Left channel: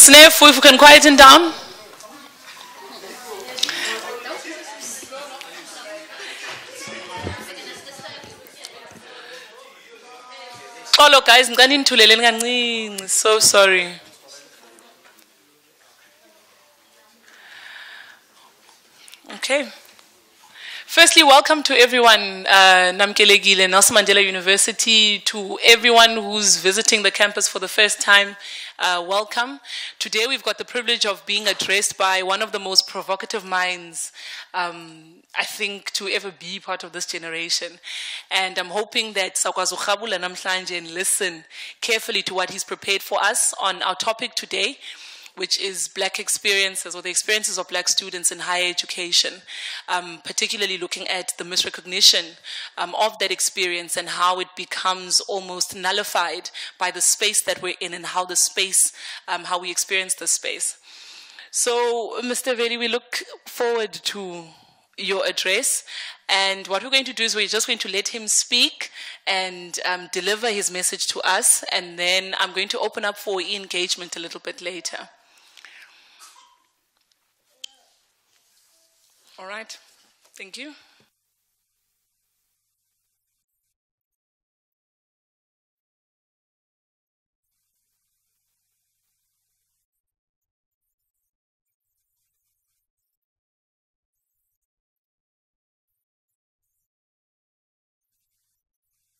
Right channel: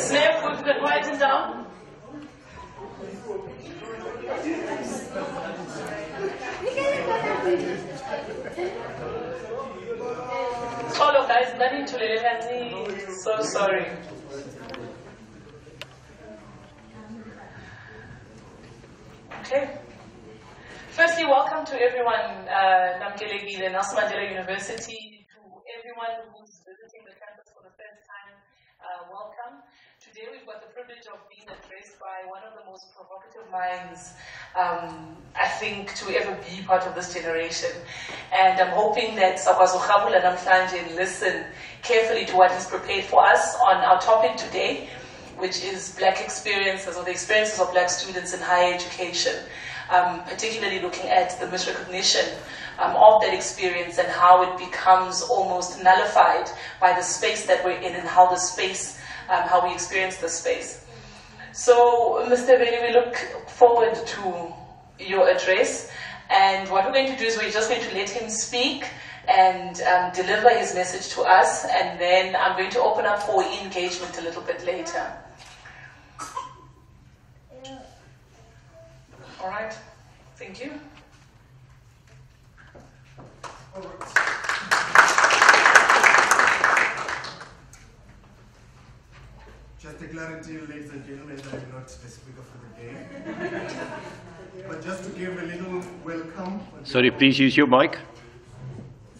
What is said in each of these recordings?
Sniff, if we can quieten down. Hello guys, I'm so sorry. Okay. Firstly, welcome to everyone, Namkelekile, Nelson Mandela University, to everyone who's visiting the campus for the first time, welcome. Today we've got the privilege of being addressed by one of the most provocative minds, I think, to ever be part of this generation. And I'm hoping that Sakwazo Khabula Namhlanje listen carefully to what he's prepared for us on our topic today, which is Black experiences, or the experiences of Black students in higher education, particularly looking at the misrecognition of that experience and how it becomes almost nullified by the space that we're in and how the space, how we experience the space. So, Mr. Veli, we look forward to your address, and what we're going to do is we're just going to let him speak and deliver his message to us, and then I'm going to open up for engagement a little bit later. All right, thank you. Just a clarity, ladies and gentlemen, that I'm not the speaker for the day. But just to give a little welcome. Sorry, please use your mic.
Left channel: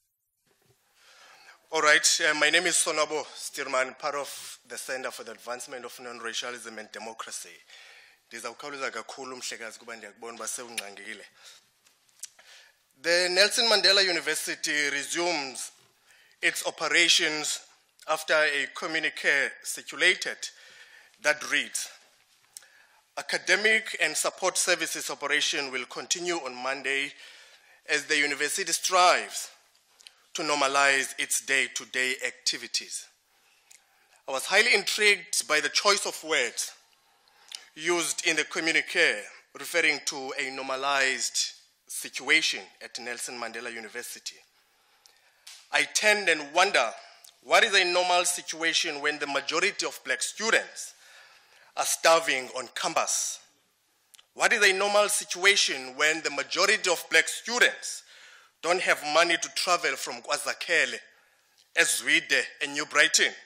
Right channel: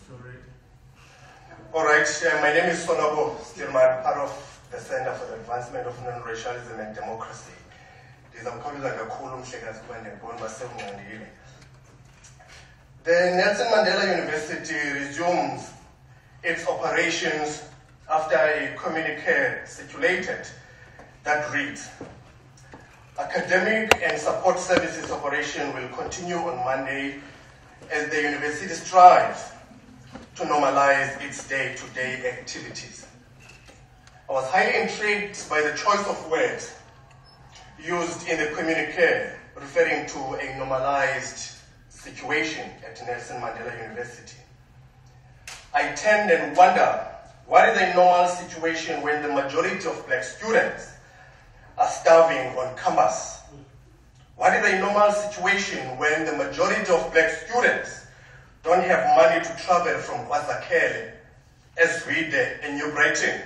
Sorry. All right, my name is Sonabo Stillman, part of the Center for the Advancement of Non-Racialism and Democracy. The Nelson Mandela University resumes its operations after a communique circulated that reads, academic and support services operation will continue on Monday as the university strives to normalize its day-to-day activities. I was highly intrigued by the choice of words used in the communique referring to a normalized situation at Nelson Mandela University. I tend and wonder, what is a normal situation when the majority of Black students are starving on campus? What is a normal situation when the majority of Black students don't have money to travel from KwaZakele, Ezwide, and New Brighton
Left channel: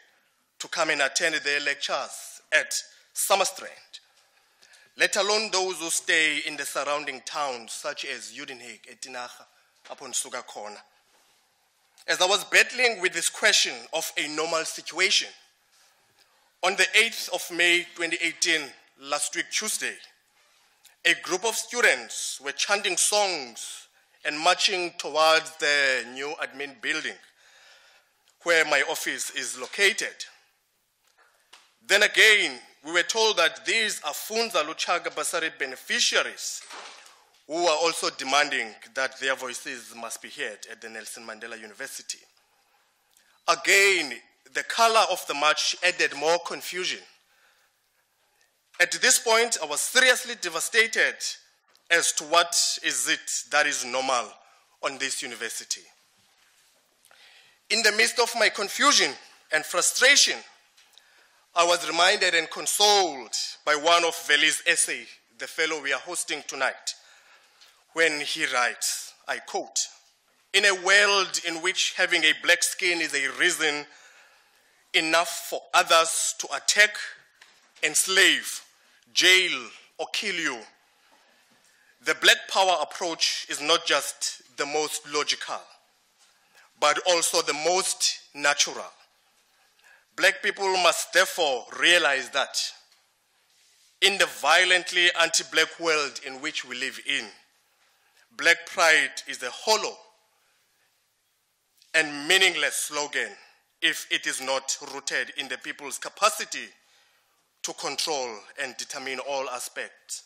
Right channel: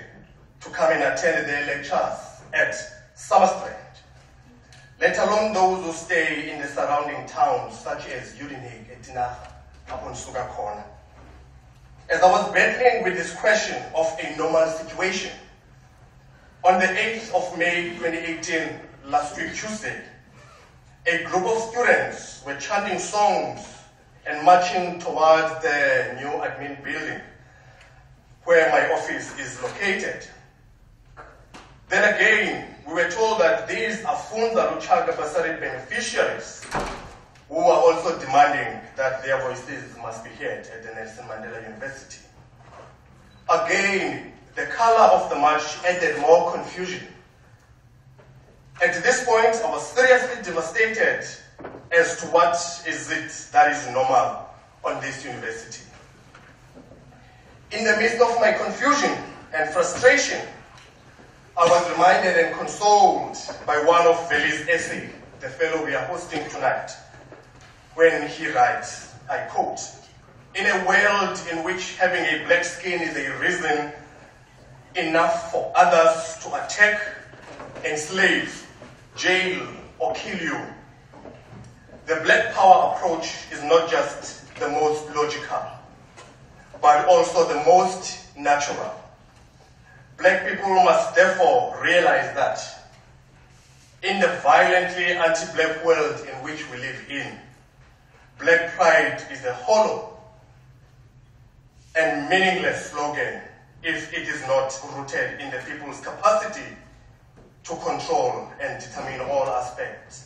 to come and attend their lectures at Summerstrand, let alone those who stay in the surrounding towns such as Udenhage, Etinaha, upon Sugakona? As I was battling with this question of a normal situation, on the 8th of May 2018, last week Tuesday, a group of students were chanting songs and marching towards the new admin building where my office is located. Then again, we were told that these are Funza Luchaga Basarit beneficiaries who are also demanding that their voices must be heard at the Nelson Mandela University. Again, the color of the march added more confusion. At this point, I was seriously devastated as to what is it that is normal on this university. In the midst of my confusion and frustration, I was reminded and consoled by one of Veli's essays, the fellow we are hosting tonight, when he writes, I quote, "In a world in which having a black skin is a reason enough for others to attack, enslave, jail, or kill you, the black power approach is not just the most logical, but also the most natural. Black people must therefore realize that in the violently anti-black world in which we live in, black pride is a hollow and meaningless slogan if it is not rooted in the people's capacity to control and determine all aspects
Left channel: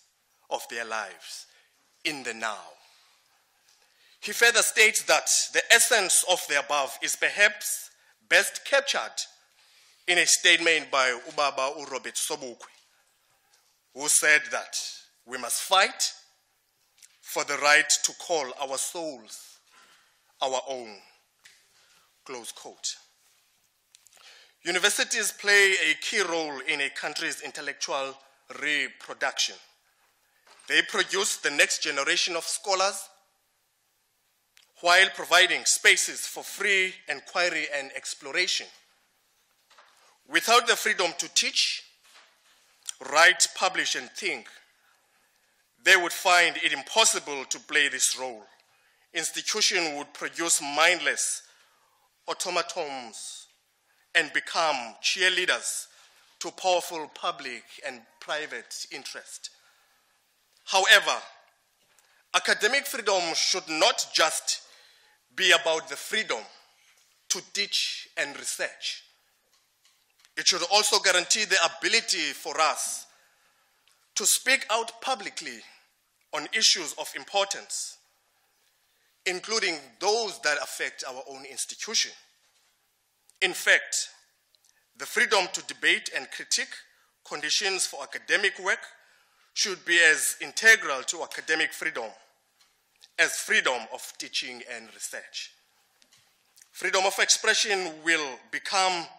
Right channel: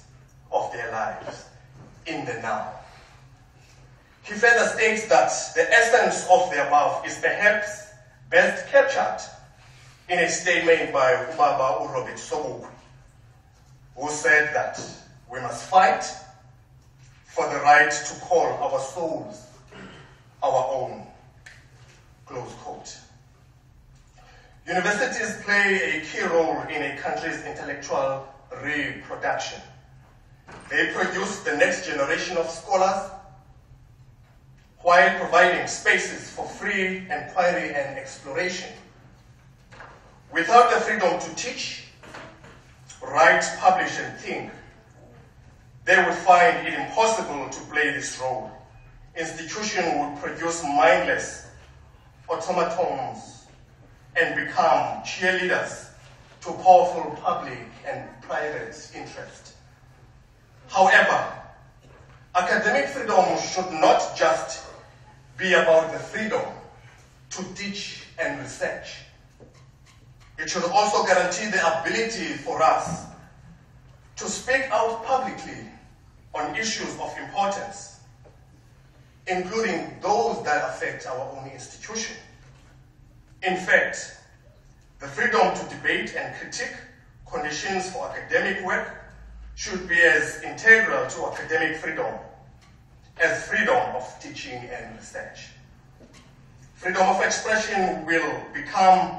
of their lives in the now." He further states that the essence of the above is perhaps best captured in a statement by Ubaba Robert Sobukwe, who said that we must fight for the right to call our souls our own, close quote. Universities play a key role in a country's intellectual reproduction. They produce the next generation of scholars while providing spaces for free inquiry and exploration. Without the freedom to teach, write, publish, and think, they would find it impossible to play this role. Institutions would produce mindless automatons and become cheerleaders to powerful public and private interest. However, academic freedom should not just be about the freedom to teach and research. It should also guarantee the ability for us to speak out publicly on issues of importance, including those that affect our own institution. In fact, the freedom to debate and critique conditions for academic work should be as integral to academic freedom as freedom of teaching and research. Freedom of expression will become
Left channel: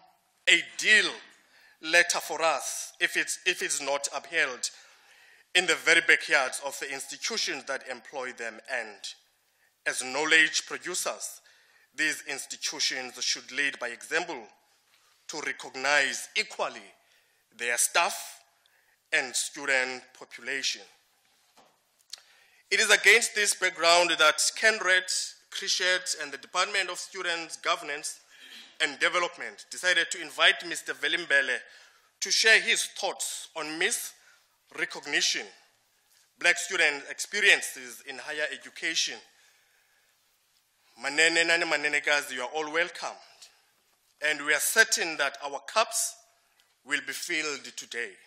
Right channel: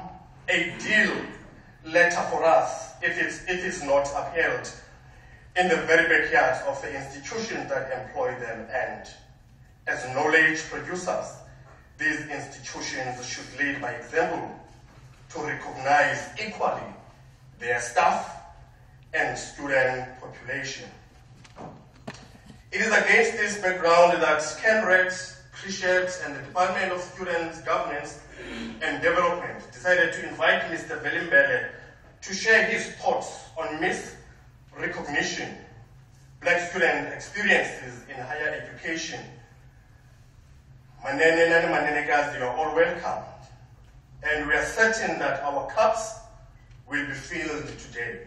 a deal letter for us if it's not upheld in the very backyards of the institutions that employ them, and as knowledge producers, these institutions should lead by example to recognize equally their staff and student population. It is against this background that CNRED, CriSHET, and the Department of Students' Governance and Development decided to invite Mr. Veli Mbele to share his thoughts on misrecognition, Black student experiences in higher education. Manene nani manenekazi, you are all welcomed. And we are certain that our cups will be filled today.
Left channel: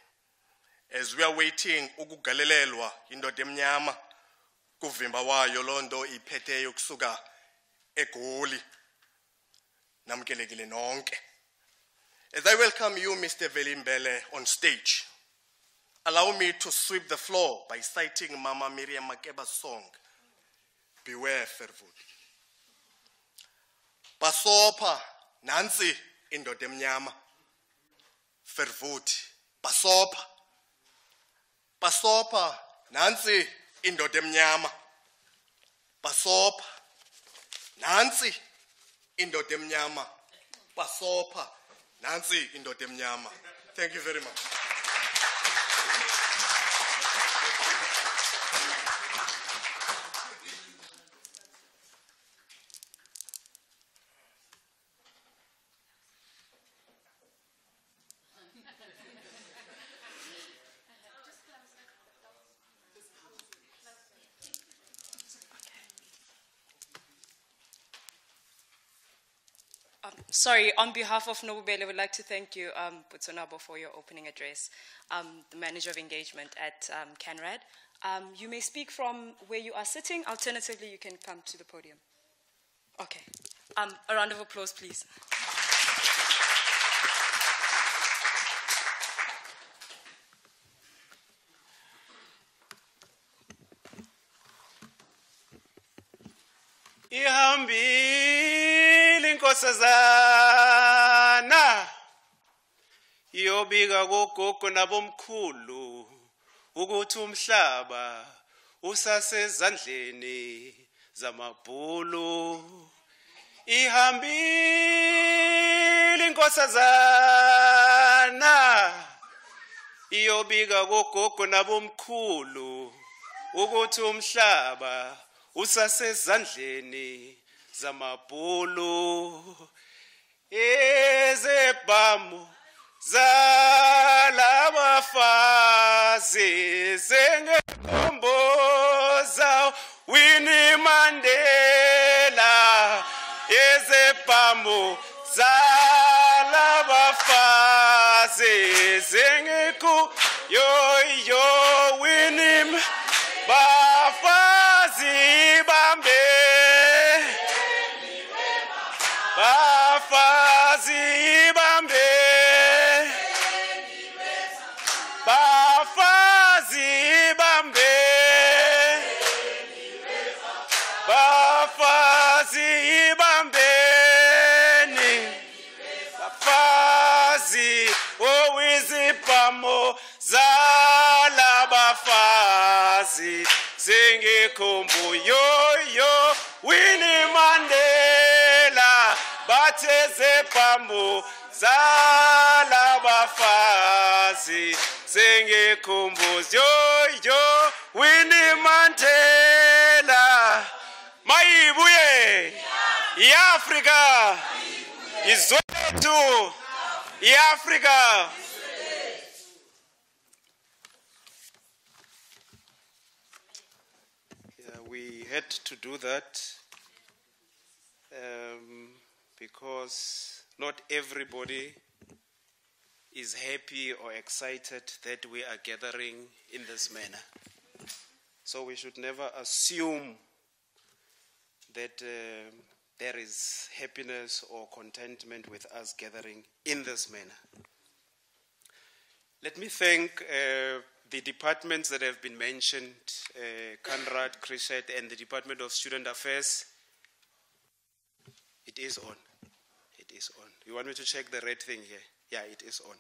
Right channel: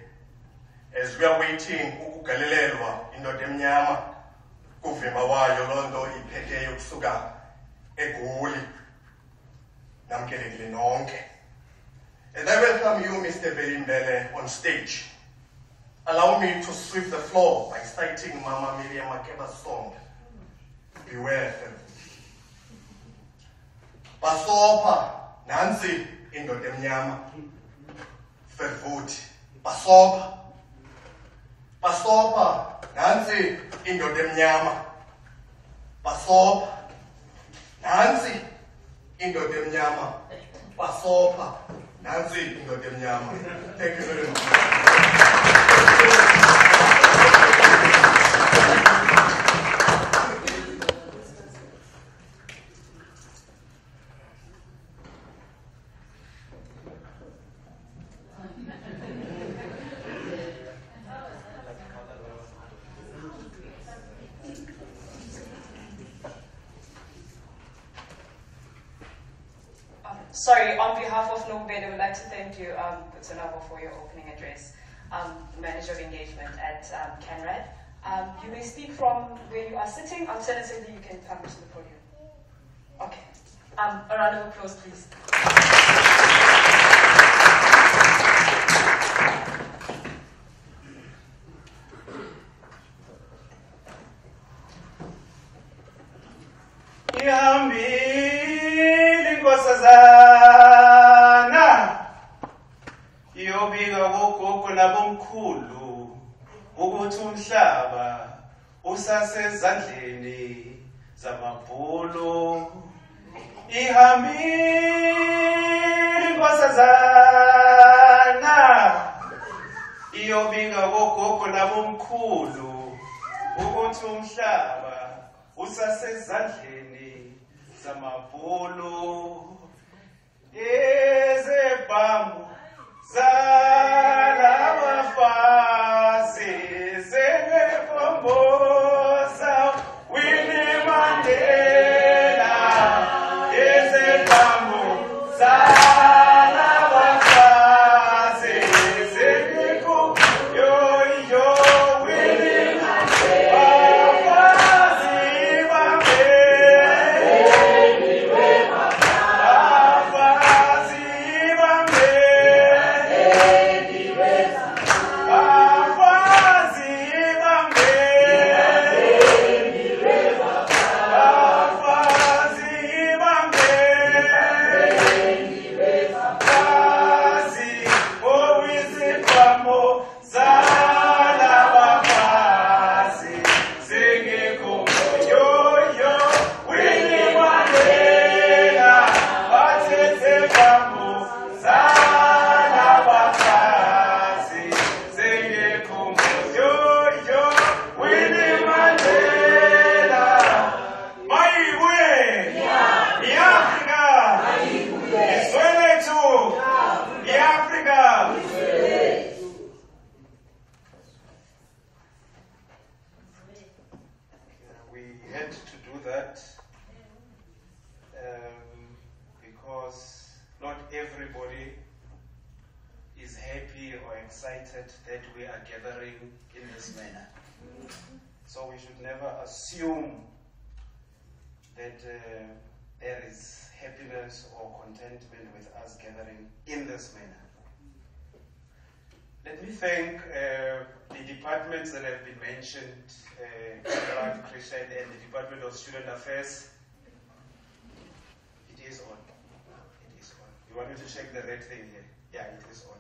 As we are waiting, ukugalelelwa indoda emnyama kuvimba wayo londo iphethe yokusuka eGoli. Namkelekile nonke. As I welcome you, Mr. Veli Mbele, on stage, allow me to sweep the floor by citing Mama Miriam Makeba's song, Beware, Fervu. Basopa, Nancy, indoda emnyama, Fervuti. Basopa. Basopa, Nancy, indoda emnyama. Basopa, Nancy, indoda emnyama. Basopa, Nancy, indoda emnyama. Thank you very much. Sorry, on behalf of Nobel, I would like to thank you, Putsonabo, for your opening address, the Manager of Engagement at CNRED. You may speak from where you are sitting. Alternatively, you can come to the podium. Okay. A round of applause, please. Iyobika gogogo nabomkhulu ukuthi umhlaba usasezandleni zamabhulu. Ihambile inkosazana iyobika gogogo nabomkhulu ukuthi umhlaba usasezandleni zamabhulu. Ezebhamu zalabafazi zengebomboza Winnie Mandela. Ezebhamu zalabafazi zengeku yo Winnie bafazi bambe bafazi bambe. everybody is happy or excited that we are gathering in this manner. So we should never assume that there is happiness or contentment with us gathering in this manner. Let me thank the departments that have been mentioned, CriSHET, and the Department of Student Affairs. It is on. It is on. You want me to check the red thing here? Yeah, it is on.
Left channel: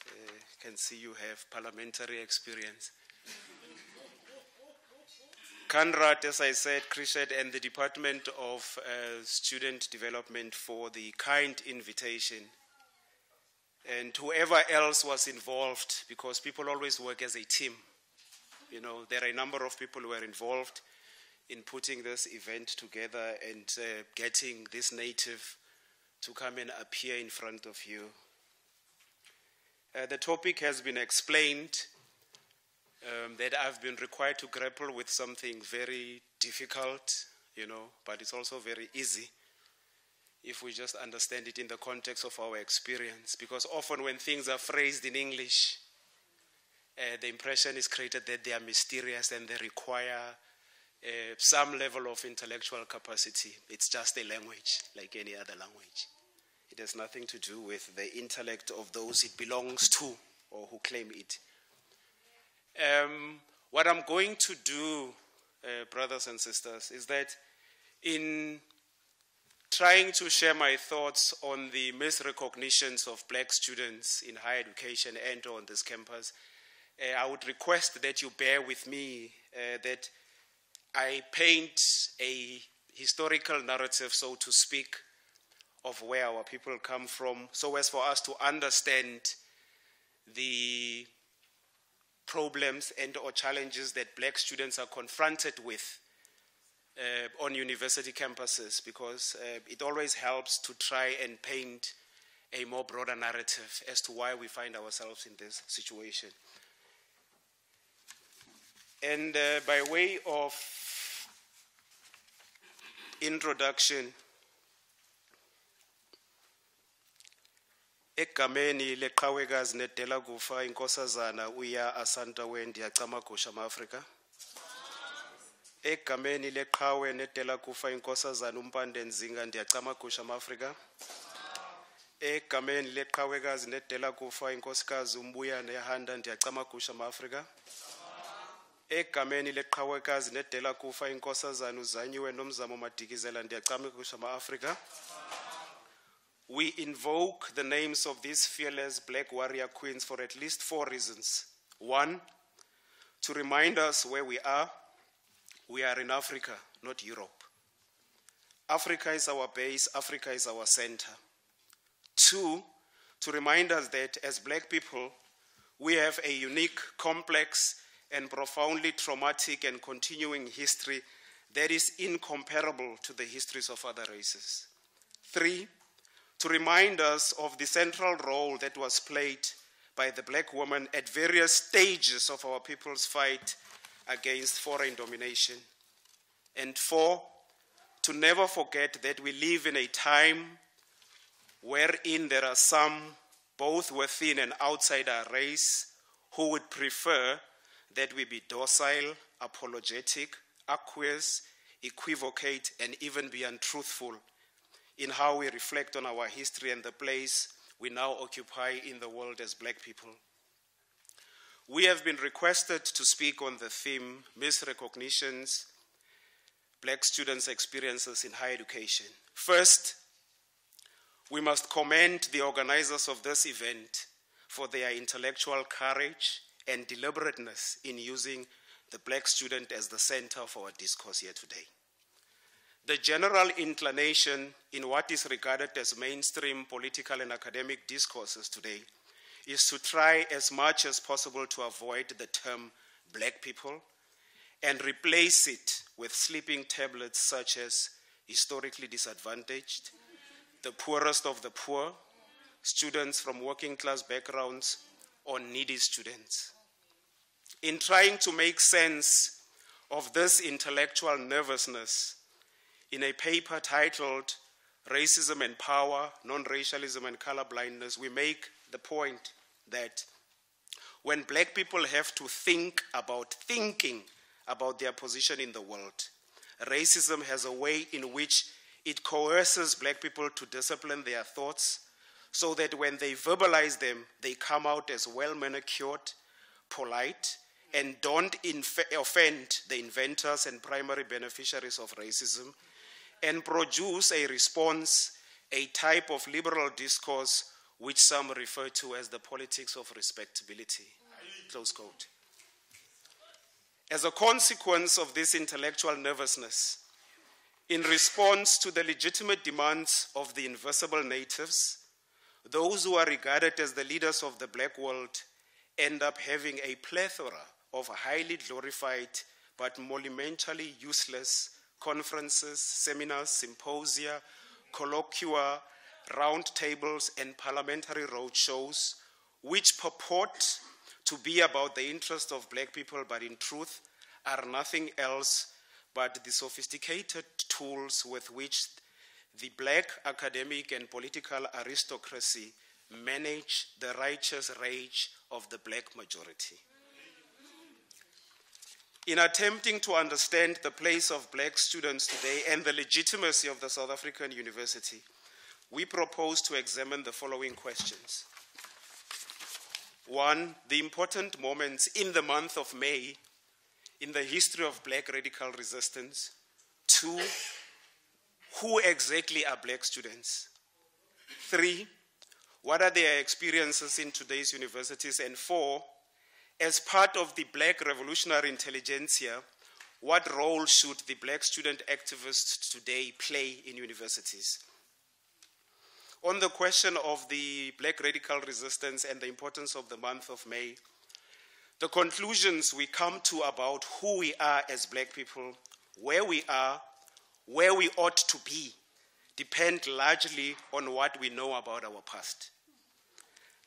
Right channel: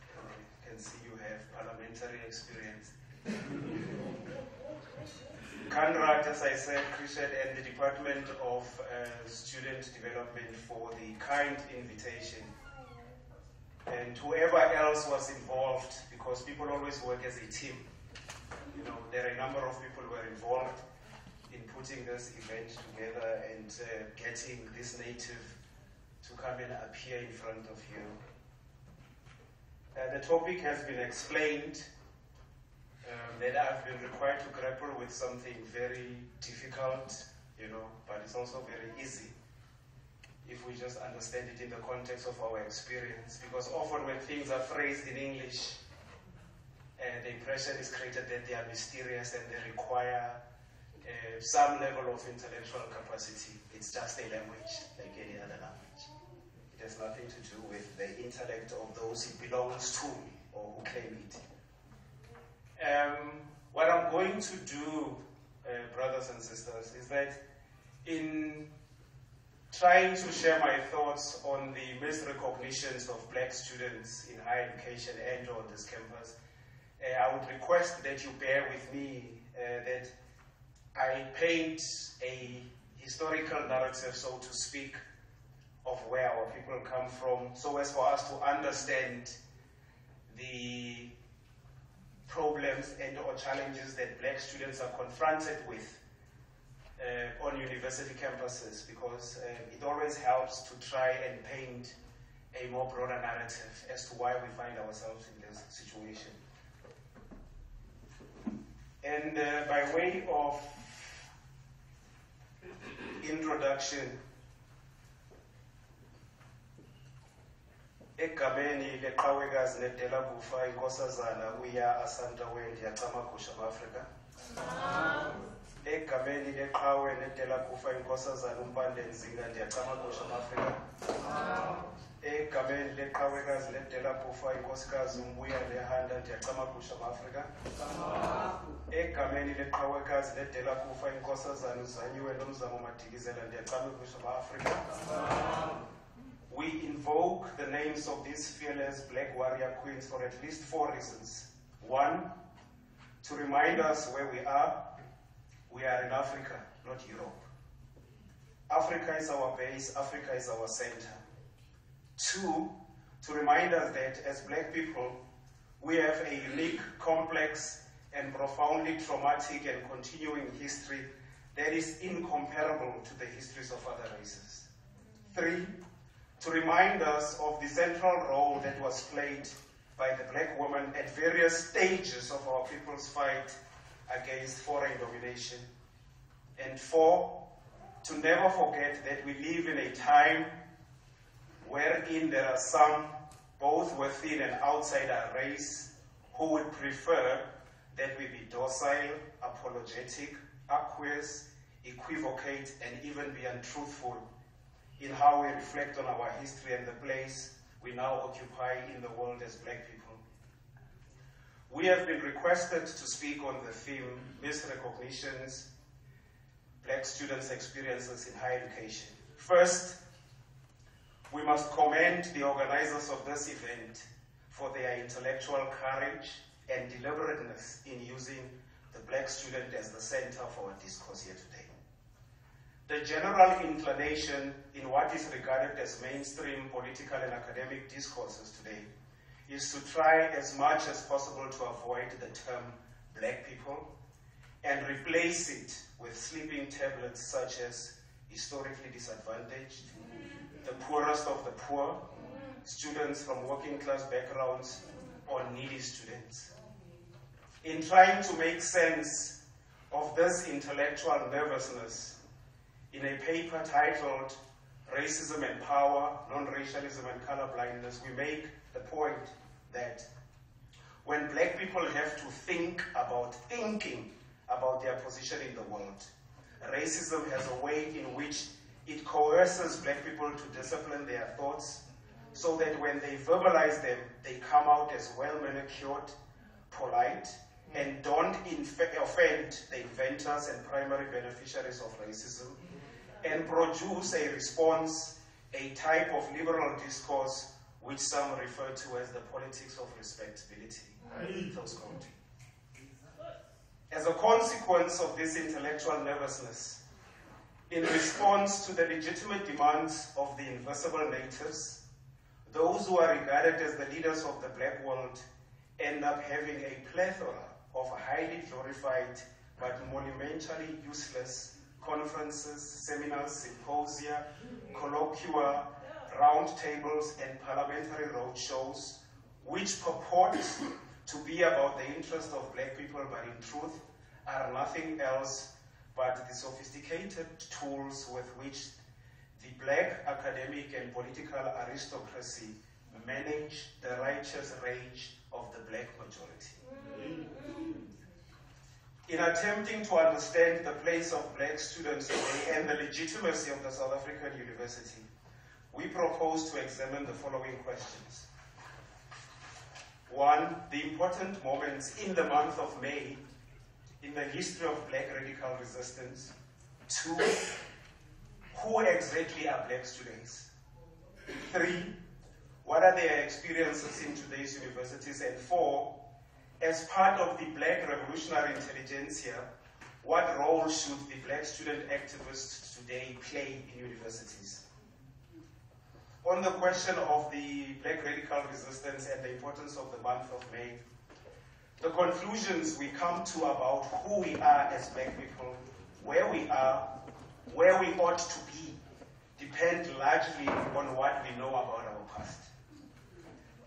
You can see you have parliamentary experience. CANRAD, as I said, CriSHET, and the Department of Student Development for the kind invitation. And whoever else was involved, because people always work as a team. You know, there are a number of people who are involved in putting this event together and getting this native to come and appear in front of you. The topic has been explained, that I've been required to grapple with something very difficult, you know, but it's also very easy if we just understand it in the context of our experience. Because often when things are phrased in English, the impression is created that they are mysterious and they require some level of intellectual capacity. It's just a language, like any other language. It has nothing to do with the intellect of those it belongs to or who claim it. What I'm going to do, brothers and sisters, is that in trying to share my thoughts on the misrecognitions of black students in higher education and on this campus, I would request that you bear with me that I paint a historical narrative, so to speak, of where our people come from, so as for us to understand the problems and or challenges that black students are confronted with on university campuses, because it always helps to try and paint a more broader narrative as to why we find ourselves in this situation. And by way of introduction, egameni leqhawekazi nedela kufa inkosazana uya asanta wendi yacamagusha ma-Afrika. Egameni leqhawe nedela kufa inkosazana umpande nzinga ndiyacamagusha ma-Afrika. Egameni leqhawekazi nedela kufa inkosikazi umbuyane yahanda ndiyacamagusha ma-Afrika. Egameni leqhawekazi nedela kufa inkosazana uzanyiwe nomzamo madikizela ndiyacamagusha ma-Afrika. We invoke the names of these fearless black warrior queens for at least 4 reasons. 1, to remind us where we are. We are in Africa, not Europe. Africa is our base, Africa is our center. 2, to remind us that as black people, we have a unique, complex, and profoundly traumatic and continuing history that is incomparable to the histories of other races. 3, to remind us of the central role that was played by the black woman at various stages of our people's fight against foreign domination. And 4, to never forget that we live in a time wherein there are some, both within and outside our race, who would prefer that we be docile, apologetic, aqueous, equivocate, and even be untruthful in how we reflect on our history and the place we now occupy in the world as black people. We have been requested to speak on the theme, Misrecognitions, Black Students' Experiences in Higher Education. First, we must commend the organizers of this event for their intellectual courage and deliberateness in using the black student as the center for our discourse here today. The general inclination in what is regarded as mainstream political and academic discourses today is to try as much as possible to avoid the term black people and replace it with sleeping tablets such as historically disadvantaged, the poorest of the poor, students from working class backgrounds, or needy students. In trying to make sense of this intellectual nervousness, in a paper titled Racism and Power, Non-Racialism and Colorblindness, we make the point that when black people have to think about thinking about their position in the world, racism has a way in which it coerces black people to discipline their thoughts so that when they verbalize them, they come out as well-manicured, polite, and don't offend the inventors and primary beneficiaries of racism, and produce a response, a type of liberal discourse which some refer to as the politics of respectability. Close quote. As a consequence of this intellectual nervousness, in response to the legitimate demands of the invisible natives, those who are regarded as the leaders of the black world end up having a plethora of highly glorified but monumentally useless conferences, seminars, symposia, colloquia, round tables, and parliamentary roadshows, which purport to be about the interest of black people, but in truth are nothing else but the sophisticated tools with which the black academic and political aristocracy manage the righteous rage of the black majority. In attempting to understand the place of black students today and the legitimacy of the South African university, we propose to examine the following questions. 1, the important moments in the month of May in the history of black radical resistance. 2, who exactly are black students? 3, what are their experiences in today's universities? And 4, as part of the black revolutionary intelligentsia, what role should the black student activists today play in universities? On the question of the black radical resistance and the importance of the month of May, the conclusions we come to about who we are as black people, where we are, where we ought to be, depend largely on what we know about our past.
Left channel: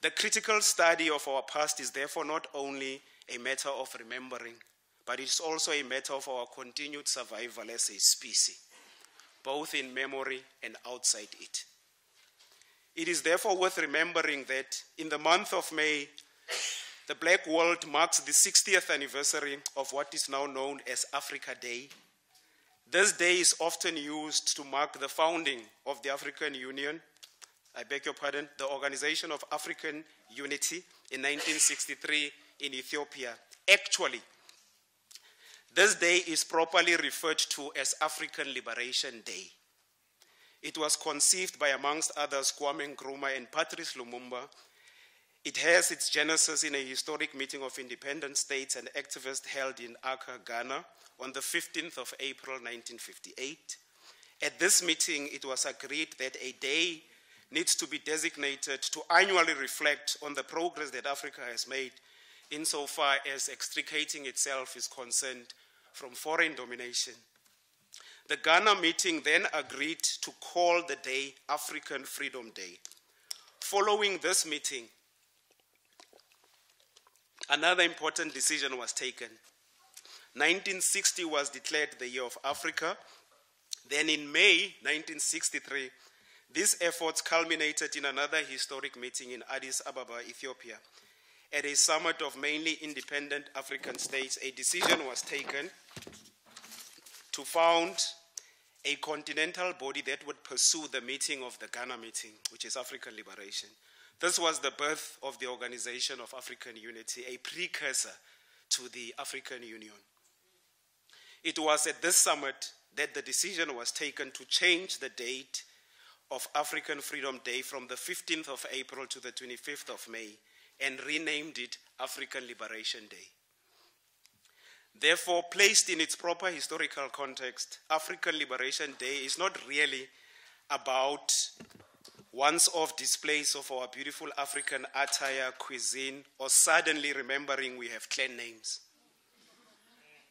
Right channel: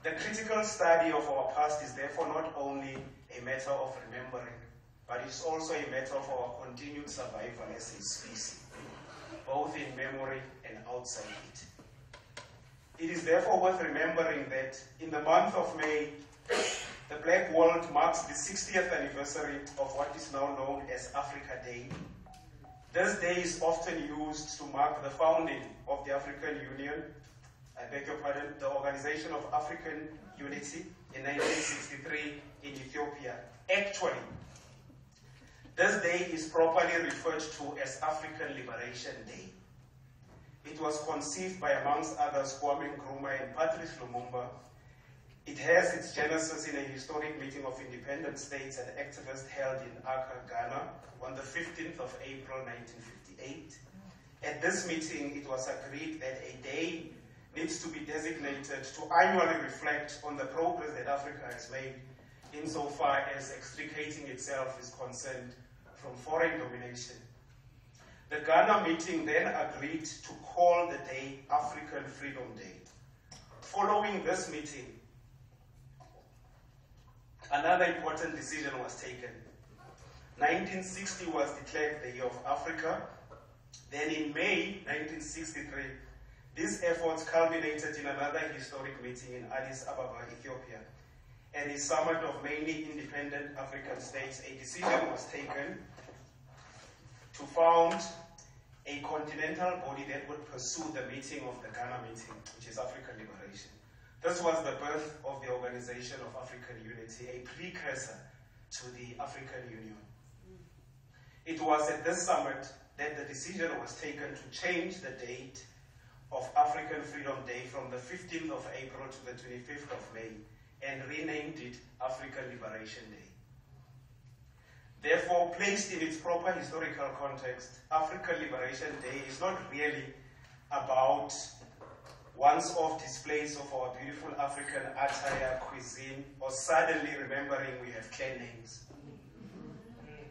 The critical study of our past is therefore not only a matter of remembering, but it's also a matter of our continued survival as a species, both in memory and outside it. It is therefore worth remembering that in the month of May, the black world marks the 60th anniversary of what is now known as Africa Day. This day is often used to mark the founding of the African Union, I beg your pardon, the Organization of African Unity in 1963 in Ethiopia. Actually, this day is properly referred to as African Liberation Day. It was conceived by, amongst others, Kwame Nkrumah and Patrice Lumumba. It has its genesis in a historic meeting of independent states and activists held in Accra, Ghana, on the 15th of April, 1958. At this meeting, it was agreed that a day needs to be designated to annually reflect on the progress that Africa has made insofar as extricating itself is concerned from foreign domination. The Ghana meeting then agreed to call the day African Freedom Day. Following this meeting, another important decision was taken. 1960 was declared the Year of Africa. Then in May 1963, these efforts culminated in another historic meeting in Addis Ababa, Ethiopia. At a summit of mainly independent African states, a decision was taken to found a continental body that would pursue the meeting of the Ghana meeting, which is African Liberation. This was the birth of the Organization of African Unity, a precursor to the African Union. It was at this summit that the decision was taken to change the date of African Freedom Day from the 15th of April to the 25th of May and renamed it African Liberation Day. Therefore, placed in its proper historical context, African Liberation Day is not really about once-off displays of our beautiful African attire, cuisine, or suddenly remembering we have clan names.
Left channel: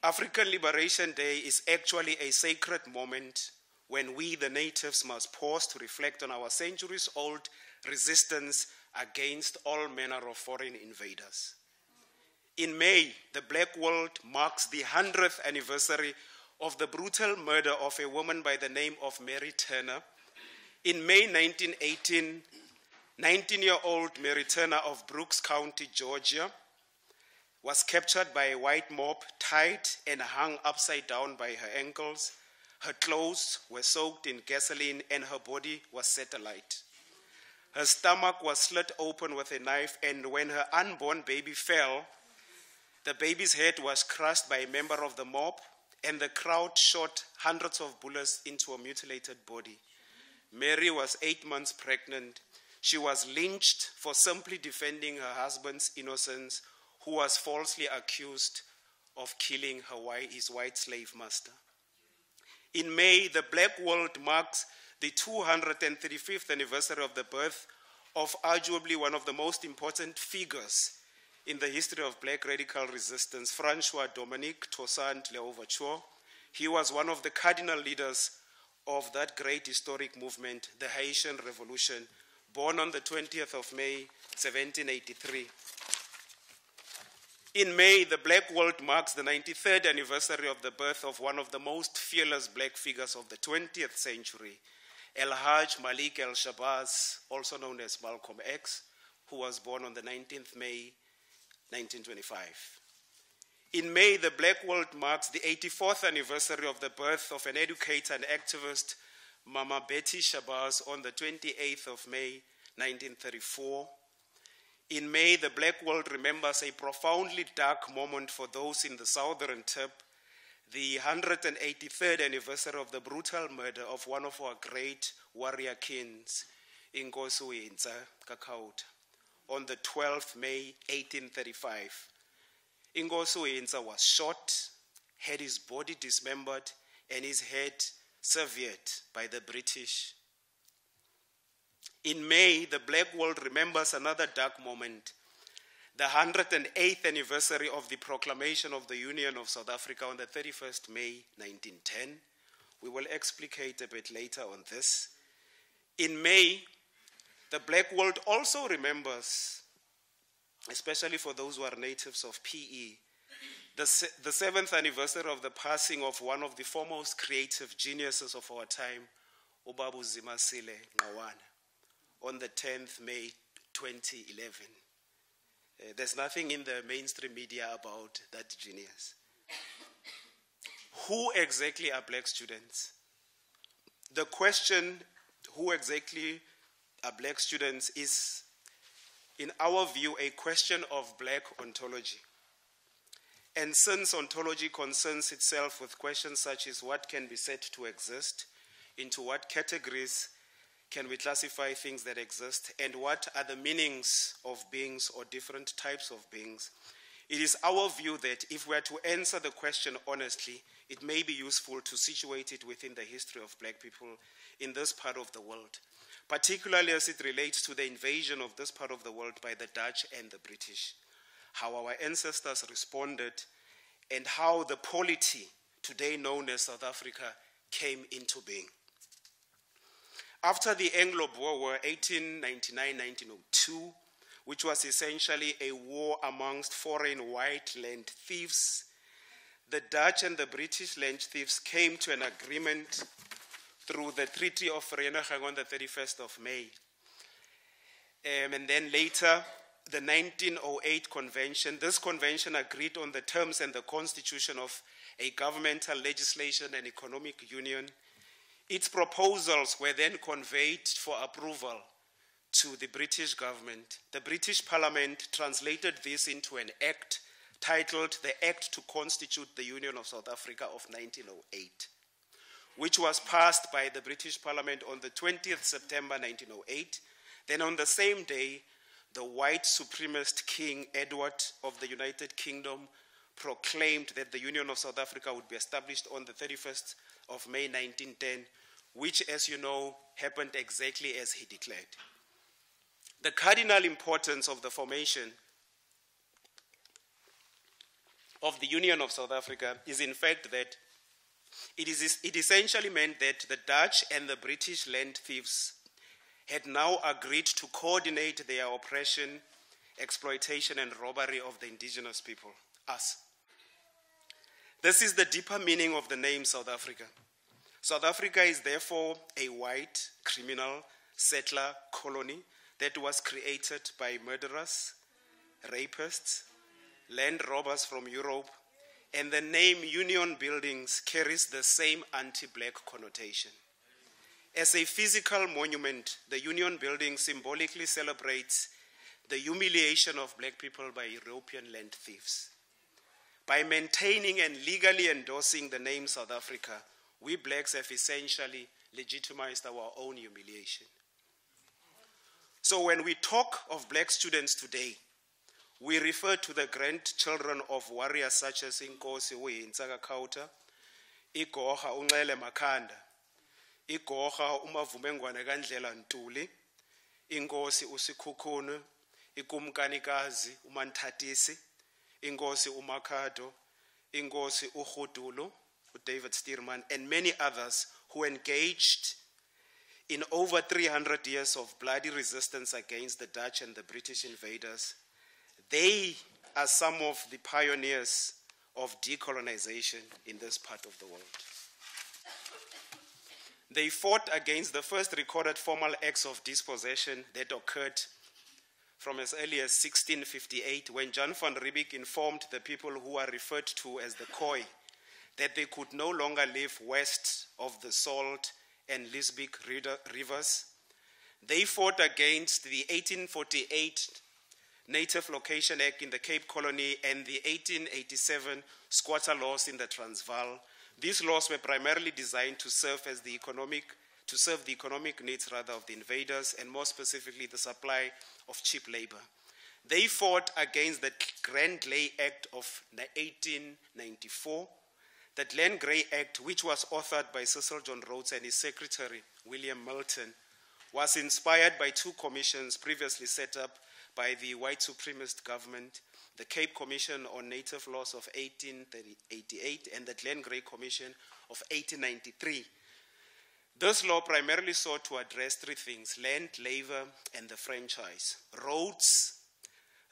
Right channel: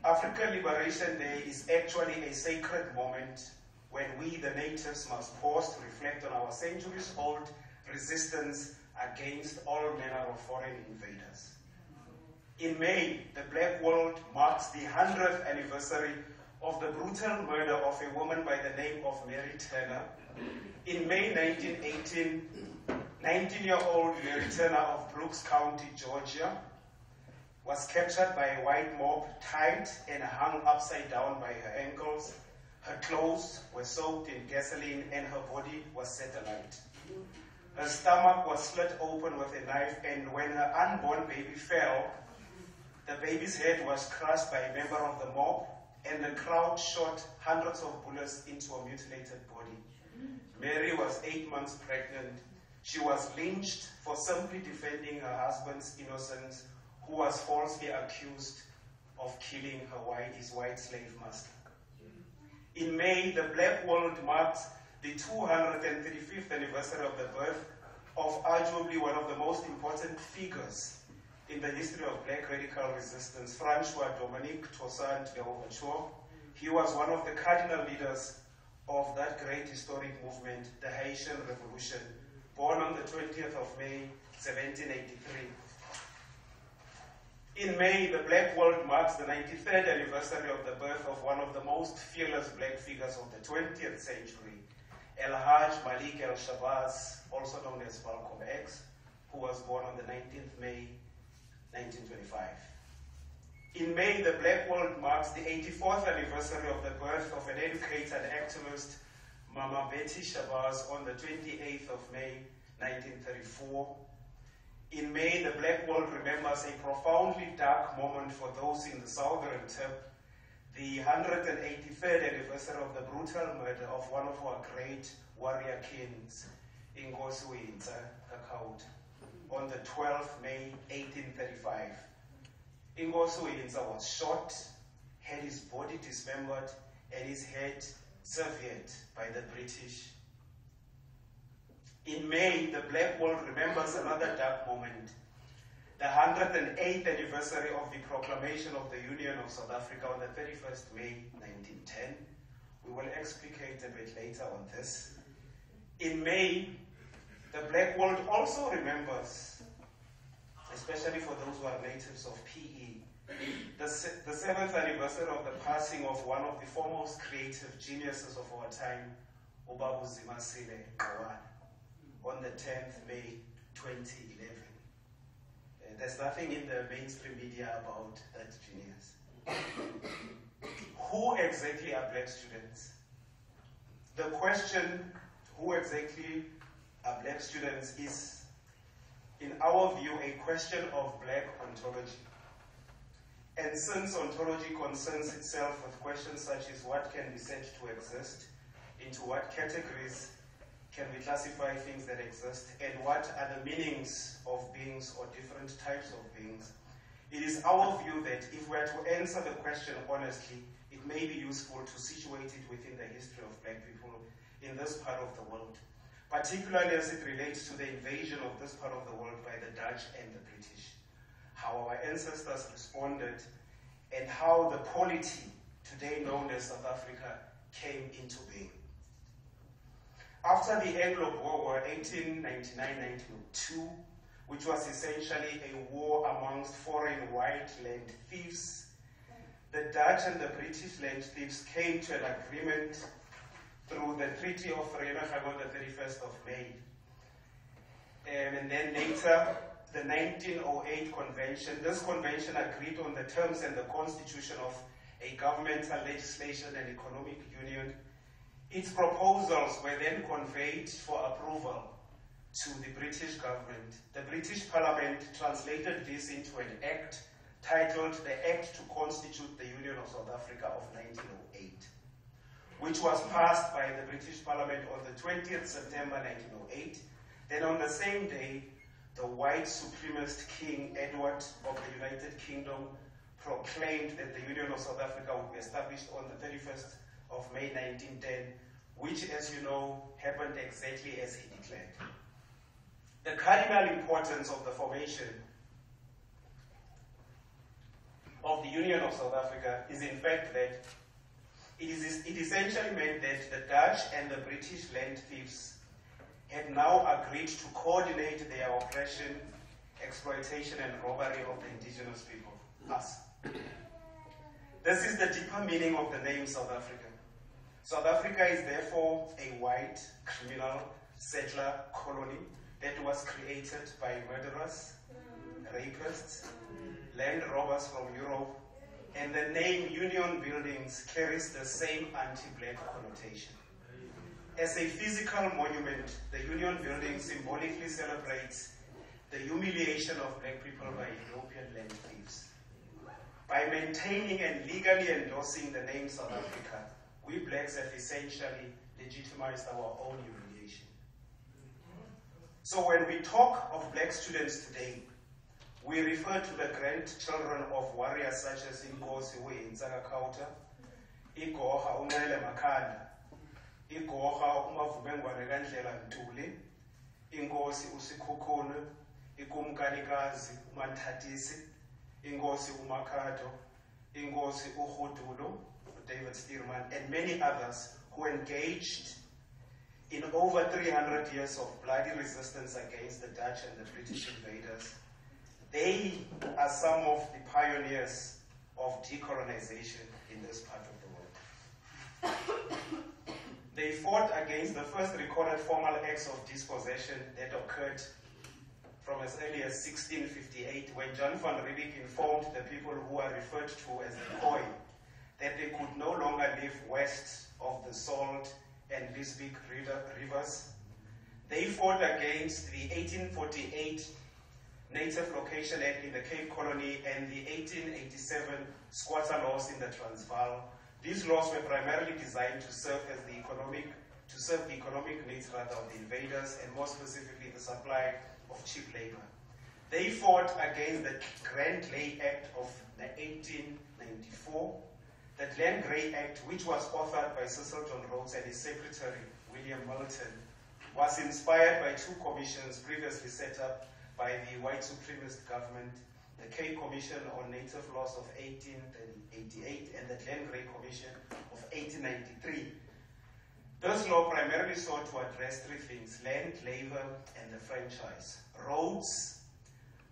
African Liberation Day is actually a sacred moment when we, the natives, must pause to reflect on our centuries-old resistance against all manner of foreign invaders. In May, the black world marks the 100th anniversary of the brutal murder of a woman by the name of Mary Turner, In May 1918, 19-year-old Mary Turner of Brooks County, Georgia, was captured by a white mob, tied and hung upside down by her ankles. Her clothes were soaked in gasoline and her body was set alight. Her stomach was slit open with a knife, and when her unborn baby fell, the baby's head was crushed by a member of the mob, and the crowd shot hundreds of bullets into a mutilated body. Mary was 8 months pregnant. She was lynched for simply defending her husband's innocence, who was falsely accused of killing his white slave master. In May, the Black world marked the 235th anniversary of the birth of arguably one of the most important figures in the history of Black radical resistance, Francois Dominique Toussaint Louverture. He was one of the cardinal leaders of that great historic movement, the Haitian Revolution, born on the 20th of May, 1783. In May, the Black world marks the 93rd anniversary of the birth of one of the most fearless Black figures of the 20th century, El Hajj Malik El Shabazz, also known as Malcolm X, who was born on the 19th May, 1925. In May, the Black world marks the 84th anniversary of the birth of an educator and activist, Mama Betty Shabazz, on the 28th of May, 1934. In May, the Black world remembers a profoundly dark moment for those in the Southern Tip, the 183rd anniversary of the brutal murder of one of our great warrior kings, Ukutshintshwa, on the 12th May, 1835. Ukutshintshwa was shot, had his body dismembered, and his head severed by the British. In May, the Black world remembers another dark moment, the 108th anniversary of the proclamation of the Union of South Africa on the 31st May, 1910. We will explicate a bit later on this. In May, the Black world also remembers, especially for those who are natives of PE, the 7th anniversary of the passing of one of the foremost creative geniuses of our time, Ubabu Zimasile Ngqawana, on the 10th May 2011. There's nothing in the mainstream media about that genius. Who exactly are Black students? The question, who exactly are Black students, is, in our view, a question of Black ontology. And since ontology concerns itself with questions such as what can be said to exist, into what categories can we classify things that exist, and what are the meanings of beings or different types of beings, it is our view that if we are to answer the question honestly, it may be useful to situate it within the history of Black people in this part of the world, particularly as it relates to the invasion of this part of the world by the Dutch and the British, how our ancestors responded, and how the polity, today known as South Africa, came into being. After the Anglo-Boer War, 1899-1902, which was essentially a war amongst foreign white land thieves, the Dutch and the British land thieves came to an agreement through the Treaty of Vereeniging on the 31st of May. And then later, the 1908 convention. This convention agreed on the terms and the constitution of a governmental legislation and economic union. Its proposals were then conveyed for approval to the British government. The British Parliament translated this into an act titled the Act to Constitute the Union of South Africa of 1908, which was passed by the British Parliament on the 20th September 1908. Then on the same day, the white supremacist King Edward of the United Kingdom proclaimed that the Union of South Africa would be established on the 31st of May 1910, which, as you know, happened exactly as he declared. The cardinal importance of the formation of the Union of South Africa is in fact that it essentially meant that the Dutch and the British land thieves had now agreed to coordinate their oppression, exploitation, and robbery of the indigenous people, us. This is the deeper meaning of the name South Africa. South Africa is therefore a white criminal settler colony that was created by murderers, rapists, land robbers from Europe, and the name Union Buildings carries the same anti-black connotation. As a physical monument, the Union Building symbolically celebrates the humiliation of black people by European land thieves. By maintaining and legally endorsing the name South Africa, we blacks have essentially legitimized our own humiliation. So when we talk of black students today, we refer to the grandchildren of warriors such as Inkosi Uyintsaka Kauta, Igoha Unxele Makhanda, Igoha Umavumengwane kaNdlela Ntuli, Inkosi uSikhukhune, Ikumkanikazi uManthatisi, Inkosi uMakhado, Inkosi uGudulo, David Stearman, and many others who engaged in over 300 years of bloody resistance against the Dutch and the British invaders. They are some of the pioneers of decolonization in this part of the world. They fought against the first recorded formal acts of dispossession that occurred from as early as 1658, when John van Riebeeck informed the people who are referred to as the Khoi that they could no longer live west of the Salt and Lisbech rivers. They fought against the 1848 Native Location Act in the Cape Colony and the 1887 squatter laws in the Transvaal. These laws were primarily designed to serve the economic needs of the invaders, and more specifically the supply of cheap labor. They fought against the Grand Lay Act of 1894, the Glen Grey Act, which was authored by Cecil John Rhodes and his secretary, William Milton, was inspired by two commissions previously set up by the white supremacist government, the Cape Commission on Native Laws of 1888 and the Glen Grey Commission of 1893. This law primarily sought to address three things: land, labor, and the franchise. Rhodes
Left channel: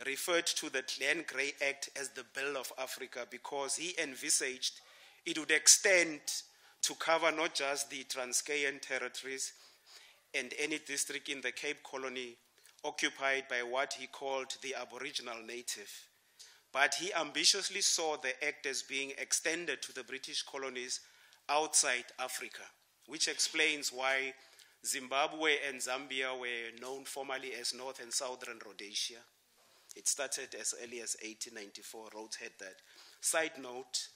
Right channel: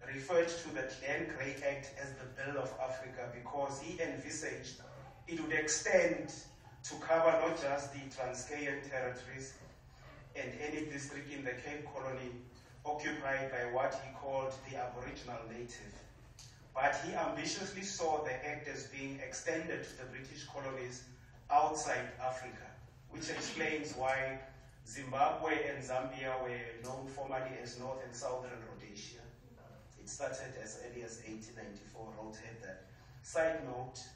referred to the Glen Grey Act as the Bill of Africa because he envisaged it would extend to cover not just the Transkeian territories and any district in the Cape Colony occupied by what he called the Aboriginal native, but he ambitiously saw the act as being extended to the British colonies outside Africa, which explains why Zimbabwe and Zambia were known formally as North and Southern Rhodesia. It started as early as 1894. Rhodes had that. Side note,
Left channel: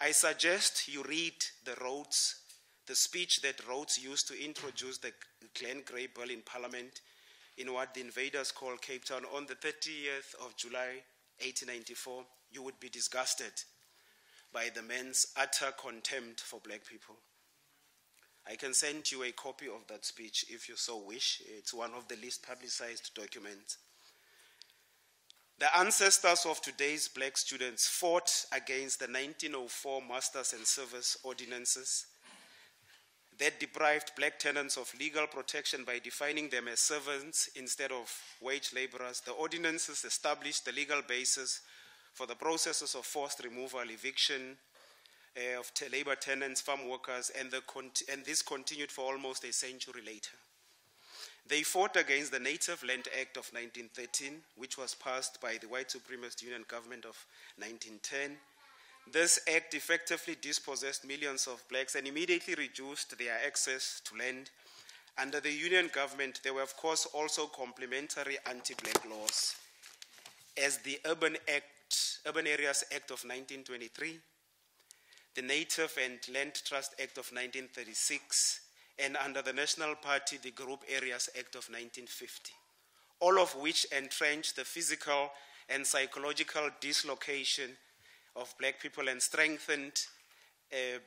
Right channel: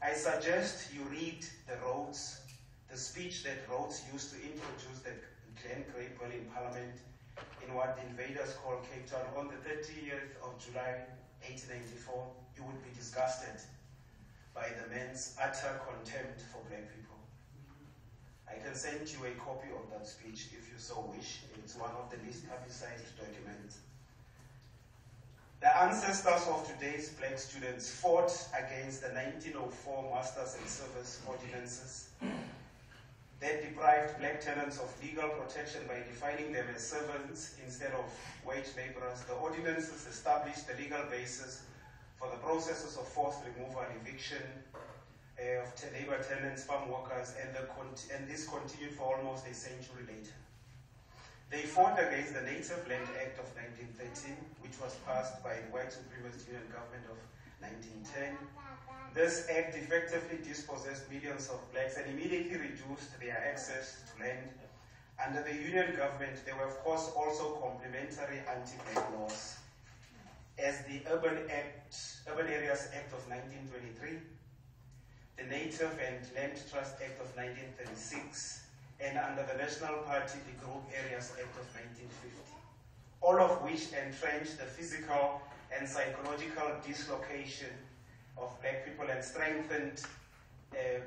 I suggest you read the speech that Rhodes used to introduce the Glen Grey Bill in Parliament in what the invaders call Cape Town on the 30th of July, 1894. You would be disgusted by the man's utter contempt for black people. I can send you a copy of that speech if you so wish. It's one of the least publicized documents. The ancestors of today's black students fought against the 1904 Masters and Service Ordinances that deprived black tenants of legal protection by defining them as servants instead of wage laborers. The ordinances established the legal basis for the processes of forced removal, eviction of labor tenants, farm workers, and this continued for almost a century later. They fought against the Native Land Act of 1913, which was passed by the white supremacist Union government of 1910. This act effectively dispossessed millions of blacks and immediately reduced their access to land. Under the Union government, there were of course also complementary anti-black laws, as the Urban Areas Act of 1923, the Native and Land Trust Act of 1936, and under the National Party, the Group Areas Act of 1950, all of which entrenched the physical and psychological dislocation of black people and strengthened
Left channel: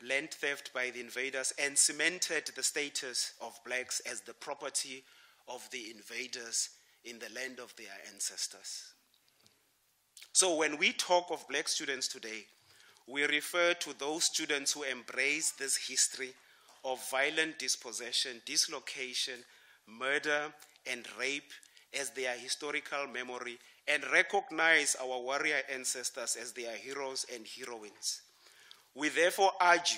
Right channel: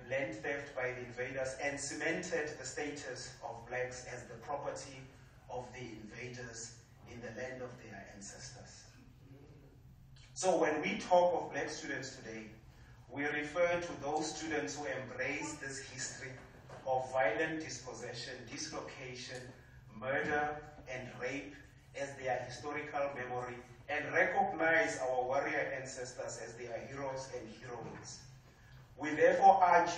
land theft by the invaders and cemented the status of blacks as the property of the invaders in the land of their ancestors. So when we talk of black students today, we refer to those students who embrace this history of violent dispossession, dislocation, murder, and rape as their historical memory, and recognize our warrior ancestors as their heroes and heroines. We therefore urge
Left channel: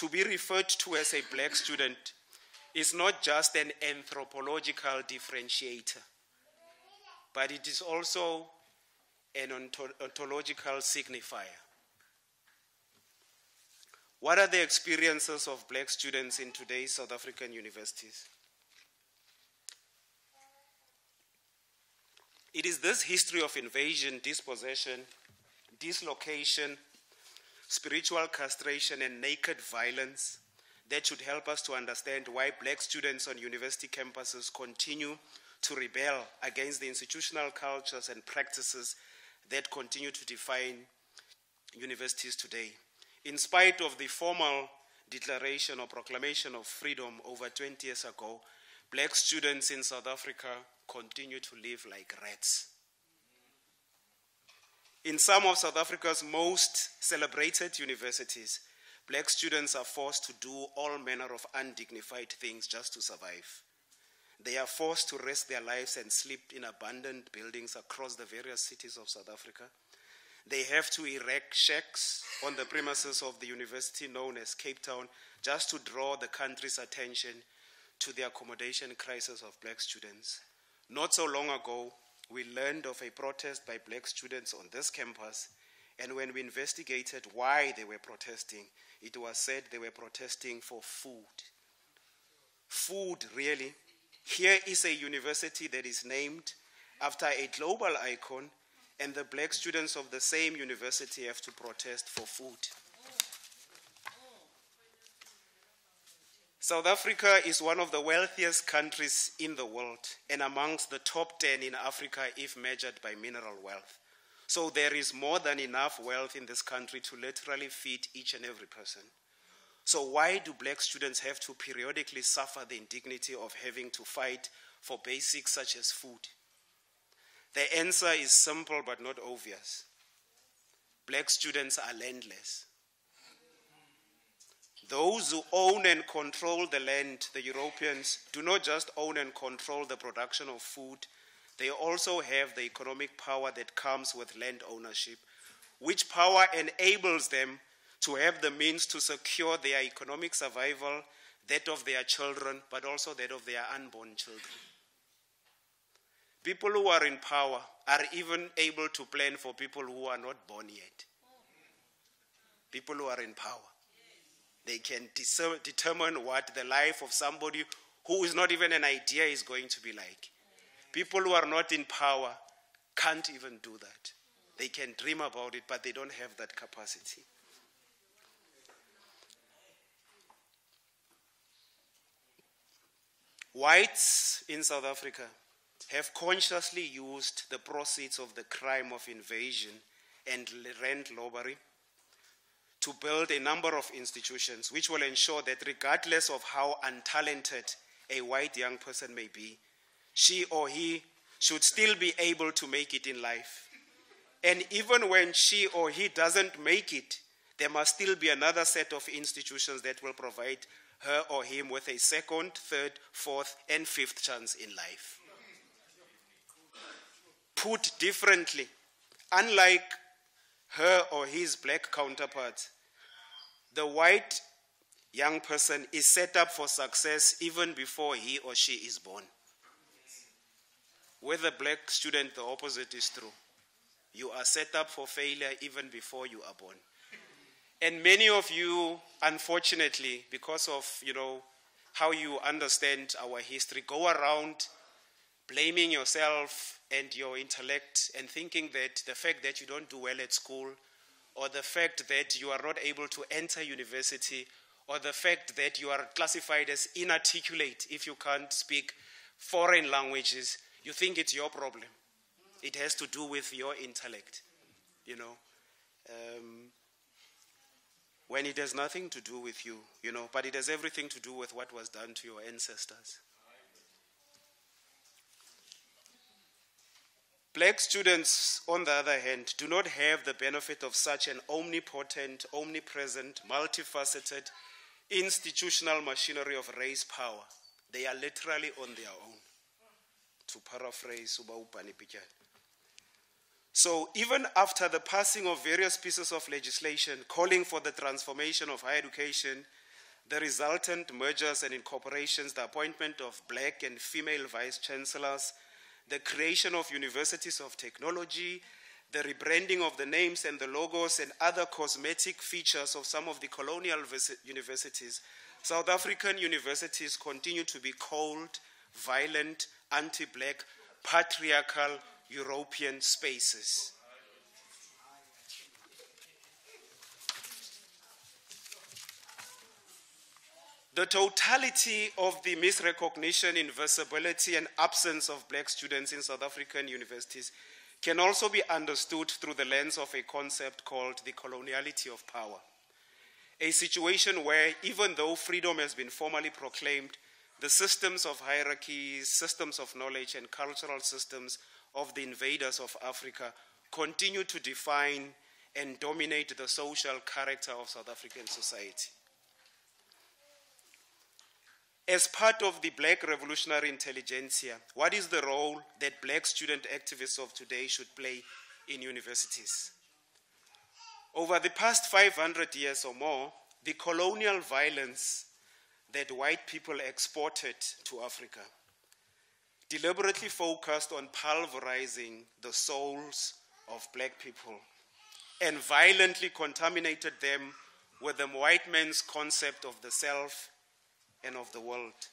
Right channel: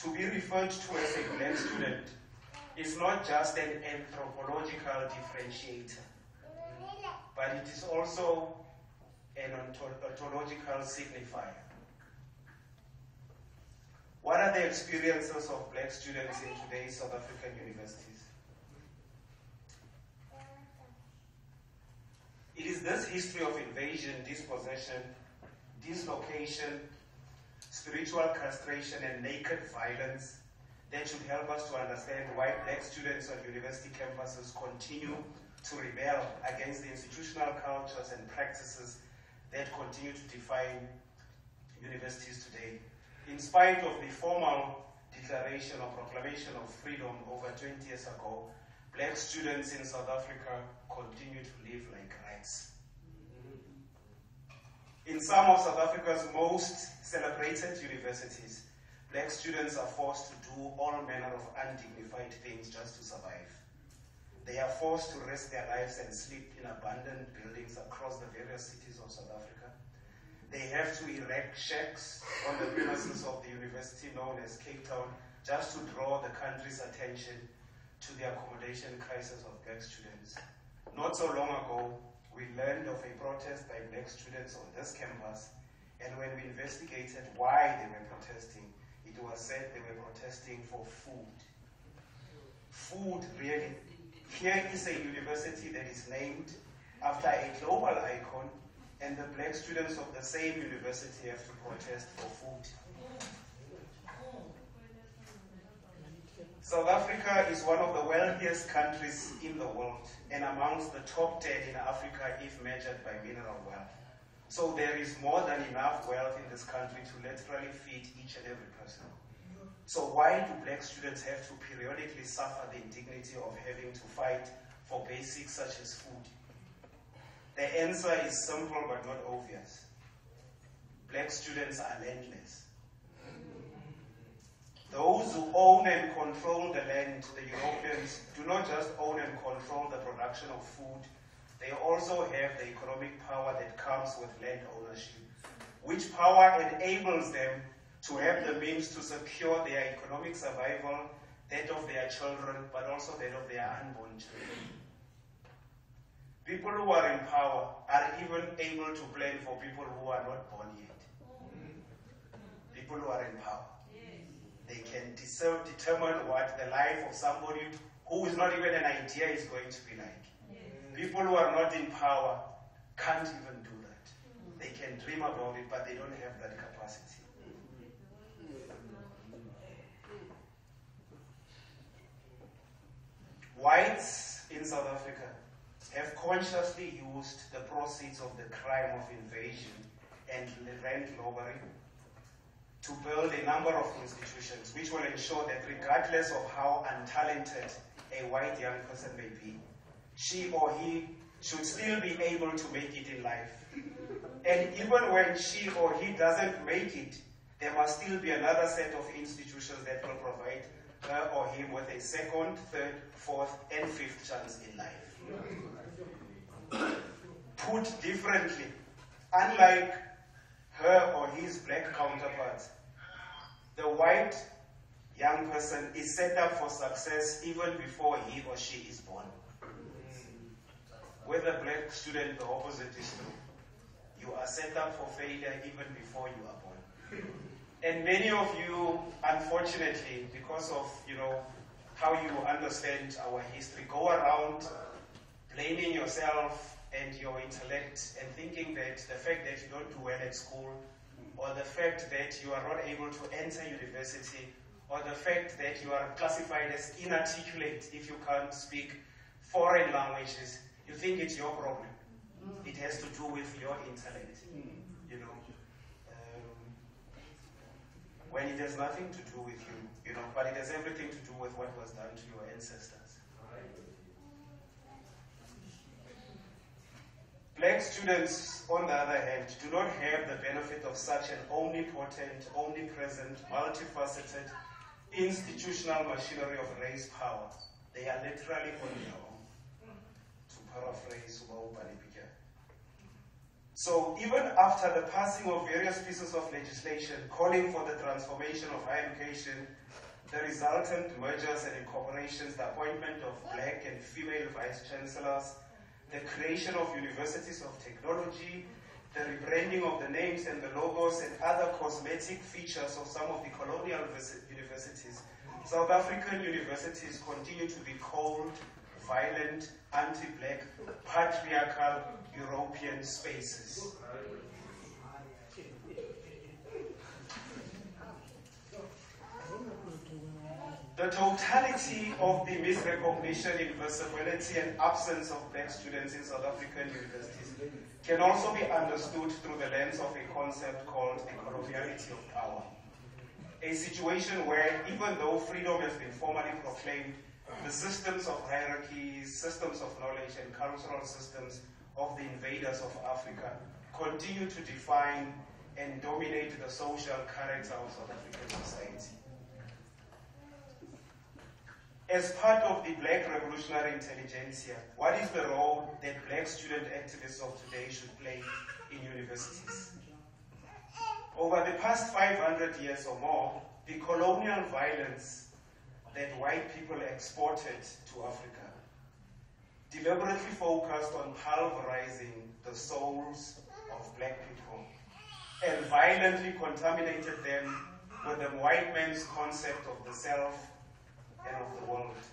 you to be referred to as a black student is not just an anthropological differentiator, but it is also an ontological signifier. What are the experiences of black students in today's South African universities? It is this history of invasion, dispossession, dislocation, spiritual castration, and naked violence that should help us to understand why black students on university campuses continue to rebel against the institutional cultures and practices that continue to define universities today. In spite of the formal declaration or proclamation of freedom over 20 years ago, black students in South Africa continue to live like rats. In some of South Africa's most celebrated universities, black students are forced to do all manner of undignified things just to survive. They are forced to risk their lives and sleep in abandoned buildings across the various cities of South Africa. They have to erect shacks on the premises of the university known as Cape Town just to draw the country's attention to the accommodation crisis of black students. Not so long ago, we learned of a protest by black students on this campus, and when we investigated why they were protesting, it was said they were protesting for food. Food, really? Here is a university that is named after a global icon, and the black students of the same university have to protest for food. South Africa is one of the wealthiest countries in the world and amongst the top 10 in Africa if measured by mineral wealth. So there is more than enough wealth in this country to literally feed each and every person. So why do black students have to periodically suffer the indignity of having to fight for basics such as food? The answer is simple but not obvious. Black students are landless. Those who own and control the land, the Europeans, do not just own and control the production of food, they also have the economic power that comes with land ownership, which power enables them to have the means to secure their economic survival, that of their children, but also that of their unborn children. People who are in power are even able to plan for people who are not born yet. People who are in power. They can determine what the life of somebody who is not even an idea is going to be like. People who are not in power can't even do that. They can dream about it, but they don't have that capacity. Whites in South Africa have consciously used the proceeds of the crime of invasion and rent robbery to build a number of institutions which will ensure that regardless of how untalented a white young person may be, she or he should still be able to make it in life. And even when she or he doesn't make it, there must still be another set of institutions that will provide her or him with a second, third, fourth, and fifth chance in life. Put differently, unlike her or his black counterpart, the white young person is set up for success even before he or she is born. With a black student, the opposite is true. You are set up for failure even before you are born. And many of you, unfortunately, because of how you understand our history, go around blaming yourself and your intellect and thinking that the fact that you don't do well at school, or the fact that you are not able to enter university, or the fact that you are classified as inarticulate if you can't speak foreign languages, you think it's your problem. It has to do with your intellect, when it has nothing to do with you, but it has everything to do with what was done to your ancestors. Black students, on the other hand, do not have the benefit of such an omnipotent, omnipresent, multifaceted, institutional machinery of race power. They are literally on their own, to paraphrase Ubaubani Pija. So even after the passing of various pieces of legislation calling for the transformation of higher education the resultant mergers and incorporations, the appointment of black and female vice-chancellors, the creation of universities of technology, the rebranding of the names and the logos and other cosmetic features of some of the colonial universities, South African universities continue to be cold, violent, anti-black, patriarchal European spaces. The totality of the misrecognition, invisibility, and absence of black students in South African universities can also be understood through the lens of a concept called the coloniality of power. A situation where, even though freedom has been formally proclaimed, the systems of hierarchies, systems of knowledge, and cultural systems of the invaders of Africa continue to define and dominate the social character of South African society. As part of the black revolutionary intelligentsia, what is the role that black student activists of today should play in universities? Over the past 500 years or more, the colonial violence that white people exported to Africa deliberately focused on pulverizing the souls of black people and violently contaminated them with the white man's concept of the self and of the world.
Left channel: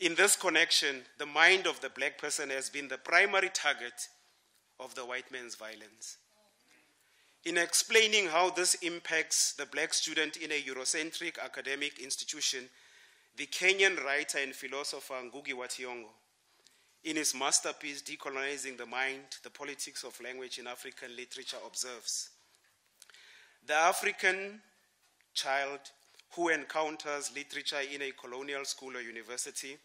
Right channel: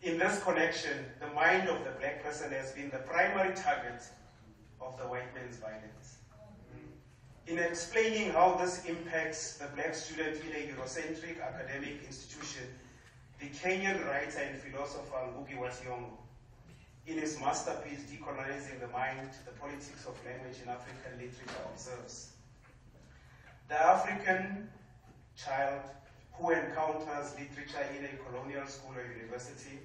In this connection, the mind of the black person has been the primary target of the white man's violence. In explaining how this impacts the black student in a Eurocentric academic institution, the Kenyan writer and philosopher Ngugi wa Thiong'o, in his masterpiece, Decolonizing the Mind, the Politics of Language in African Literature, observes, the African child who encounters literature in a colonial school or university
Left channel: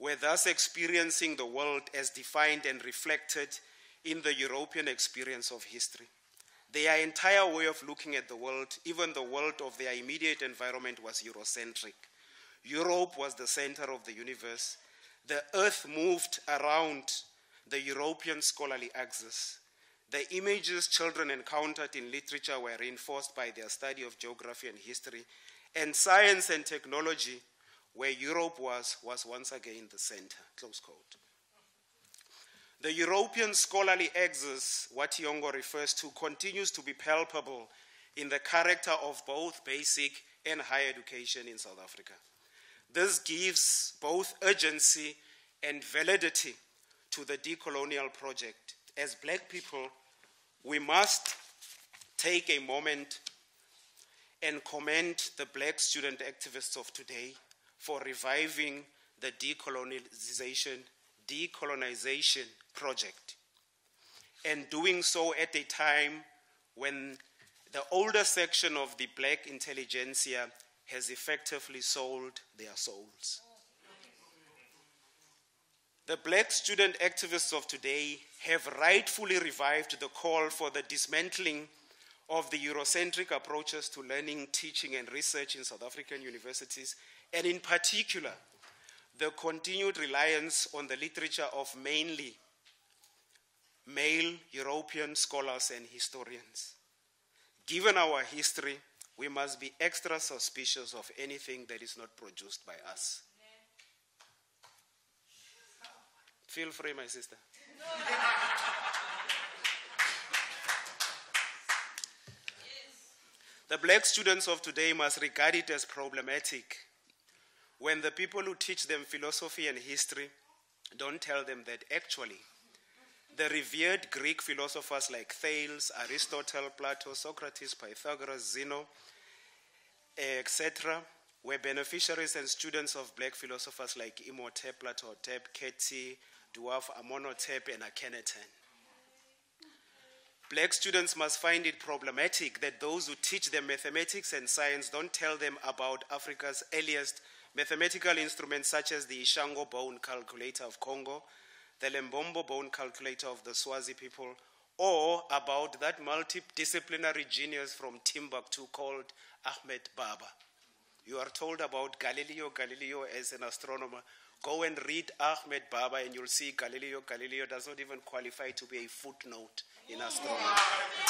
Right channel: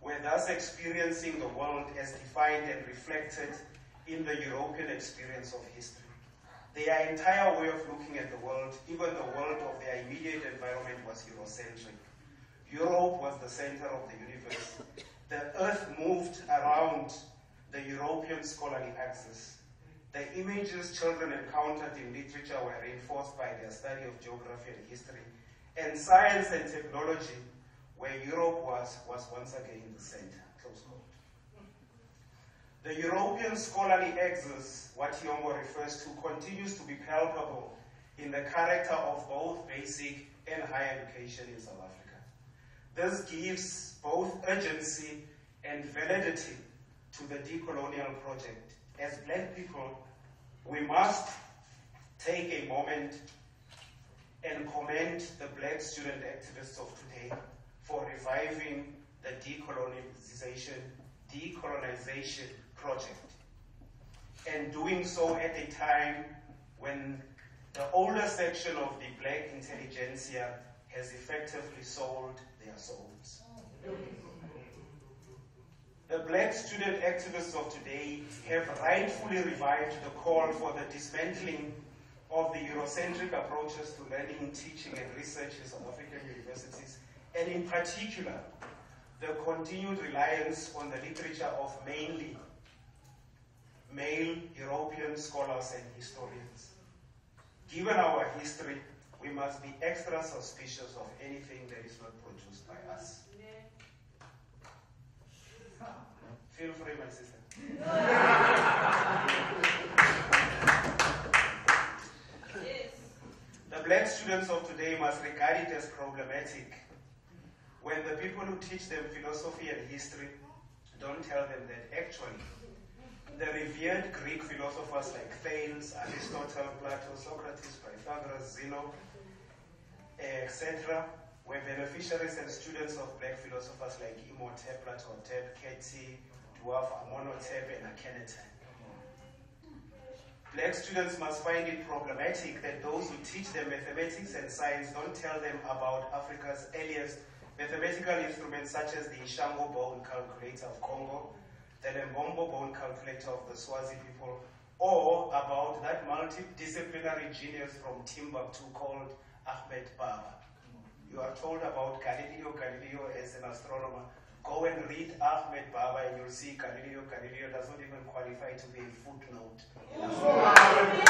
were thus experiencing the world as defined and reflected in the European experience of history. Their entire way of looking at the world, even the world of their immediate environment, was Eurocentric. Europe was the center of the universe. The earth moved around the European scholarly axis. The images children encountered in literature were reinforced by their study of geography and history, and science and technology, where Europe was once again the center, close quote. The European scholarly axis, what Thiong'o refers to, continues to be palpable in the character of both basic and higher education in South Africa. This gives both urgency and validity to the decolonial project. As black people, we must take a moment and commend the black student activists of today for reviving the decolonization project, and doing so at a time when the older section of the black intelligentsia has effectively sold their souls. The black student activists of today have rightfully revived the call for the dismantling of the Eurocentric approaches to learning, teaching, and research in South African universities, and in particular, the continued reliance on the literature of mainly male European scholars and historians. Given our history, we must be extra suspicious of anything that is not produced by us. Feel free, my sister. The black students of today must regard it as problematic when the people who teach them philosophy and history don't tell them that actually the revered Greek philosophers like Thales, Aristotle, Plato, Socrates, Pythagoras, Zeno, etc. were beneficiaries and students of black philosophers like Imhotep, Ptolemy, Kheti, Dwarf, Amenhotep, and Akhenaten. Black students must find it problematic that those who teach them mathematics and science don't tell them about Africa's earliest mathematical instruments such as the Ishango bone calculator of Congo, the Lembombo bone calculator of the Swazi people, or about that multidisciplinary genius from Timbuktu called Ahmed Baba. You are told about Galileo Galilei as an astronomer. Go and read Ahmed Baba and you'll see Galileo Galilei does not even qualify to be a footnote in astronomy.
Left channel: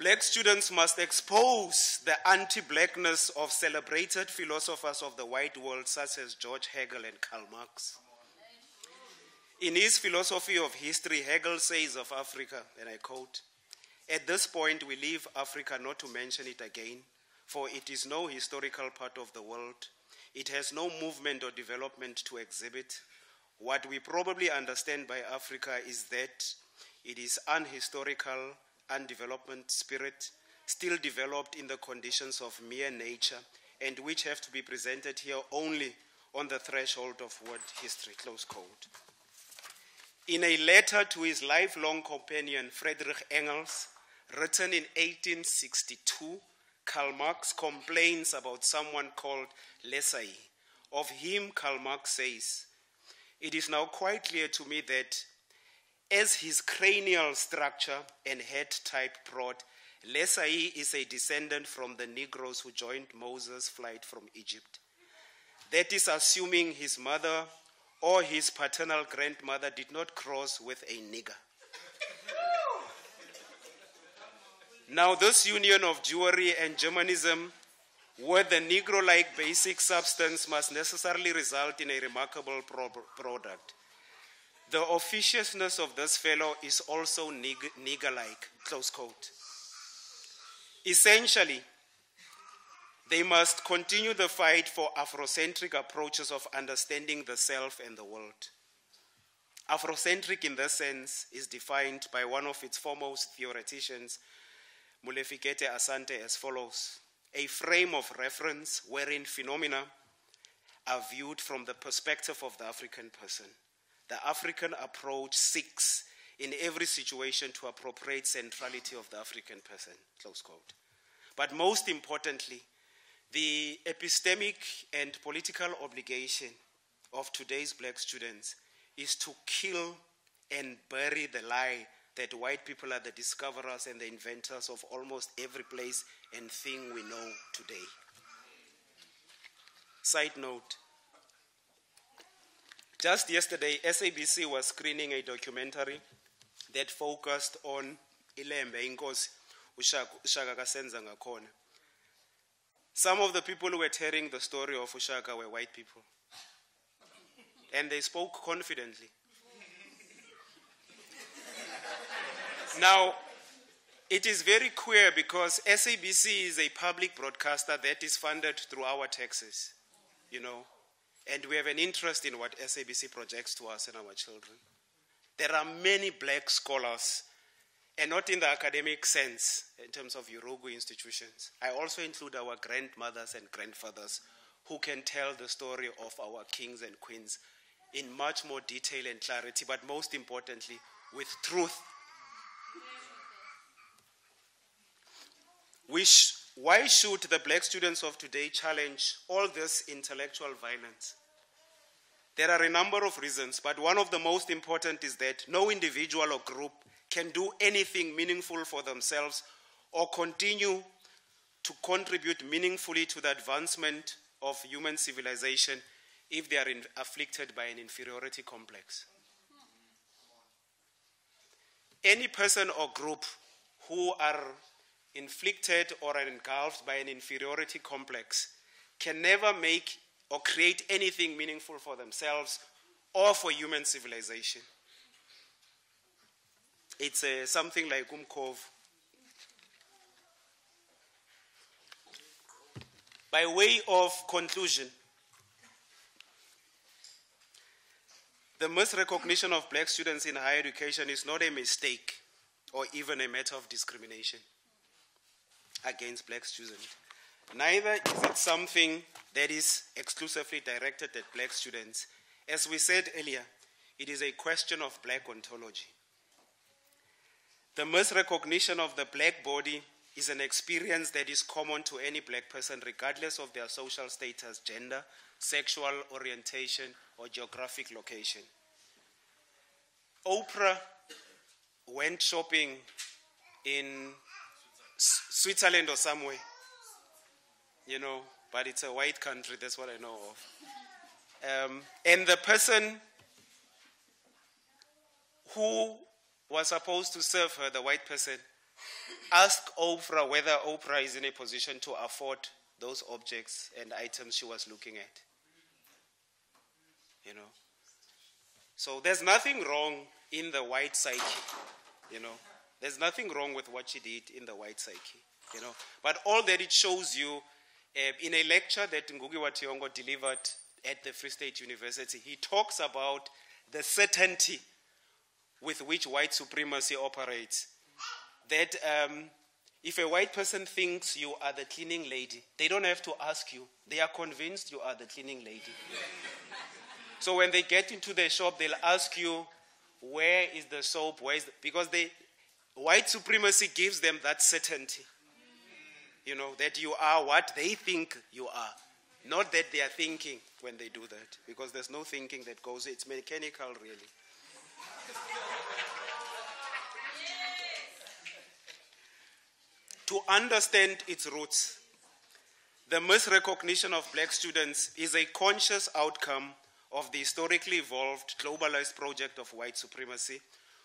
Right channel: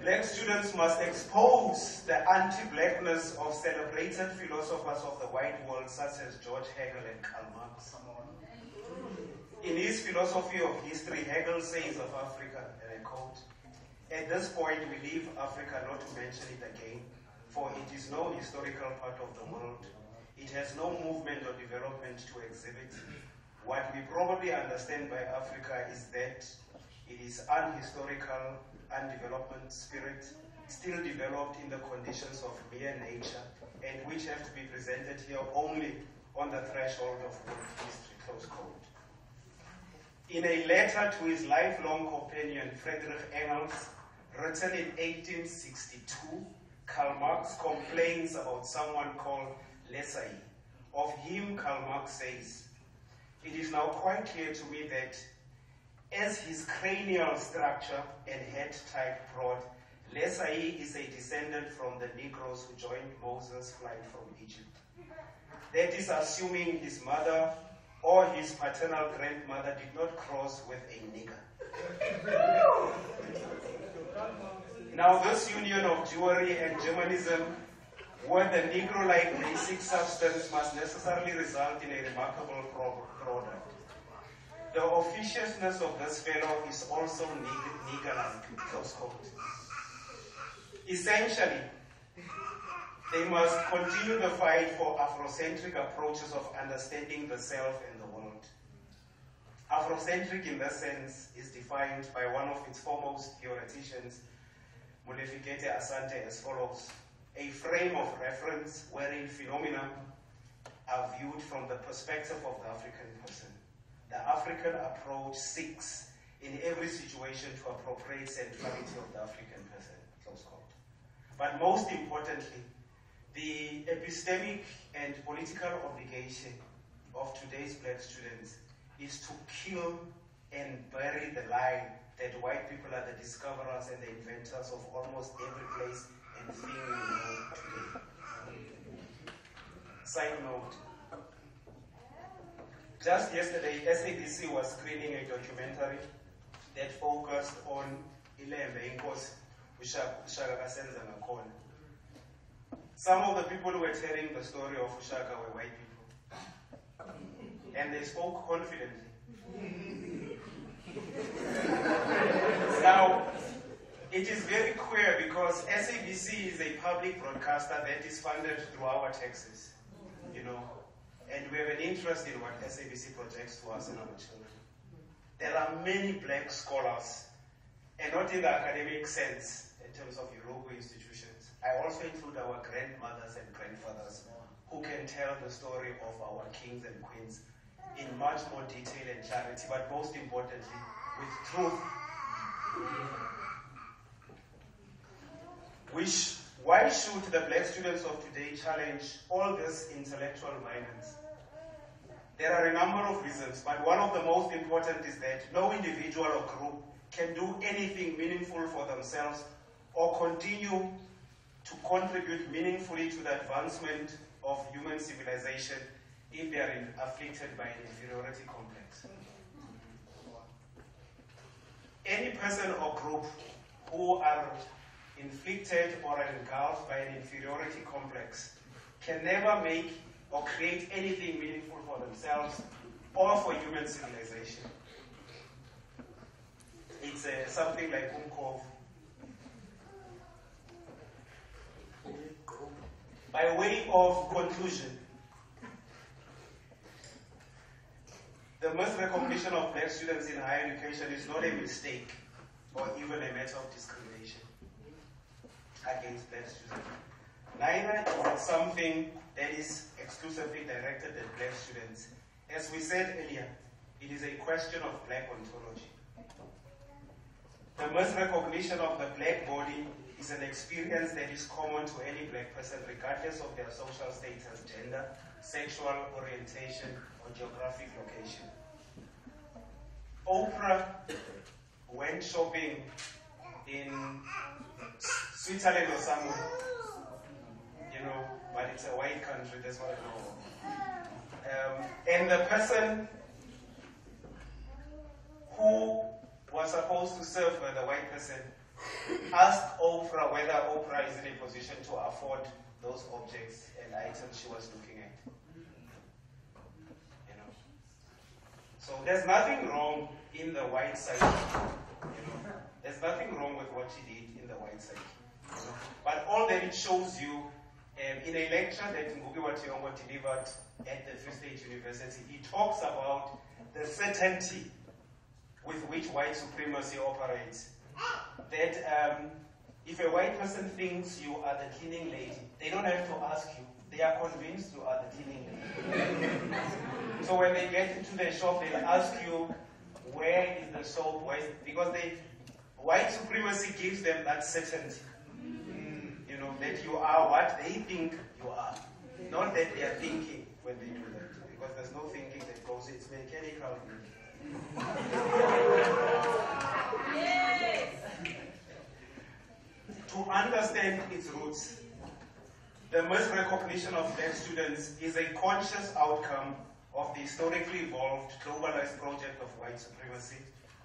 Black students must expose the anti-blackness of celebrated philosophers of the white world such as George Hegel and Karl Marx. In his philosophy of history, Hegel says of Africa, and I quote, "At this point we leave Africa not to mention it again, for it is no historical part of the world. It has no movement or development to exhibit. What we probably understand by Africa is that it is unhistorical, undevelopment spirit, still developed in the conditions of mere nature, and which have to be presented here only on the threshold of world history," close quote. In a letter to his lifelong companion, Friedrich Engels, written in 1862, Karl Marx complains about someone called l'essayist. Of him, Karl Marx says, "It is now quite clear to me that as his cranial structure and head type prod, l'essayist is a descendant from the Negroes who joined Moses' flight from Egypt. That is assuming his mother or his paternal grandmother did not cross with a nigger. Now this union of Jewry and Germanism with the Negro-like basic substance must necessarily result in a remarkable product. The officiousness of this fellow is also nigger-like," close quote. Essentially, they must continue the fight for Afrocentric approaches of understanding the self and the world. Afrocentric in this sense is defined by one of its foremost theoreticians, Mulefikete Asante, as follows: "A frame of reference wherein phenomena are viewed from the perspective of the African person. The African approach seeks in every situation to appropriate centrality of the African person," close quote. But most importantly, the epistemic and political obligation of today's black students is to kill and bury the lie that white people are the discoverers and the inventors of almost every place and thing we know today. Side note, just yesterday, SABC was screening a documentary that focused on Ilembe Inkosi, Ushaka Kasenza Ngakhona. Some of the people who were telling the story of Ushaka were white people. And they spoke confidently. Now, it is very clear because SABC is a public broadcaster that is funded through our taxes, and we have an interest in what SABC projects to us and our children. There are many black scholars, and not in the academic sense, in terms of Urugu institutions. I also include our grandmothers and grandfathers who can tell the story of our kings and queens in much more detail and clarity, but most importantly, with truth. Why should the black students of today challenge all this intellectual violence? There are a number of reasons, but one of the most important is that no individual or group can do anything meaningful for themselves or continue to contribute meaningfully to the advancement of human civilization if they are afflicted by an inferiority complex. Any person or group who are inflicted or are engulfed by an inferiority complex can never make or create anything meaningful for themselves or for human civilization. It's something like Umkov. By way of conclusion, the misrecognition of black students in higher education is not a mistake or even a matter of discrimination against black students. Neither is it something that is exclusively directed at black students. As we said earlier, it is a question of black ontology. The misrecognition of the black body is an experience that is common to any black person regardless of their social status, gender, sexual orientation, or geographic location. Oprah went shopping in Switzerland or somewhere, but it's a white country, that's what I know of. And the person who was supposed to serve her, the white person, asked Oprah whether Oprah is in a position to afford those objects and items she was looking at. You know. So there's nothing wrong in the white psyche. You know. There's nothing wrong with what she did in the white psyche. You know. But all that it shows you, in a lecture that Ngugi wa Thiong'o delivered at the Free State University, he talks about the certainty with which white supremacy operates. That if a white person thinks you are the cleaning lady, they don't have to ask you. They are convinced you are the cleaning lady. So when they get into the shop, they'll ask you, where is the soap? Because white supremacy gives them that certainty. You know, that you are what they think you are. Not that they are thinking when they do that. Because there's no thinking that goes, it's mechanical really. To understand its roots, the misrecognition of black students is a conscious outcome of the historically evolved globalized project of white supremacy,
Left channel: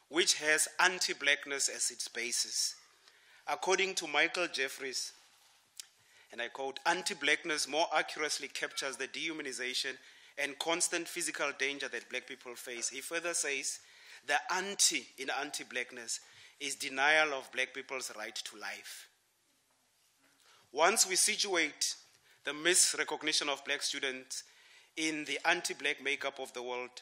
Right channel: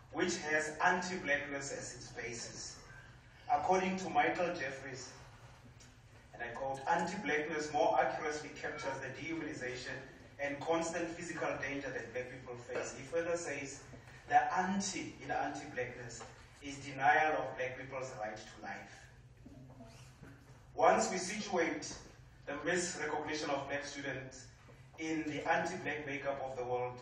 which has anti-blackness as its basis. According to Michael Jeffries, and I quote, anti-blackness more accurately captures the dehumanization and constant physical danger that black people face. He further says, the anti in anti-blackness is denial of black people's right to life. Once we situate the misrecognition of black students in the anti-black makeup of the world,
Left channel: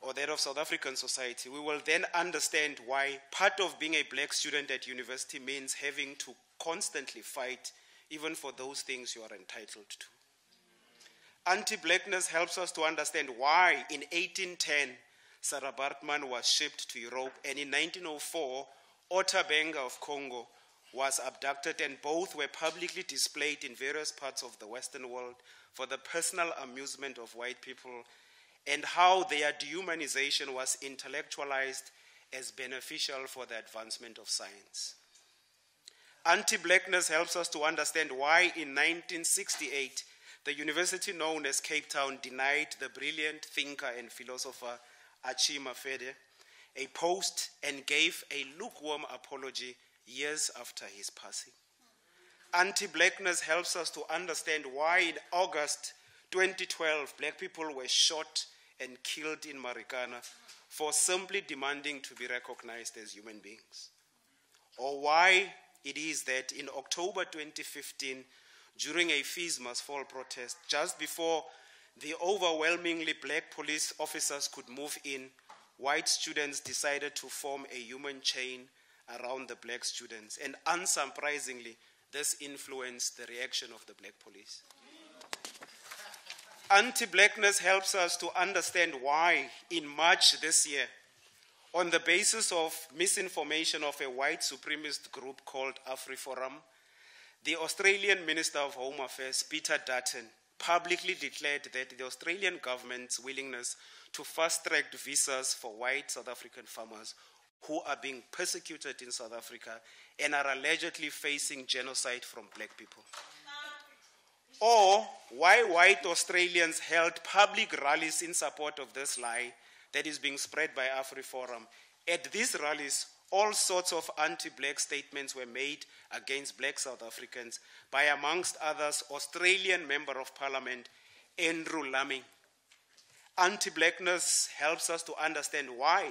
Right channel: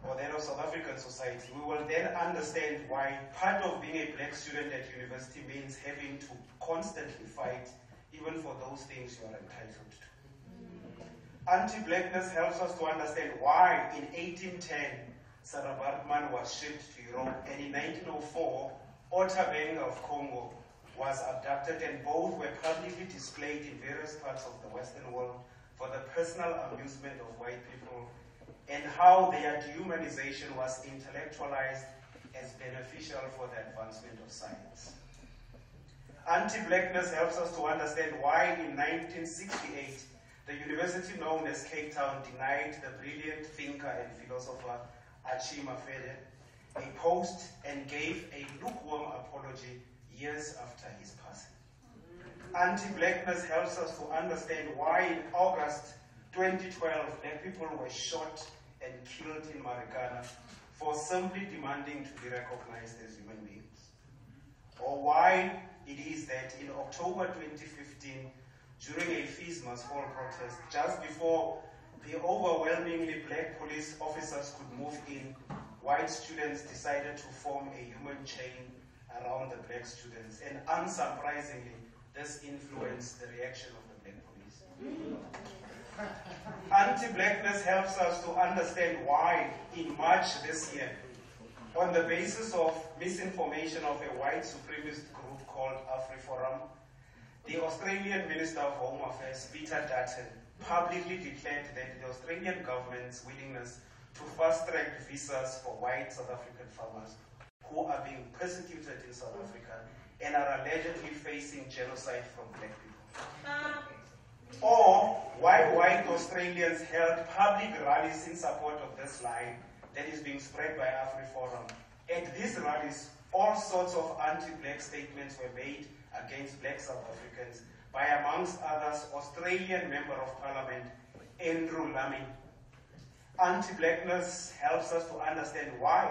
or that of South African society, we will then understand why part of being a black student at university means having to constantly fight even for those things you are entitled to. Anti-blackness helps us to understand why in 1810 Sarah Baartman was shipped to Europe, and in 1904 Ota Benga of Congo was abducted, and both were publicly displayed in various parts of the Western world for the personal amusement of white people, and how their dehumanization was intellectualized as beneficial for the advancement of science. Anti-blackness helps us to understand why in 1968 the university known as Cape Town denied the brilliant thinker and philosopher Achille Mafede a post and gave a lukewarm apology years after his passing. Anti-blackness helps us to understand why in August 2012 black people were shot and killed in Marikana for simply demanding to be recognized as human beings. Or why it is that in October 2015, during a fees must fall protest, just before the overwhelmingly black police officers could move in, white students decided to form a human chain around the black students. And unsurprisingly, this influenced the reaction of the black police. Anti-blackness helps us to understand why in March this year, on the basis of misinformation of a white supremacist group called AfriForum, the Australian Minister of Home Affairs, Peter Dutton, publicly declared that the Australian government's willingness to fast-track visas for white South African farmers who are being persecuted in South Africa and are allegedly facing genocide from black people. Or why white Australians held public rallies in support of this lie that is being spread by AfriForum. At these rallies, all sorts of anti-black statements were made against black South Africans by, amongst others, Australian Member of Parliament, Andrew Laming. Anti-blackness helps us to understand why,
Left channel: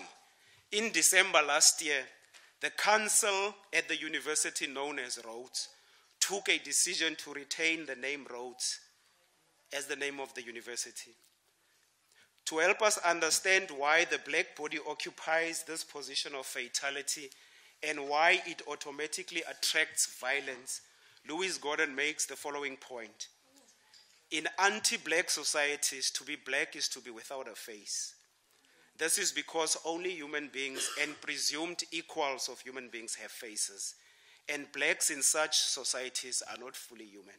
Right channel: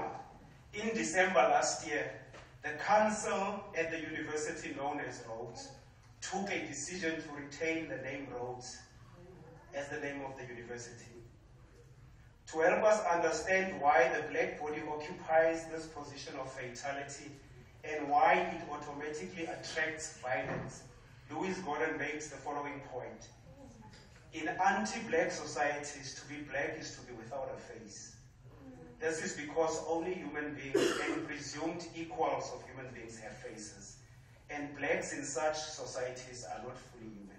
in December last year, the council at the university known as Rhodes took a decision to retain the name Rhodes as the name of the university. To help us understand why the black body occupies this position of fatality and why it automatically attracts violence, Louis Gordon makes the following point. In anti-black societies, to be black is to be without a face. This is because only human beings and presumed equals of human beings have faces, and blacks in such societies are not fully human.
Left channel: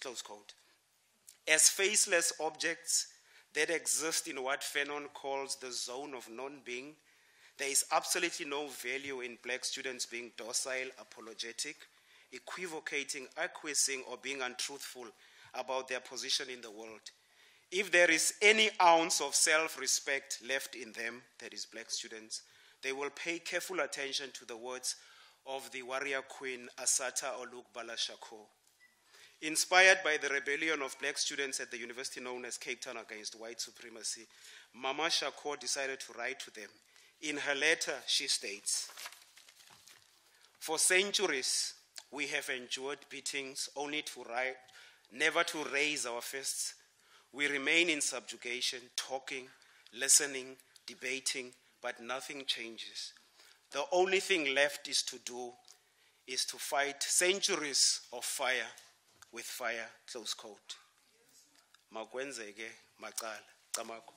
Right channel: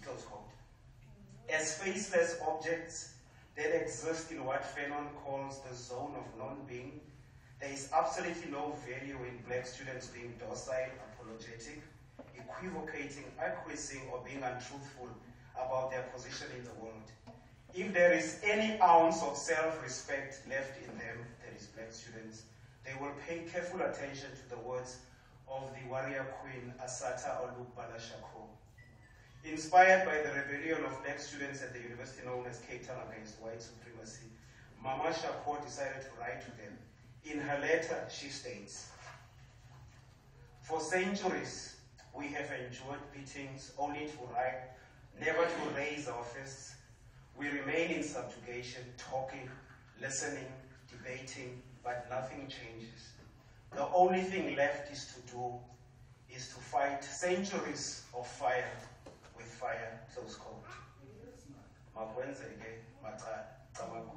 Close quote. As faceless objects that exist in what Fanon calls the zone of non-being, there is absolutely no value in black students being docile, apologetic, equivocating, acquiescing, or being untruthful about their position in the world. If there is any ounce of self-respect left in them, that is black students, they will pay careful attention to the words of the warrior queen Assata Olugbala Shako. Inspired by the rebellion of black students at the university known as Cape Town against white supremacy, Mama Shako decided to write to them. In her letter, she states, "For centuries, we have endured beatings only to write, never to raise our fists. We remain in subjugation, talking, listening, debating, but nothing changes. The only thing left is to fight centuries of fire with fire," close quote. Makwenzeke, maqala, qamaku.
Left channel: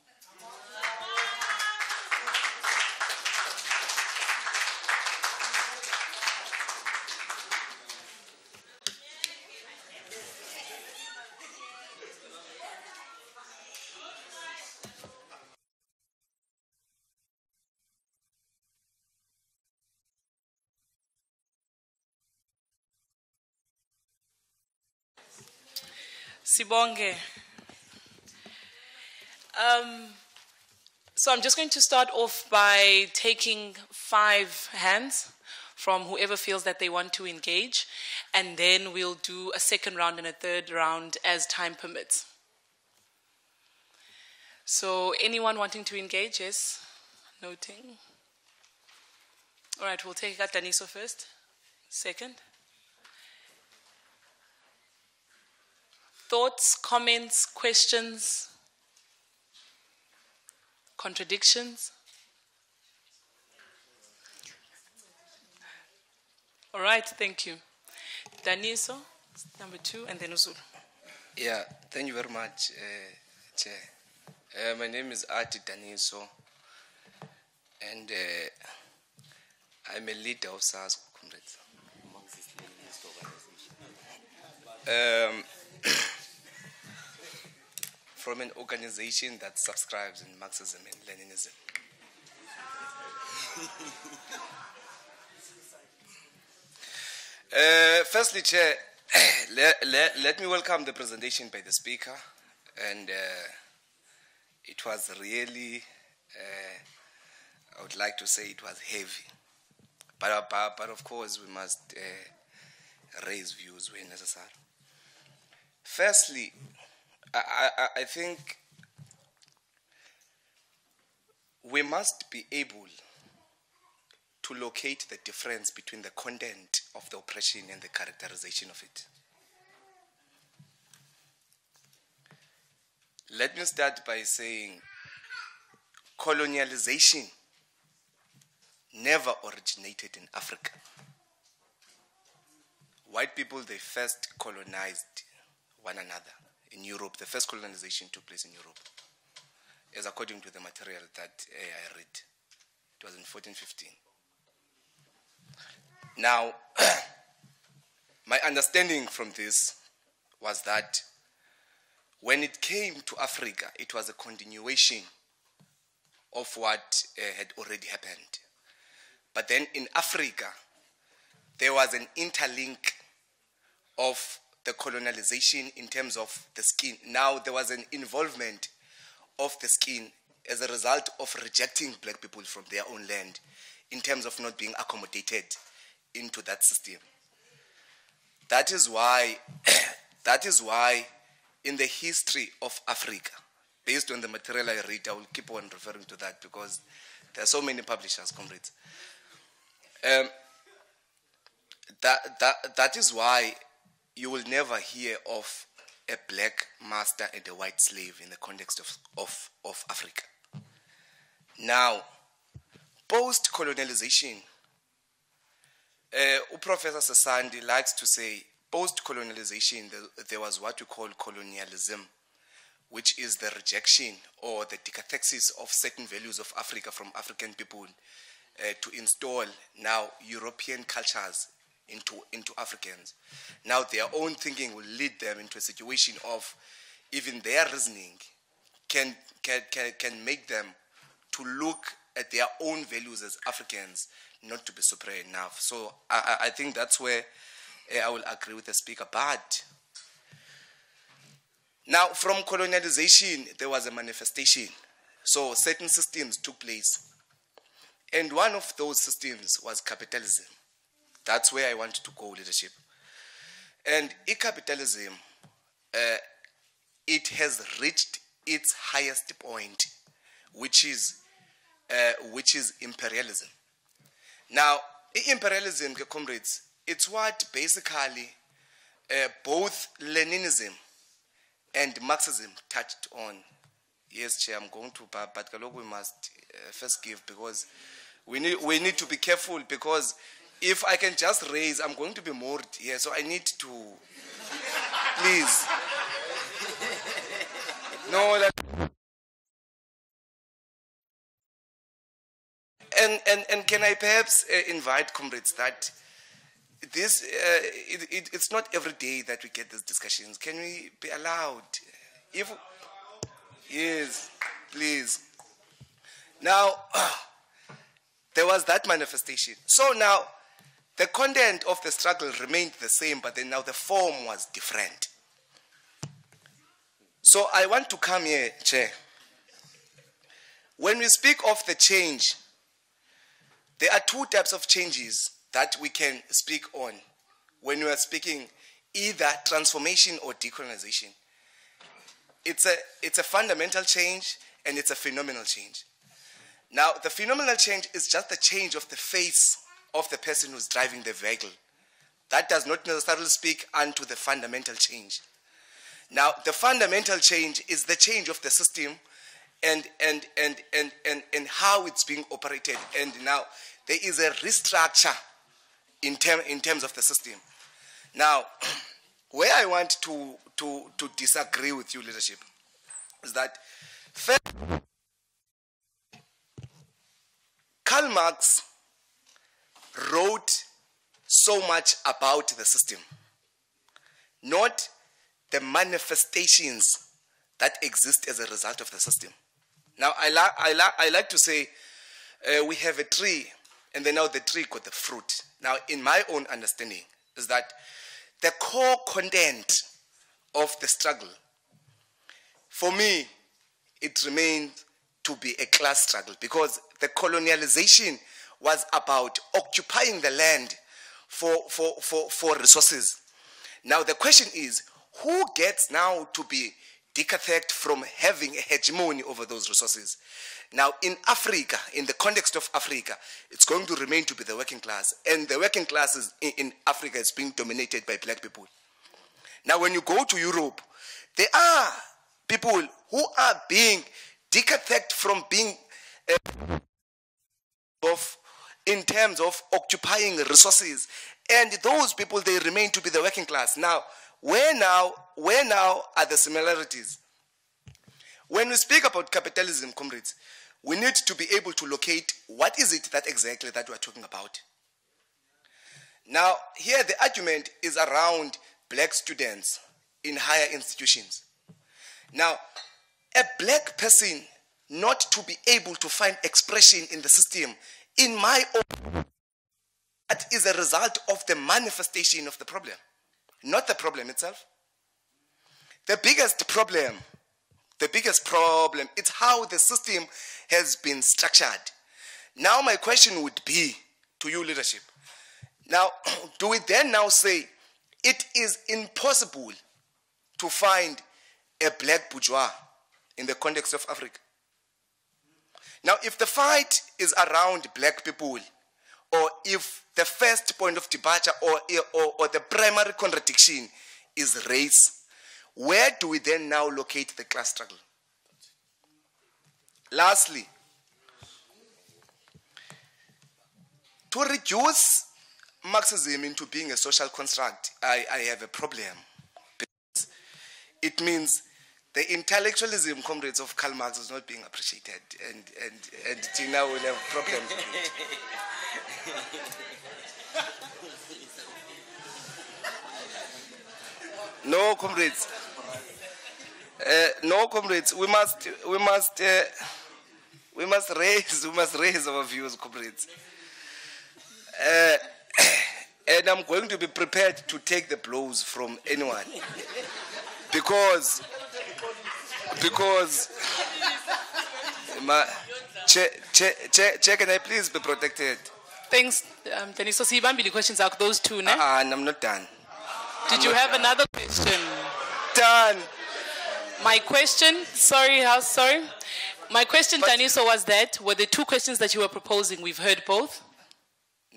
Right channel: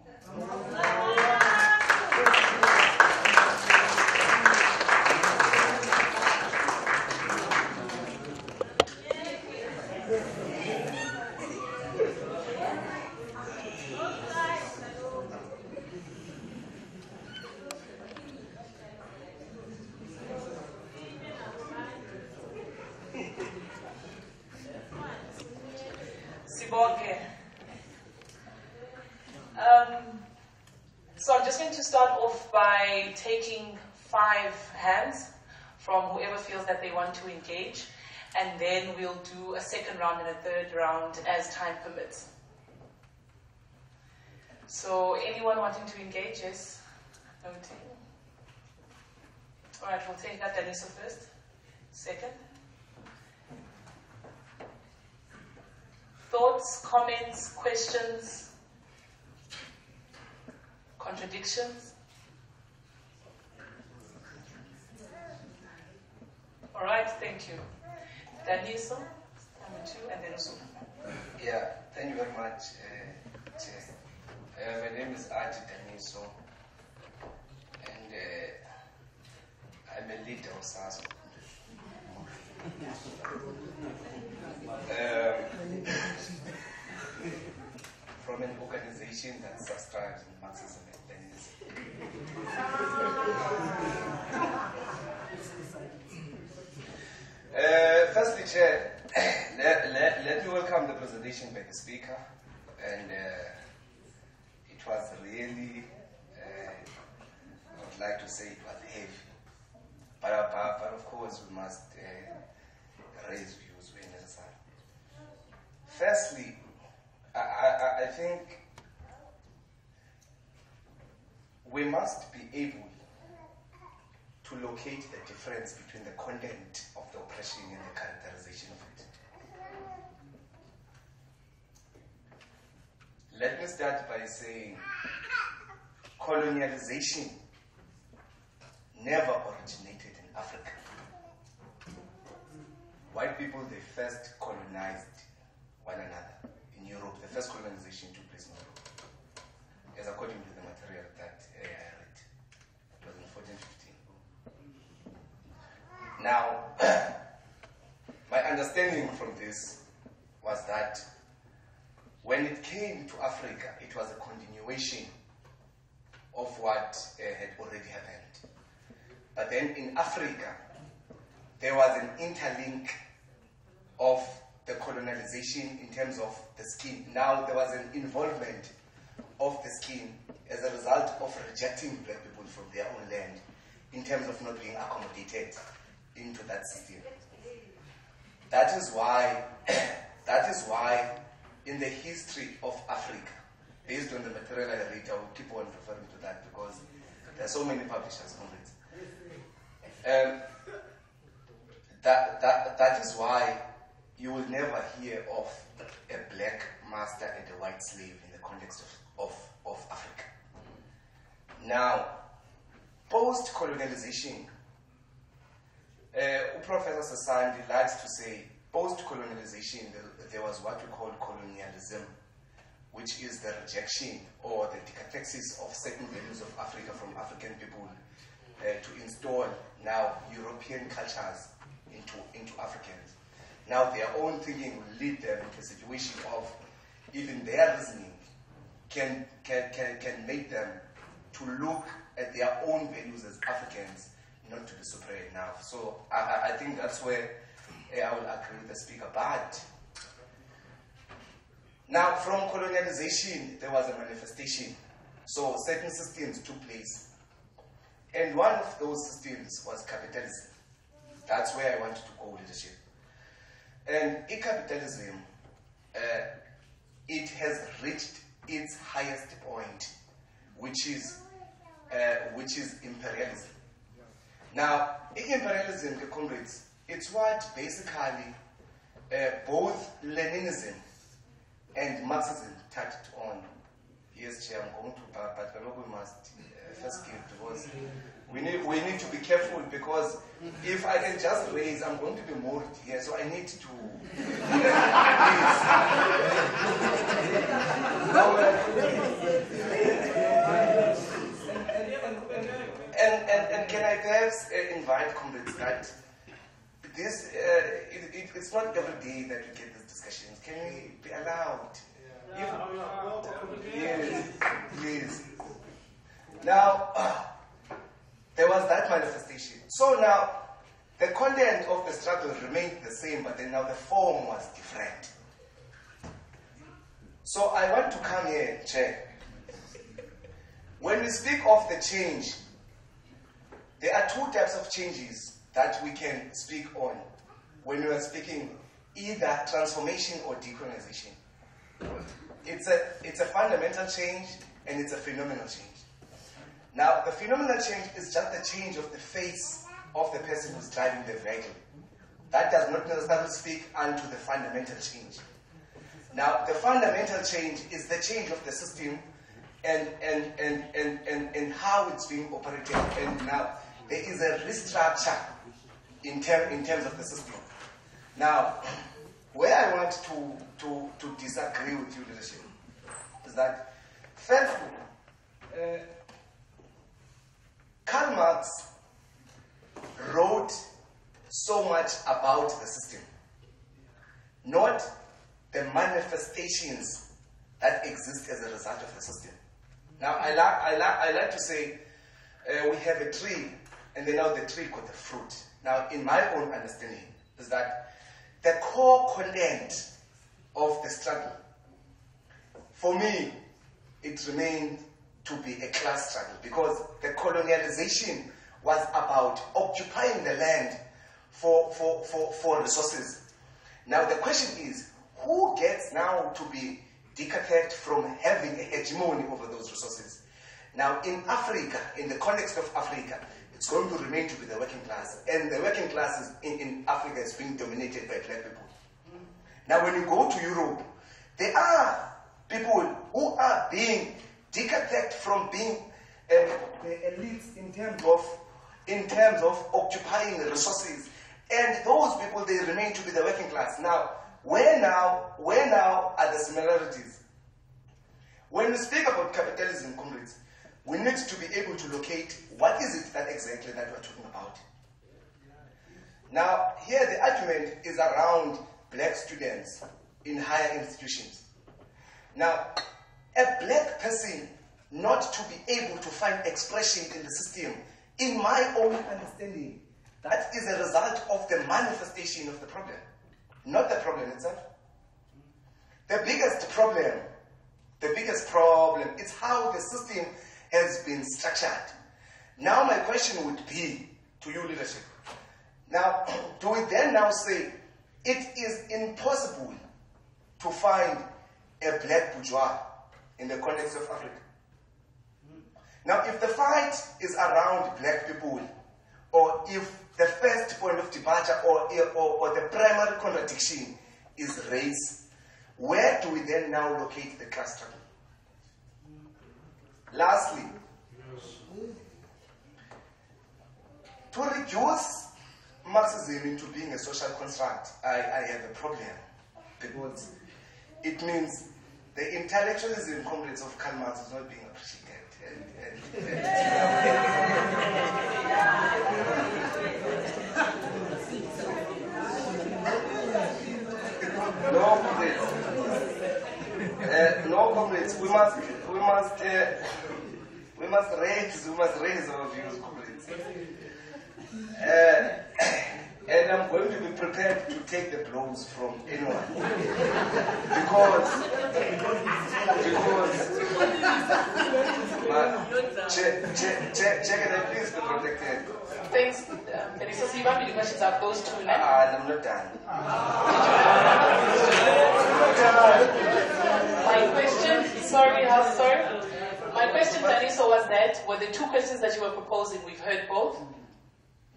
Sibonge. So I'm just going to start off by taking 5 hands from whoever feels that they want to engage, and then we'll do a second round and a third round as time permits. So anyone wanting to engage? Yes? Noting. All right, we'll take Daniso first. Second. Thoughts, comments, questions, contradictions? All right, thank you. Daniso, number 2, and then Uzulu. Yeah, thank you very much, Chair. My name is Ati Daniso, and I'm a leader of SARS. From an organization that subscribes in Marxism and Leninism. Firstly, Chair, let me welcome the presentation by the speaker, and it was really, I would like to say it was heavy, but of course we must raise views when necessary. Firstly, I think we must be able to locate the difference between the content of the oppression and the characterization of it. Let me start by saying colonialization never originated in Africa. White people, they first colonized one another. In Europe, the first colonization took place in Europe, as according to the material that I read. It was in 1415. Now, my understanding from this was that when it came to Africa, it was a continuation of what had already happened. But then in Africa, there was an interlink of the colonialization in terms of the skin. Now there was an involvement of the skin as a result of rejecting black people from their own land in terms of not being accommodated into that system. That is why in the history of Africa, based on the material I read, I will keep on referring to that because there are so many publishers, comrades. That is why you will never hear of a black master and a white slave in the context of Africa. Now, post-colonialization, Professor Sasandi likes to say, post-colonialization, there was what we call colonialism, which is the rejection or the decathexis of certain values of Africa from African people to install now European cultures into Africans. Now their own thinking will lead them into a situation of even their reasoning can make them to look at their own values as Africans, not to be superior enough. So I think that's where I will agree with the speaker. But now from colonialization, there was a manifestation. So certain systems took place. And one of those systems was capitalism. That's where I want to go, leadership. And capitalism, it has reached its highest point, which is imperialism. Now, imperialism, comrades, it's what basically both Leninism and Marxism touched on. Yes, Chair, I'm going to, but we must first give, because we need to be careful, because if I can just raise, I'm going to be moved here, so I need to, please. No, and can I perhaps invite comrades that this, it's not every day that we get these discussions. Can we be allowed? If, yes, please. Now, there was that manifestation. So now, the content of the struggle remained the same, but then now the form was different. So I want to come here, Chair. When we speak of the change, there are two types of changes that we can speak on when we are speaking either transformation or decolonization. It's a fundamental change and it's a phenomenal change. Now, the phenomenal change is just the change of the face of the person who's driving the vehicle. That does not necessarily speak unto the fundamental change. Now, the fundamental change is the change of the system and how it's being operated. And now, there is a restructure in terms of the system. Now, where I want to disagree with you, leadership, is that first, Karl Marx wrote so much about the system, not the manifestations that exist as a result of the system. Now, I like to say we have a tree, and then now the tree got the fruit. Now, in my own understanding, is that the core content of the struggle, for me, it remained to be a class struggle, because the colonialization was about occupying the land for resources. Now, the question is, who gets now to be decathed from having a hegemony over those resources? Now, in Africa, in the context of Africa, it's going to remain to be the working class. And the working class in Africa is being dominated by black people. Now, when you go to Europe, there are people who are being decathed from being the elites in terms of occupying resources. And those people, they remain to be the working class. Now, where now are the similarities? When we speak about capitalism, comrades, we need to be able to locate what is it that exactly that we're talking about. Now, here the argument is around black students in higher institutions. Now, a black person not to be able to find expression in the system, in my own understanding, that is a result of the manifestation of the problem, not the problem itself. The biggest problem, it's how the system has been structured. Now my question would be to you, leadership. Now, do we then now say it is impossible to find a black bourgeois in the context of Africa? Now, if the fight is around black people, or if the first point of departure or the primary contradiction is race, where do we then now locate the class struggle? Lastly, to reduce Marxism into being a social construct, I have a problem, because it means the intellectualism, comrades, of Karl Marx is not being appreciated, and till now we have a problem. No, comrades. No, comrades. We must raise our views, comrades. And I'm going to be prepared to take the blows from anyone, because Chair, can I please be protected? Thanks, Danny. So, the questions are those two, no? I'm not done. Did you have another question? Done. My question, sorry. My question, Taniso, was that, were the two questions that you were proposing, we've heard both?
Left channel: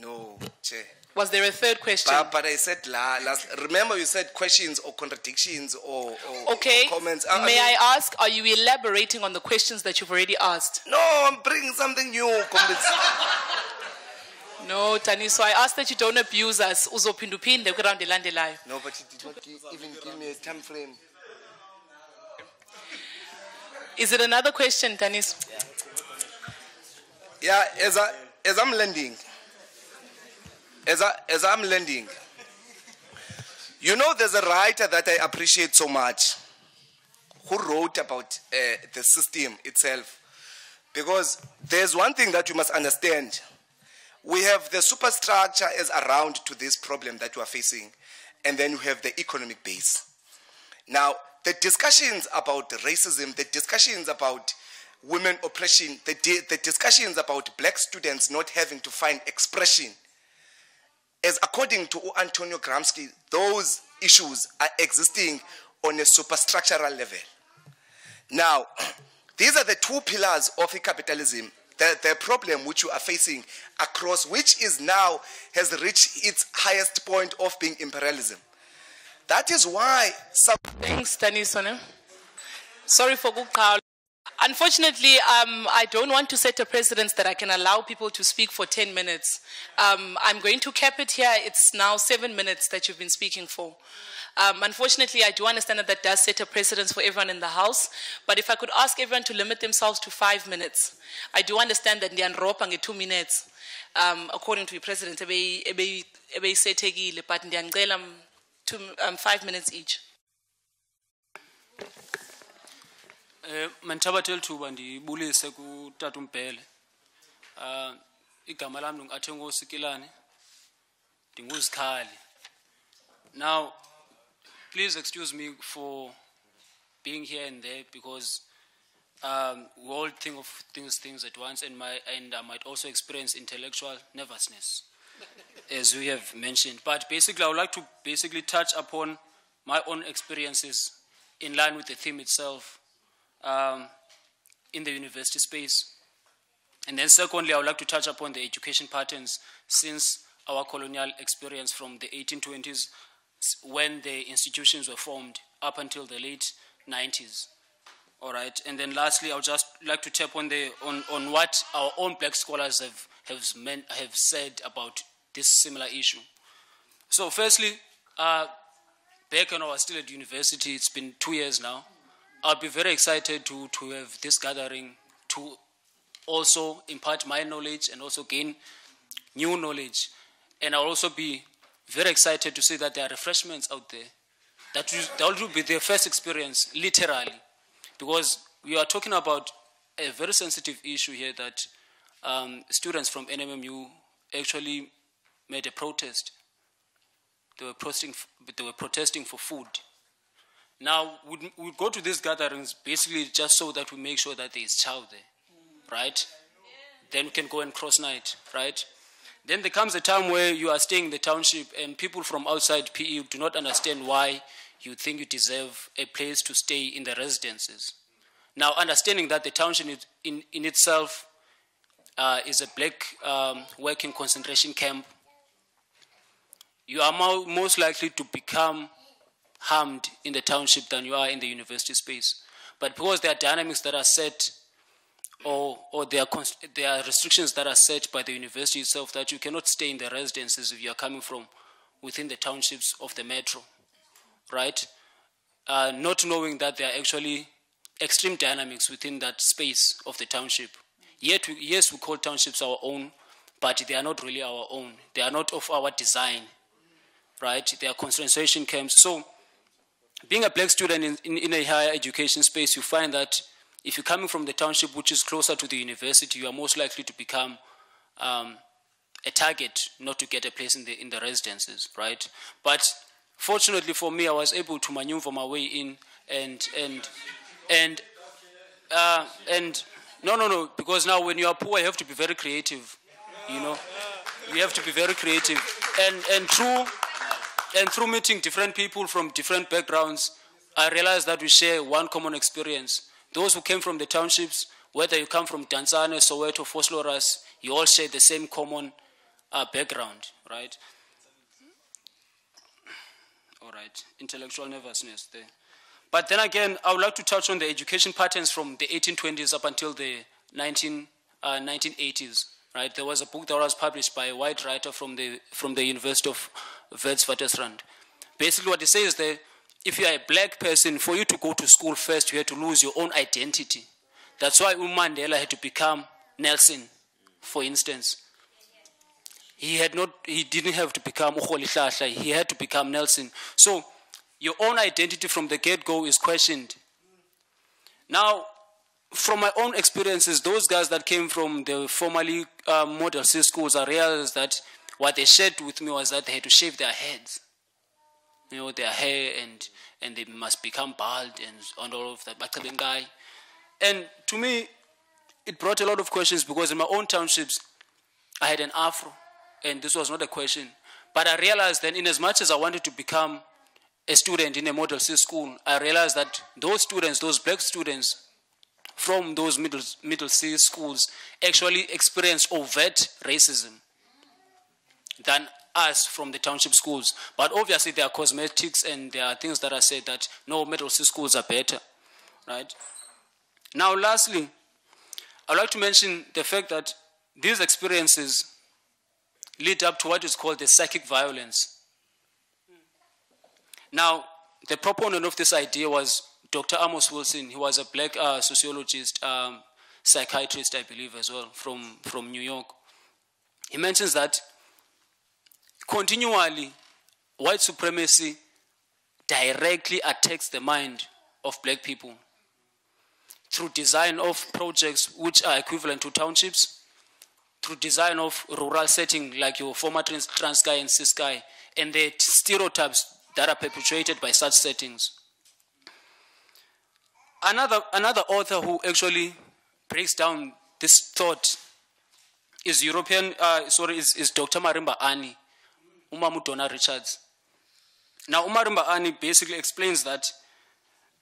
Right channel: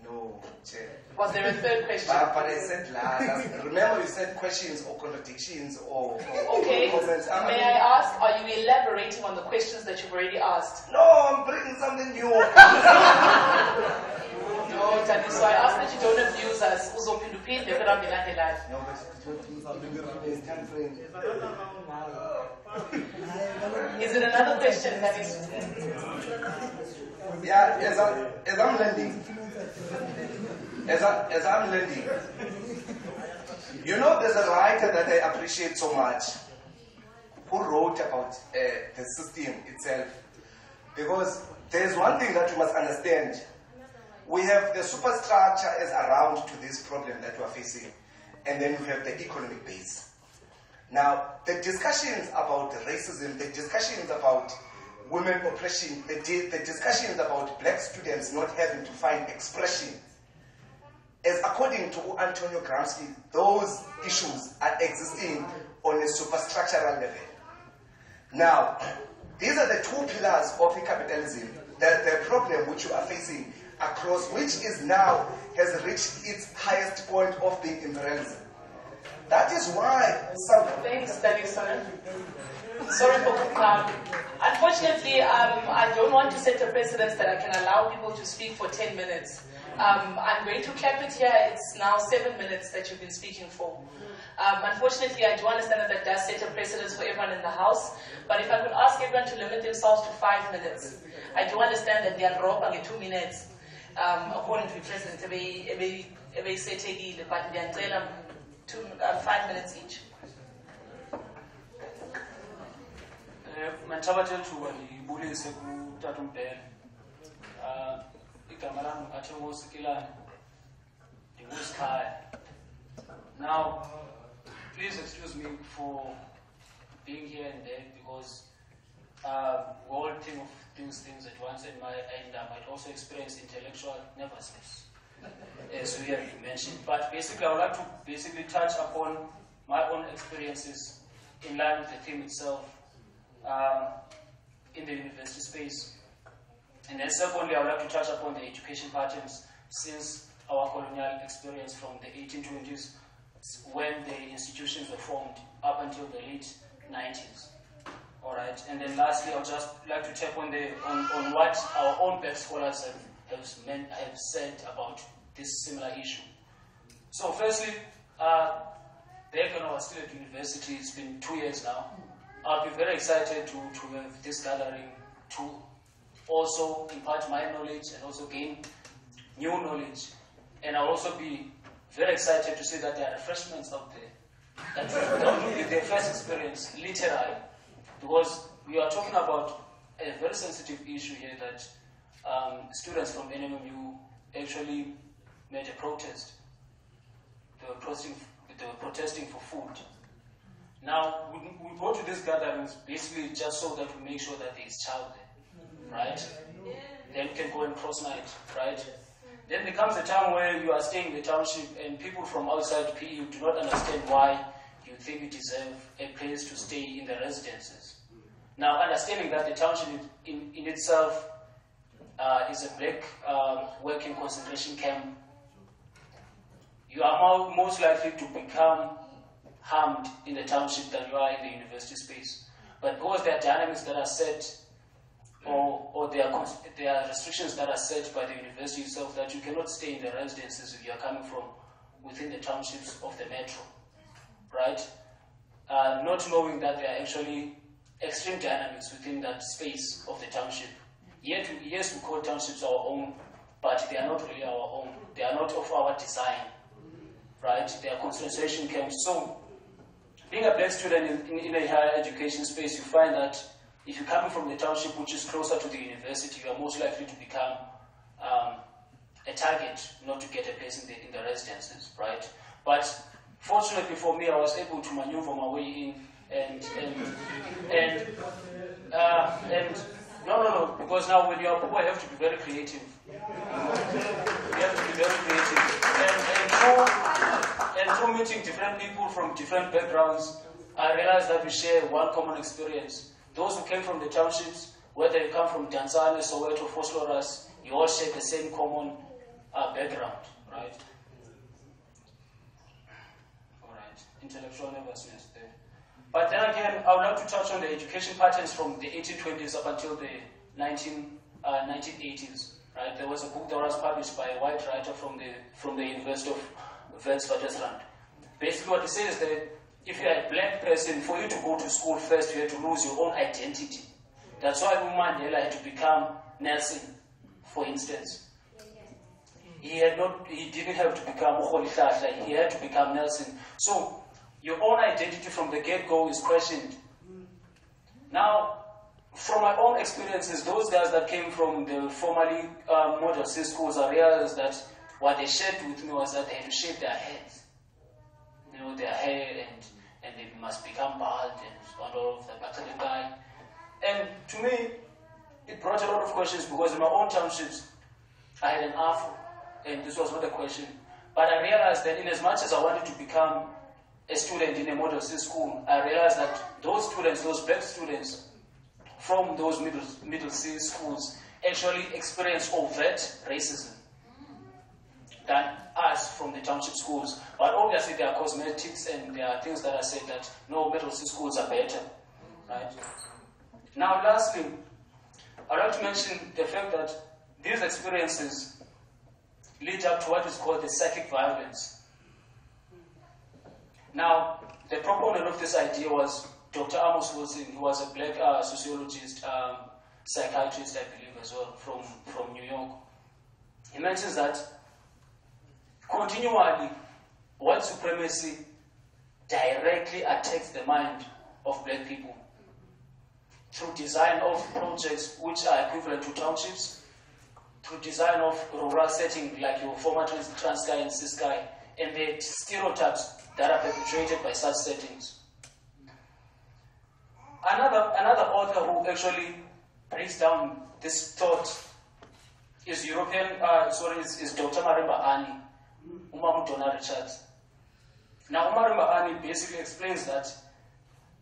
No, Chair. Was there a third question? But I said last. Remember you said questions or contradictions or Okay. comments. May I ask, are you elaborating on the questions that you've already asked? No, I'm bringing something new. No, Taniso, I ask that you don't abuse us. No, but it won't even give me a time frame. Is it another question, Taniso? Yeah, as I'm landing, as I'm landing, you know, there's a writer that I appreciate so much who wrote about the system itself, because there's one thing that you must understand. We have the superstructure as around to this problem that we are facing, and then we have the economic base. Now, the discussions about racism, the discussions about women oppression, the discussions about black students not having to find expression, as according to Antonio Gramsci, those issues are existing on a superstructural level. Now, these are the two pillars of capitalism, the problem which you are facing across, which is now has reached its highest point of being imperialism. That is why Thanks, Taniso. Sorry for good crowd. Unfortunately, I don't want to set a precedence that I can allow people to speak for 10 minutes. I'm going to cap it here. It's now 7 minutes that you've been speaking for. Unfortunately, I do understand that that does set a precedence for everyone in the House, but if I could ask everyone to limit themselves to 5 minutes. I do understand that they are roping 2 minutes, according to the President, but they are 5 minutes each. Mantabatel thuba ndibulise kuTata uMbele. Igama lami ngingathi ngoSikilane. NdinguSikhali. Now, please excuse me for being here and there, because we all think of things at once, and I might also experience intellectual nervousness, as we have mentioned. But basically, I would like to touch upon my own experiences in line with the theme itself in the university space. And then secondly, I would like to touch upon the education patterns since our colonial experience from the 1820s, when the institutions were formed, up until the late 90s. All right. And then lastly, I would just like to tap on what our own black scholars have said about this similar issue. So firstly, back when I was still at university, it's been 2 years now, I'll be very excited to have this gathering to also impart my knowledge and also gain new knowledge. And I'll also be very excited to see that there are refreshments out there. That will be their first experience, literally. Because we are talking about a very sensitive issue here that students from NMMU actually made a protest. They were protesting for food. Now, we go to these gatherings basically just so that we make sure that there is child there, right? Then we can go and cross-night, right? Then there comes a time where you are staying in the township and people from outside PE do not understand why you think you deserve a place to stay in the residences. Now, understanding that the township in itself is a black working concentration camp, you are most likely to become harmed in the township than you are in the university space. But because there are dynamics that are set, or there are restrictions that are set by the university itself, that you cannot stay in the residences if you are coming from within the townships of the metro, right? Not knowing that there are actually extreme dynamics within that space of the township. Yet, yes, we call townships our own, but they are not really our own. They are not of our design, right? They are concentration camps. So, being a black student in a higher education space, you find that if you're coming from the township, which is closer to the university, you are most likely to become a target, not to get a place in the residences, right? But fortunately for me, I was able to maneuver my way in, and no, because now when you are poor, you have to be very creative, you know. We have to be very creative. And through meeting different people from different backgrounds, I realized that we share one common experience. Those who came from the townships, whether you come from Tanzania, Soweto, Vosloorus, you all share the same common background, right? All right, intellectual nervousness there. But then again, I would like to touch on the education patterns from the 1820s up until the 1980s, right? There was a book that was published by a white writer from the University of Witwatersrand. Basically what it says is that if you are a black person, for you to go to school first, you had to lose your own identity. That's why Mandela had to become Nelson, for instance. He didn't have to become Ukutshintshwa, he had to become Nelson. So your own identity from the get-go is questioned. Now, from my own experiences, those guys that came from the formerly Model C schools, I realized that what they shared with me was that they had to shave their heads. You know, their hair, and they must become bald and all of that. And to me, it brought a lot of questions because in my own townships, I had an afro, and this was not a question. But I realized that in as much as I wanted to become a student in a Model C school, I realized that those students, those black students from those middle C schools actually experienced overt racism than us from the township schools. But obviously there are cosmetics and there are things that are said that no, middle C schools are better, right? Now lastly, I'd like to mention the fact that these experiences lead up to what is called the psychic violence. Now, the proponent of this idea was Dr. Amos Wilson. He was a black sociologist, psychiatrist, I believe, as well, from New York. He mentions that continually, white supremacy directly attacks the mind of black people through design of projects which are equivalent to townships, through design of rural setting like your former Transkei and Ciskei, and the stereotypes that are perpetuated by such settings. Another author who actually breaks down this thought is Dr. Marimba Ani, Umamu Donna Richards. Now, Marimba Ani basically explains that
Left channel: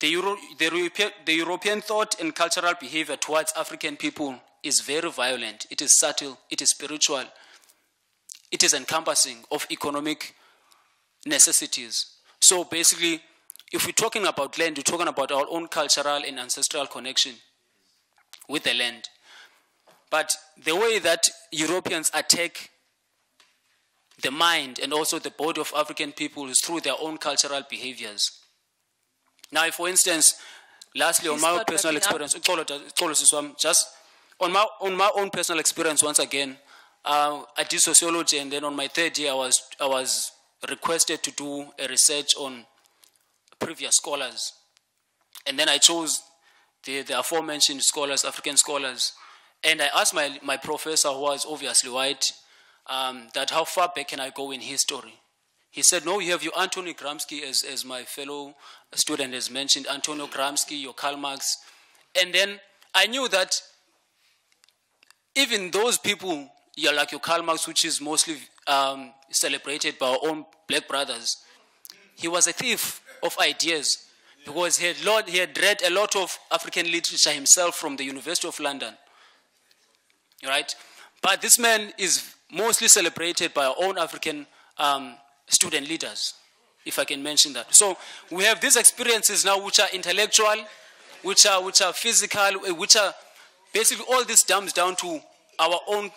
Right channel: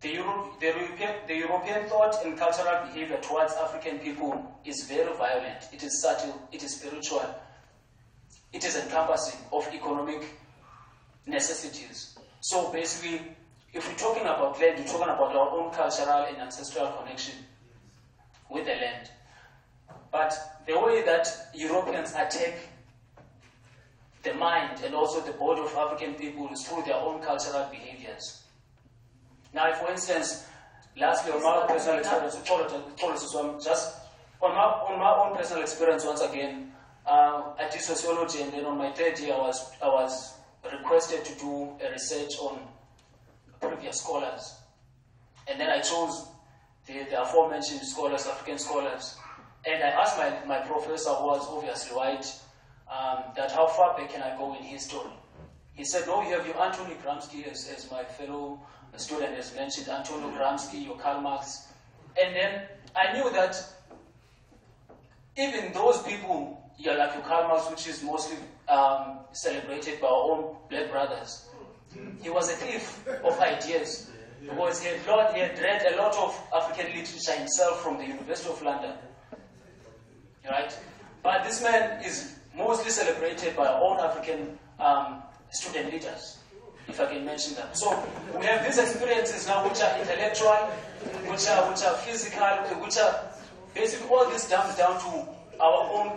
the European thought and cultural behavior towards African people is very violent. It is subtle, it is spiritual, it is encompassing of economic necessities. So basically, if we're talking about land, we're talking about our own cultural and ancestral connection with the land. But the way that Europeans attack the mind and also the body of African people is through their own cultural behaviors. Now, if, for instance, lastly, on my personal experience, just on my own personal experience, once again, I did sociology, and then on my third year, I was requested to do a research on previous scholars. And then I chose the aforementioned scholars, African scholars. And I asked my professor, who was obviously white, that how far back can I go in history? He said, no, you have your Antonio Gramsci, as my fellow student has mentioned, Antonio Gramsci, your Karl Marx. And then I knew that even those people, like your Karl Marx, which is mostly celebrated by our own black brothers, he was a thief of ideas because he had read a lot of African literature himself from the University of London, right? But this man is mostly celebrated by our own African student leaders, if I can mention that. So we have these experiences now which are intellectual, which are physical, which are basically all this comes down to our own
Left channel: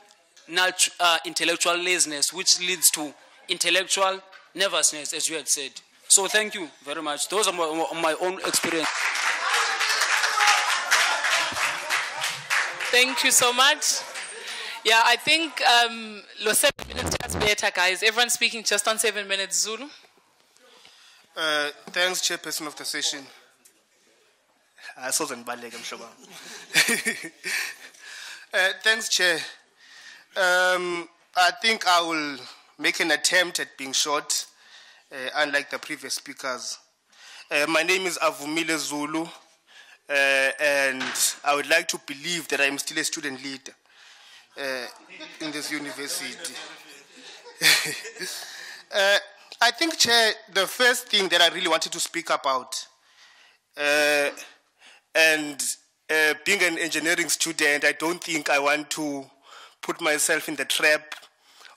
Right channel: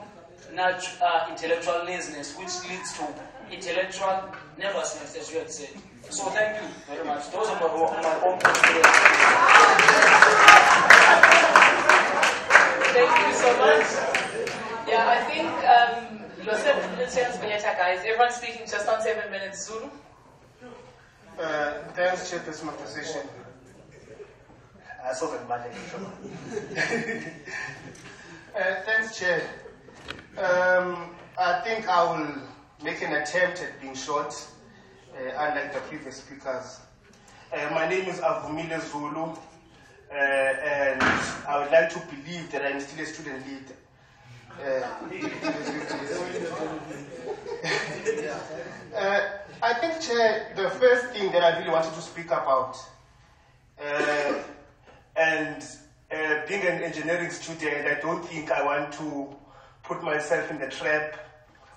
intellectual laziness, which leads to intellectual nervousness, as you had said. So thank you very much. Those are my own experience. Thank you so much. Yeah, I think let's better, guys. Everyone speaking just on 7 minutes. Zulu. Thanks, Chairperson of the session. Thanks, Chair. I think I will make an attempt at being short, unlike the previous speakers. My name is Avumile Zulu, and I would like to believe that I'm still a student leader. in this university. I think, Chair, the first thing that I really wanted to speak about, and being an engineering student, I don't think I want to put myself in the trap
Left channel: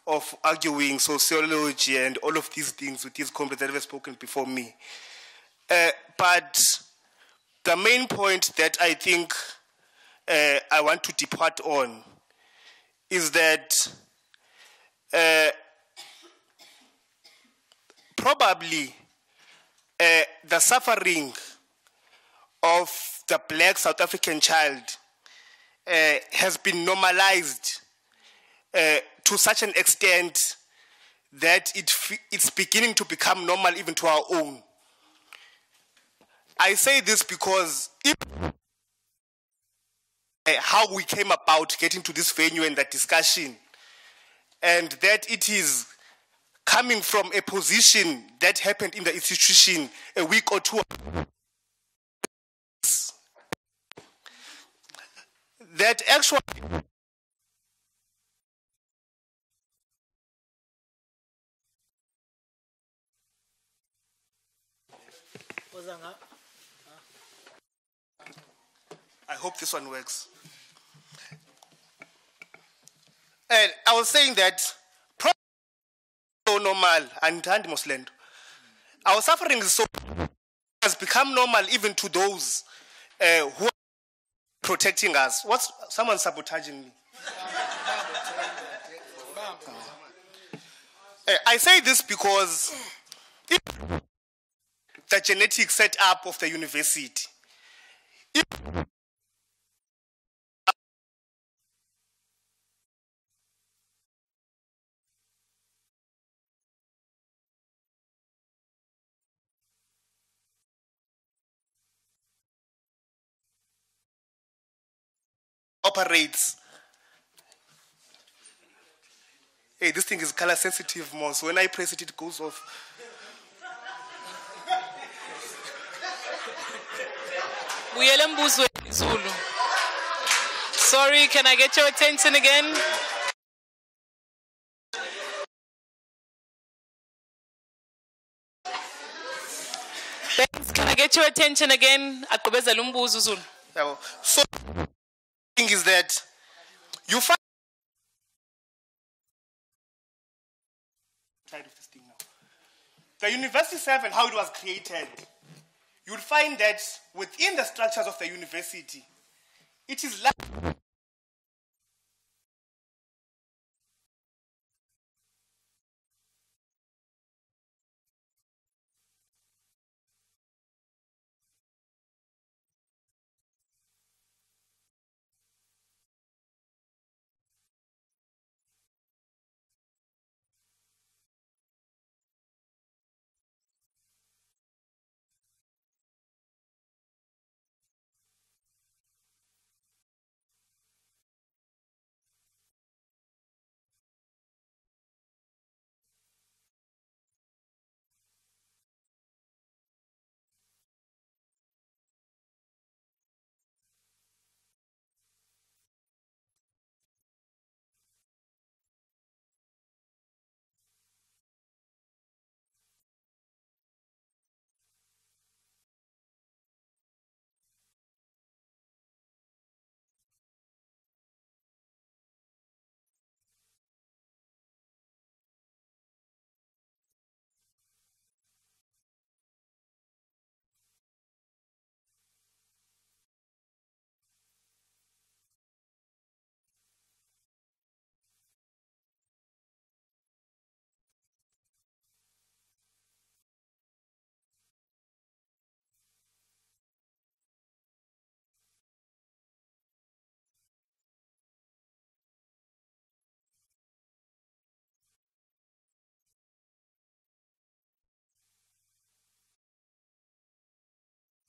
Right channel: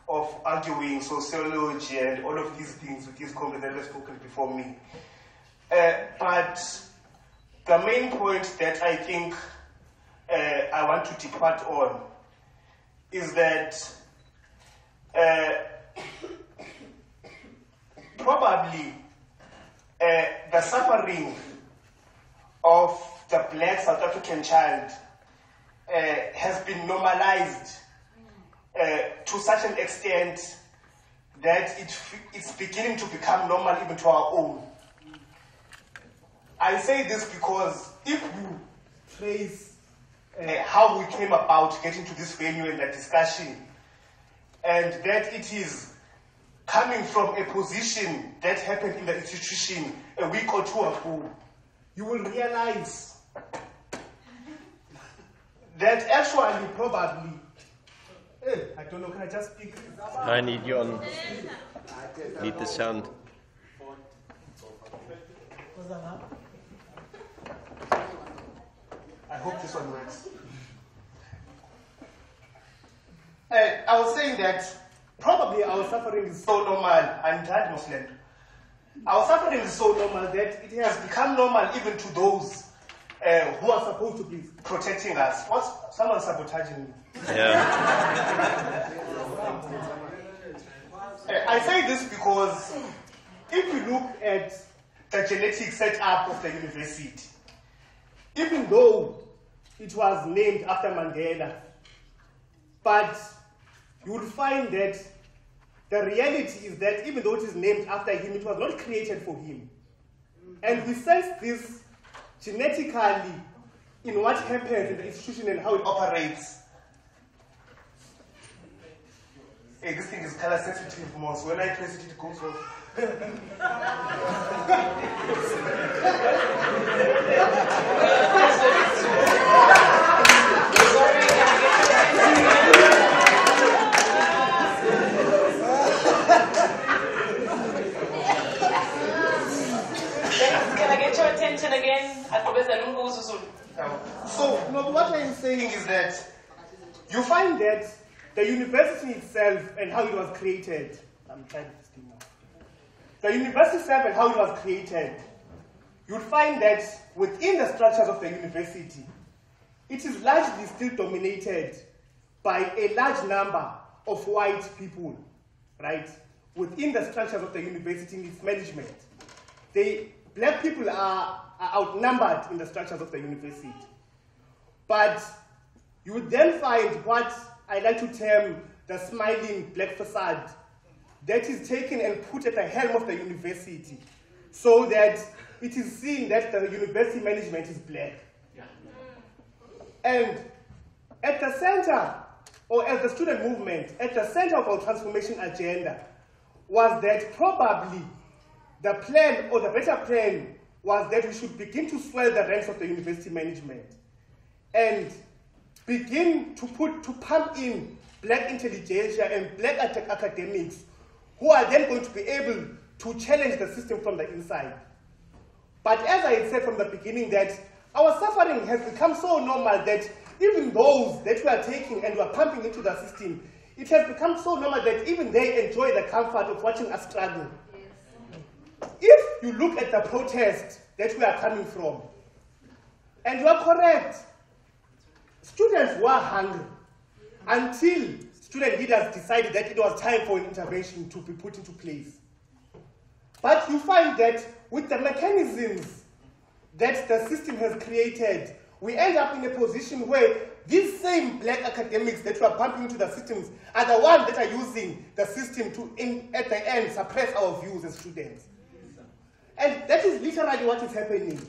of arguing sociology and all of these things with these comrades that have spoken before me. But the main point that I think I want to depart on is that probably the suffering of the black South African child has been normalized to such an extent that it's beginning to become normal even to our own. I say this because if you trace how we came about getting to this venue and that discussion, and that it is coming from a position that happened in the institution a week or two ago, you will realize that actually probably, I don't know, can I just speak? I need you on, need the sound. I hope this one works. And I was saying that probably our suffering is so normal, our suffering is so normal that it has become normal even to those who are supposed to be protecting us. Someone sabotaging me? Yeah. I say this because if you look at the genetic setup of the university, even though it was named after Mandela, but you will find that the reality is that even though it is named after him, it was not created for him. And we sense this genetically in what happens in the institution and how it operates. Hey, this thing is color sensitive more, so when I press it, it goes off. Sorry, can I get your attention again? Can I get your attention again? So, what I'm saying is that you find that the university itself and how it was created, I'm trying to speak now. The university itself and how it was created, you'll find that within the structures of the university, it is largely still dominated by a large number of white people, right? Within the structures of the university in its management. Black people are outnumbered in the structures of the university. But you would then find what I like to term the smiling black facade that is taken and put at the helm of the university so that it is seen that the university management is black. Yeah. And at the center, or as the student movement, at the center of our transformation agenda was that probably the plan, or the better plan, was that we should begin to swell the ranks of the university management and begin to pump in black intelligentsia and black academics who are then going to be able to challenge the system from the inside. But as I had said from the beginning, that our suffering has become so normal that even those that we are taking and we are pumping into the system, it has become so normal that even they enjoy the comfort of watching us struggle. If you look at the protest that we are coming from, and you are correct, students were hungry until student leaders decided that it was time for an intervention to be put into place. But you find that with the mechanisms that the system has created, we end up in a position where these same black academics that we are pumping into the systems are the ones that are using the system to, at the end, suppress our views as students. And that is literally what is happening.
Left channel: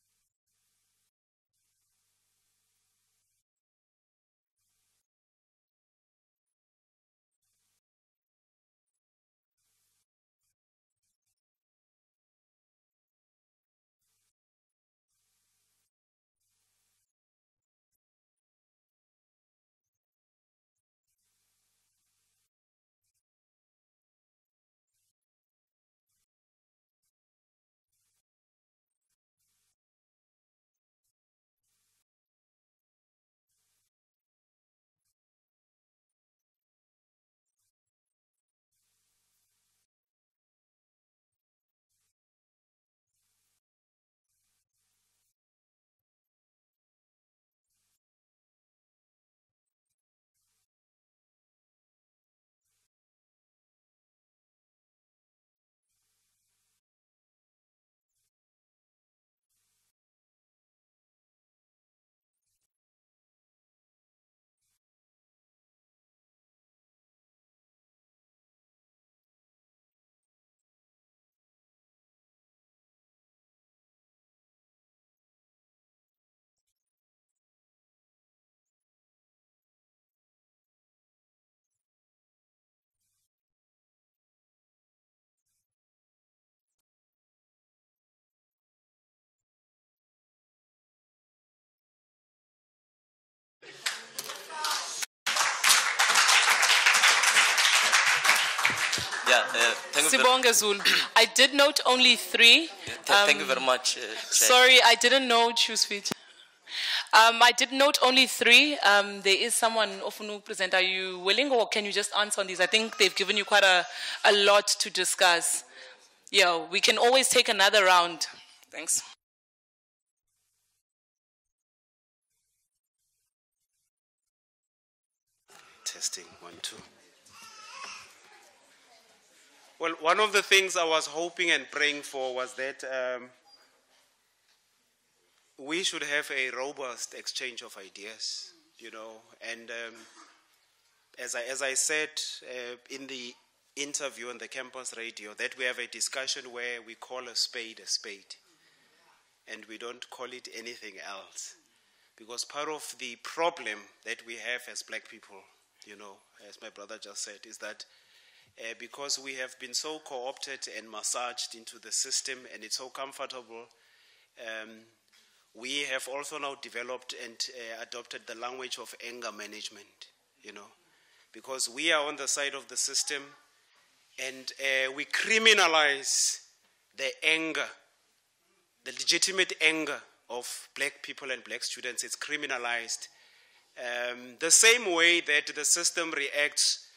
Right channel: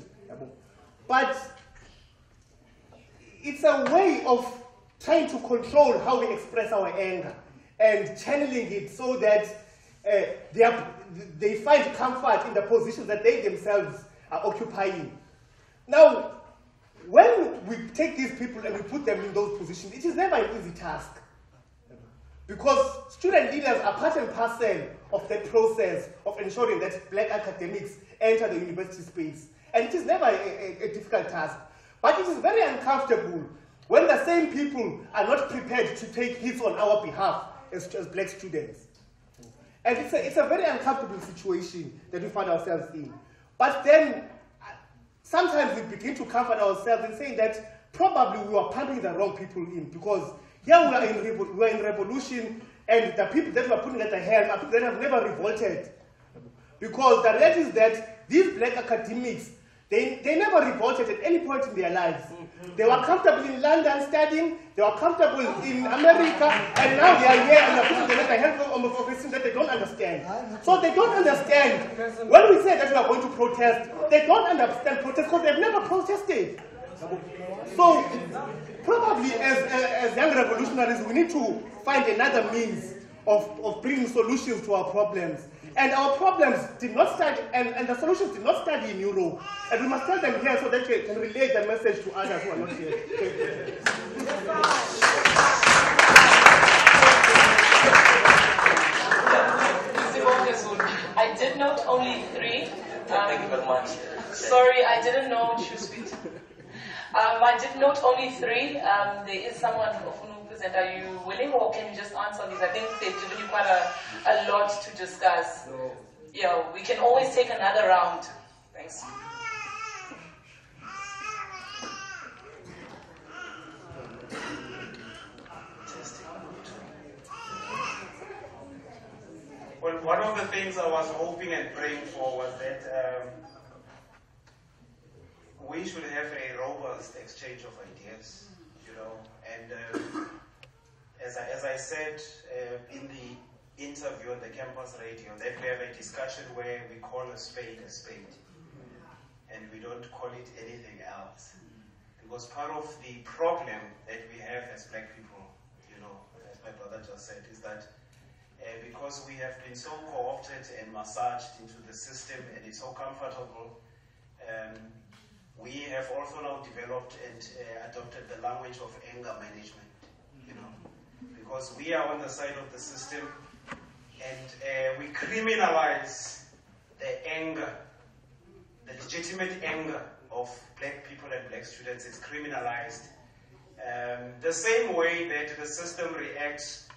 But it's a way of trying to control how we express our anger and channeling it so that they find comfort in the positions that they themselves are occupying. Now, when we take these people and we put them in those positions, it is never an easy task. Because student leaders are part and parcel of that process of ensuring that black academics enter the university space. And it is never a difficult task. But it is very uncomfortable when the same people are not prepared to take hits on our behalf as black students. And it's a very uncomfortable situation that we find ourselves in. But then, sometimes we begin to comfort ourselves in saying that probably we were pumping the wrong people in, because here we are in revolution, and the people that we are putting at the helm are people that have never revolted. Because the reality is that these black academics, they never revolted at any point in their lives. They were comfortable in London studying, they were comfortable in America, and now they are here and they're putting them at the helm of a profession that they don't understand. So they don't understand. When we say that we are going to protest, they don't understand protest because they've never protested. So probably as young revolutionaries, we need to find another means of bringing solutions to our problems. And our problems did not start, and the solutions did not start in Europe. And we must tell them here so that we can relay the message to others who are not here. I did note only 3. Thank you very much. Sorry, I didn't know choose feet. I did note only 3. There is someone often present. Are you willing, or can you just answer on these? I think they've given you quite a lot to discuss. Yeah, we can always take another round. Thanks. Testing 1, 2. Well, one of the things I was hoping and praying for was that we should have a robust exchange of ideas, you know, and as I said in the interview on the campus radio, that we have a discussion where we call a spade, and we don't call it anything else. Because part of the problem that we have as black people, you know, as my brother just said, is that because we have been so co-opted and massaged into the system and it's so comfortable, we have also now developed and adopted the language of anger management, you know, because we are on the side of the system and we criminalize the anger, the legitimate anger of black people and black students. It's criminalized. The same way that the system reacts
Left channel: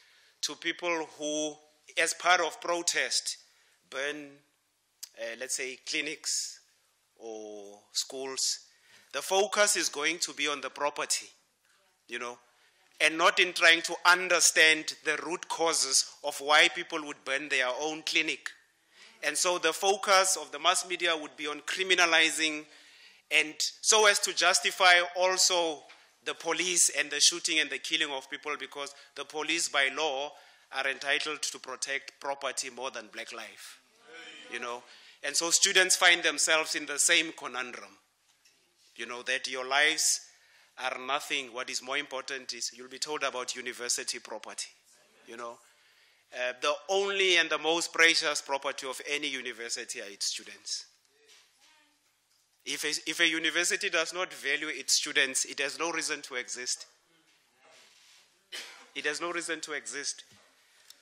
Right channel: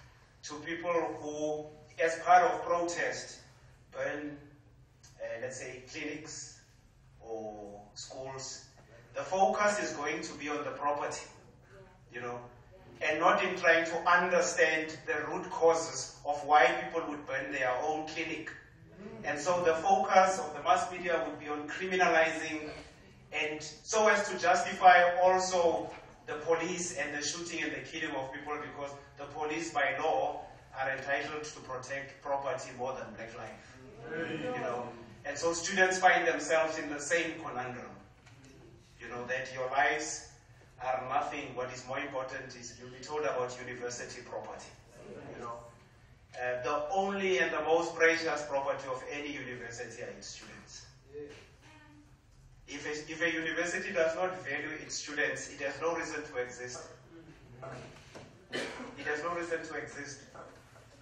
to people who, as part of protest, burn, let's say, clinics or schools. The focus is going to be on the property, you know, and not in trying to understand the root causes of why people would burn their own clinic. And so the focus of the mass media would be on criminalizing, and so as to justify also the police and the shooting and the killing of people, because the police by law are entitled to protect property more than black life, you know. And so students find themselves in the same conundrum, you know, that your lives are nothing. What is more important is you'll be told about university property, you know. The only and the most precious property of any university are its students. If a university does not value its students, it has no reason to exist. It has no reason to exist.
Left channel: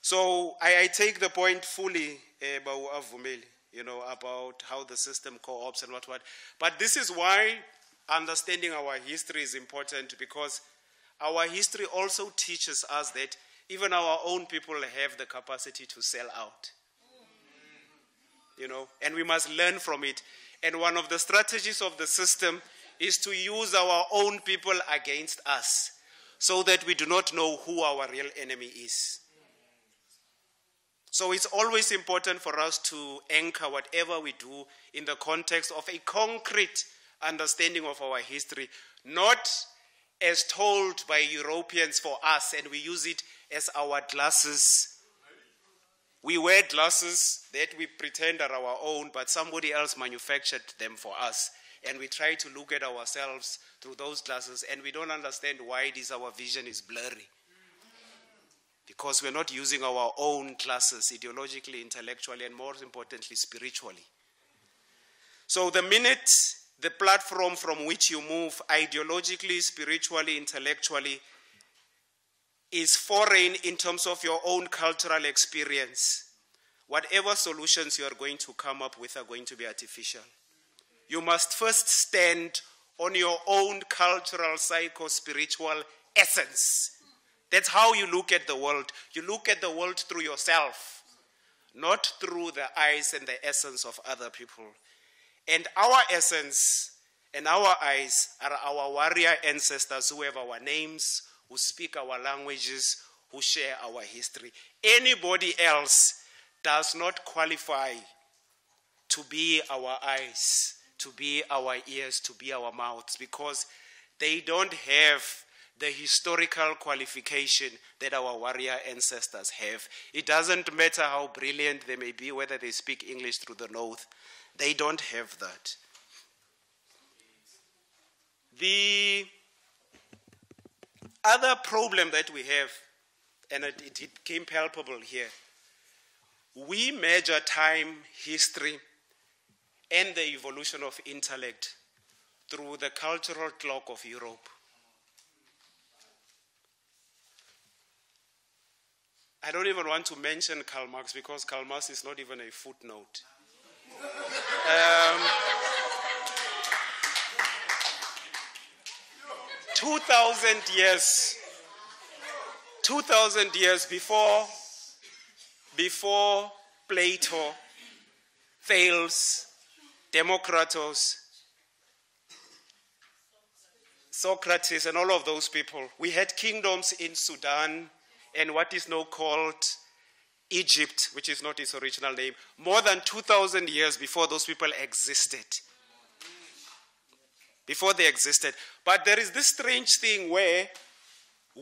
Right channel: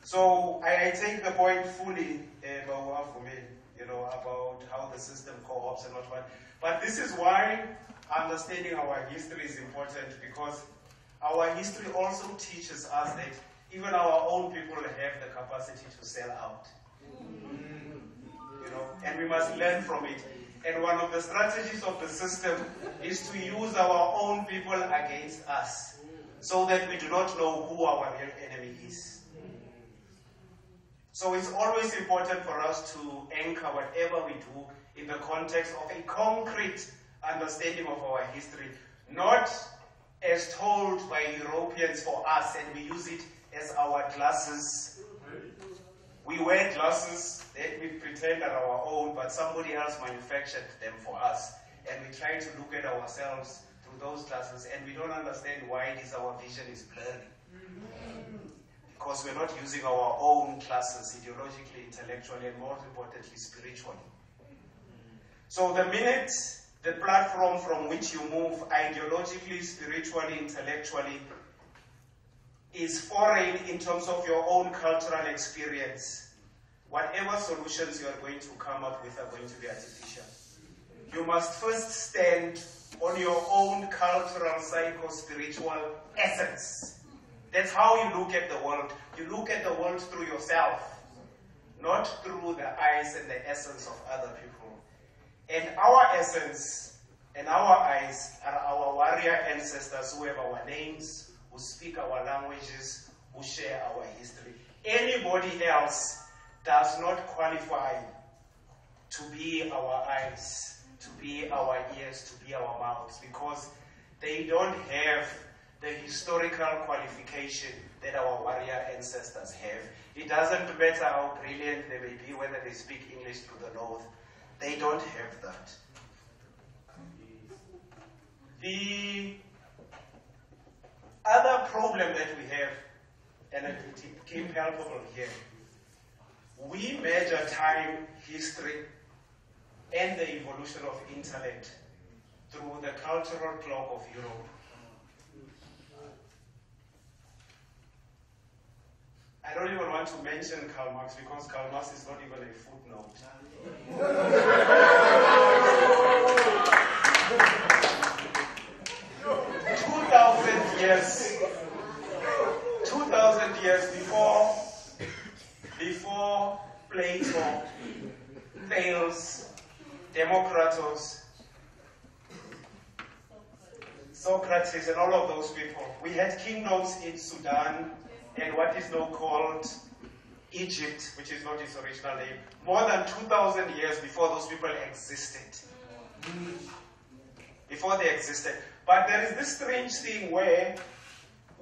So I take the point fully, you know, about how the system co-ops and what. But this is why understanding our history is important, because our history also teaches us that even our own people have the capacity to sell out. You know, and we must learn from it. And one of the strategies of the system is to use our own people against us, so that we do not know who our real enemy is. So it's always important for us to anchor whatever we do in the context of a concrete understanding of our history, not as told by Europeans for us, and we use it as our glasses. We wear glasses that we pretend are our own, but somebody else manufactured them for us. And we try to look at ourselves through those glasses, and we don't understand why it is our vision is blurry. Because we're not using our own glasses ideologically, intellectually, and more importantly, spiritually. So the minute the platform from which you move ideologically, spiritually, intellectually, is foreign in terms of your own cultural experience, whatever solutions you are going to come up with are going to be artificial. You must first stand on your own cultural, psycho-spiritual essence. That's how you look at the world. You look at the world through yourself, not through the eyes and the essence of other people. And our essence and our eyes are our warrior ancestors who have our names, who speak our languages, who share our history. Anybody else does not qualify to be our eyes, to be our ears, to be our mouths, because they don't have the historical qualification that our warrior ancestors have. It doesn't matter how brilliant they may be, whether they speak English through the nose. They don't have that. The other problem that we have, and it became palpable here, we measure time, history, and the evolution of intellect through the cultural clock of Europe. I don't even want to mention Karl Marx, because Karl Marx is not even a footnote. 2,000 years before Plato, Thales, Democritus, Socrates, and all of those people, we had kingdoms in Sudan and what is now called Egypt, which is not its original name, more than 2,000 years before those people existed. Before they existed. But there is this strange thing where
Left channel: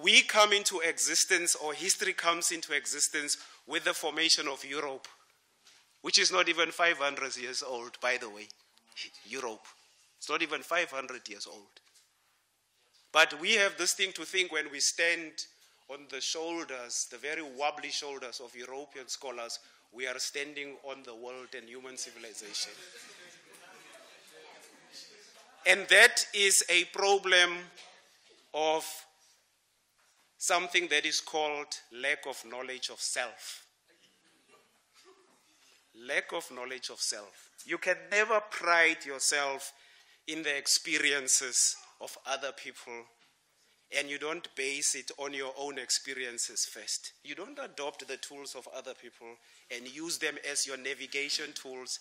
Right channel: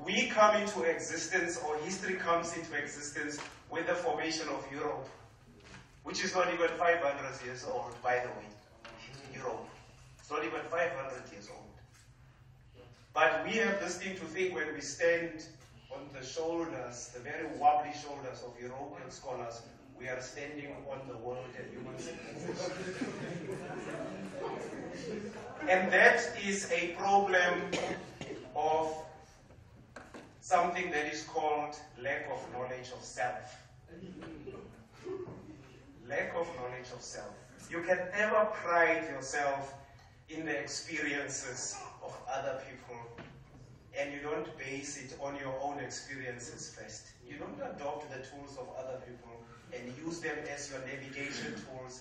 we come into existence, or history comes into existence, with the formation of Europe, which is not even 500 years old, by the way. Europe. It's not even 500 years old. But we have this thing to think when we stand on the shoulders, the very wobbly shoulders of European scholars, we are standing on the world and human civilization. And that is a problem of something that is called lack of knowledge of self. Lack of knowledge of self. You can never pride yourself in the experiences of other people, and you don't base it on your own experiences first. You don't adopt the tools of other people and use them as your navigation tools,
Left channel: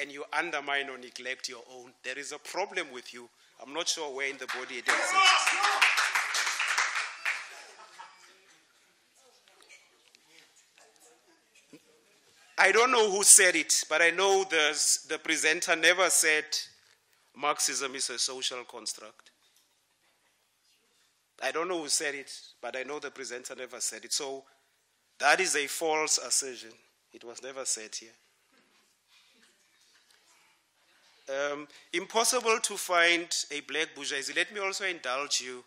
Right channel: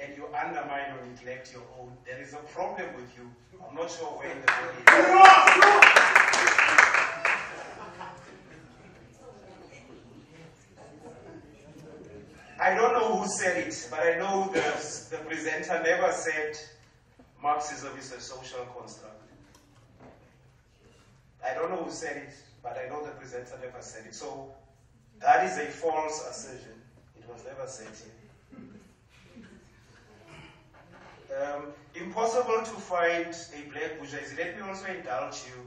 and you undermine or neglect your own. There is a problem with you. I'm not sure where in the body it is. I don't know who said it, but I know the presenter never said Marxism is a social construct. I don't know who said it, but I know the presenter never said it. So that is a false assertion. It was never said here. Impossible to find a black bourgeoisie. Let me also indulge you.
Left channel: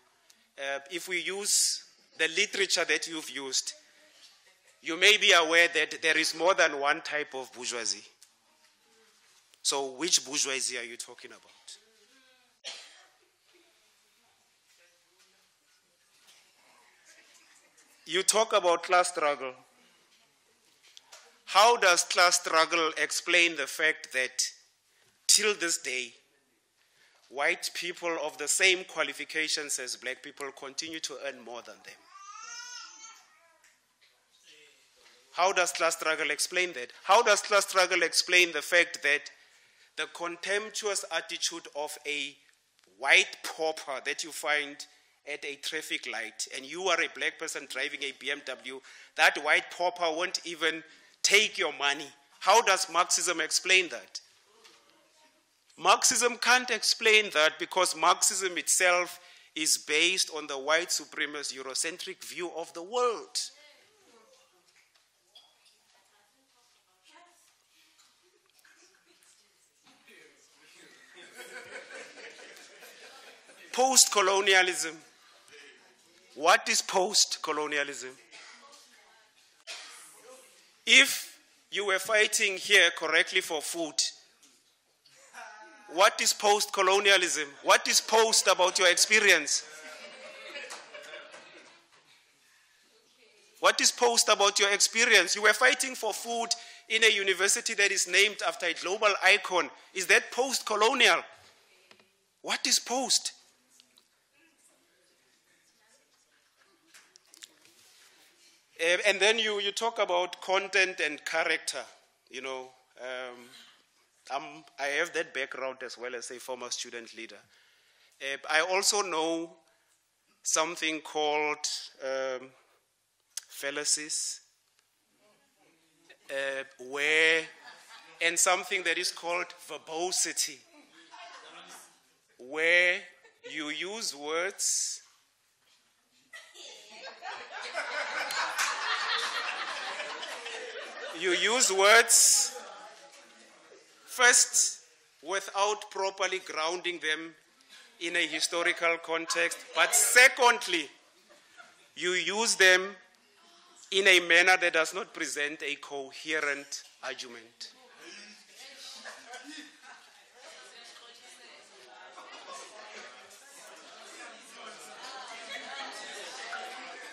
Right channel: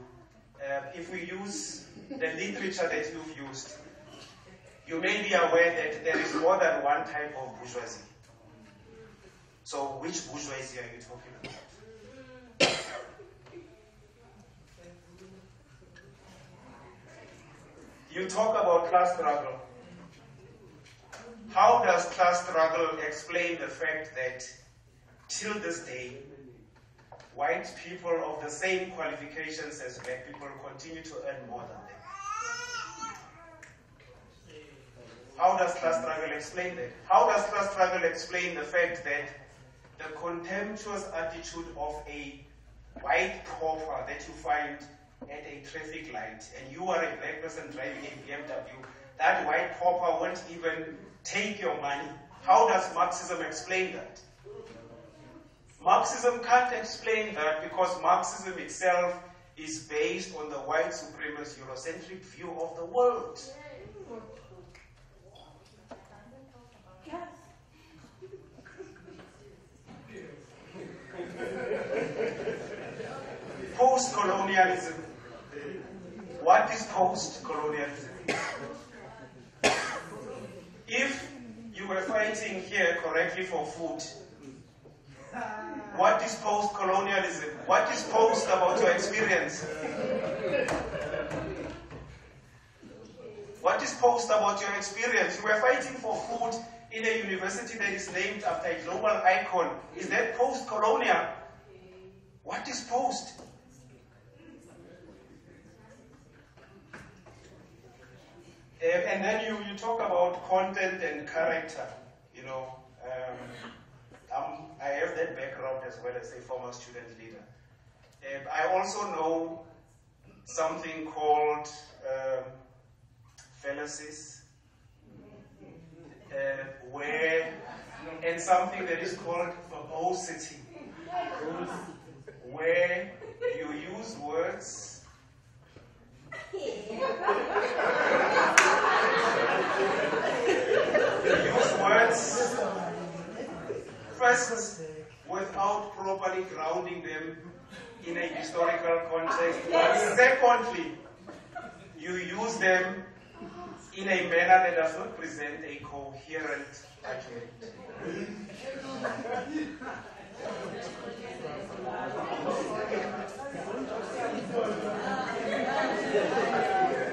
If we use the literature that you've used, you may be aware that there is more than one type of bourgeoisie. So which bourgeoisie are you talking about? You talk about class struggle. How does class struggle explain the fact that till this day, white people of the same qualifications as black people continue to earn more than them? How does class struggle explain that? How does class struggle explain the fact that the contemptuous attitude of a white pauper that you find at a traffic light, and you are a black person driving a BMW, that white pauper won't even take your money? How does Marxism explain that? Marxism can't explain that, because Marxism itself is based on the white supremacist Eurocentric view of the world. Post-colonialism. What is post-colonialism? If you were fighting here correctly for food, What is post-colonialism? What is post about your experience? What is post about your experience? You were fighting for food in a university that is named after a global icon. Is that post-colonial? What is post? And then you talk about content and character. You know, I have that background as well as a former student leader. I also know something called fallacies, and something that is called verbosity, where you use words first without properly grounding them in a historical context, but secondly, you use them in a manner that does not present a coherent argument.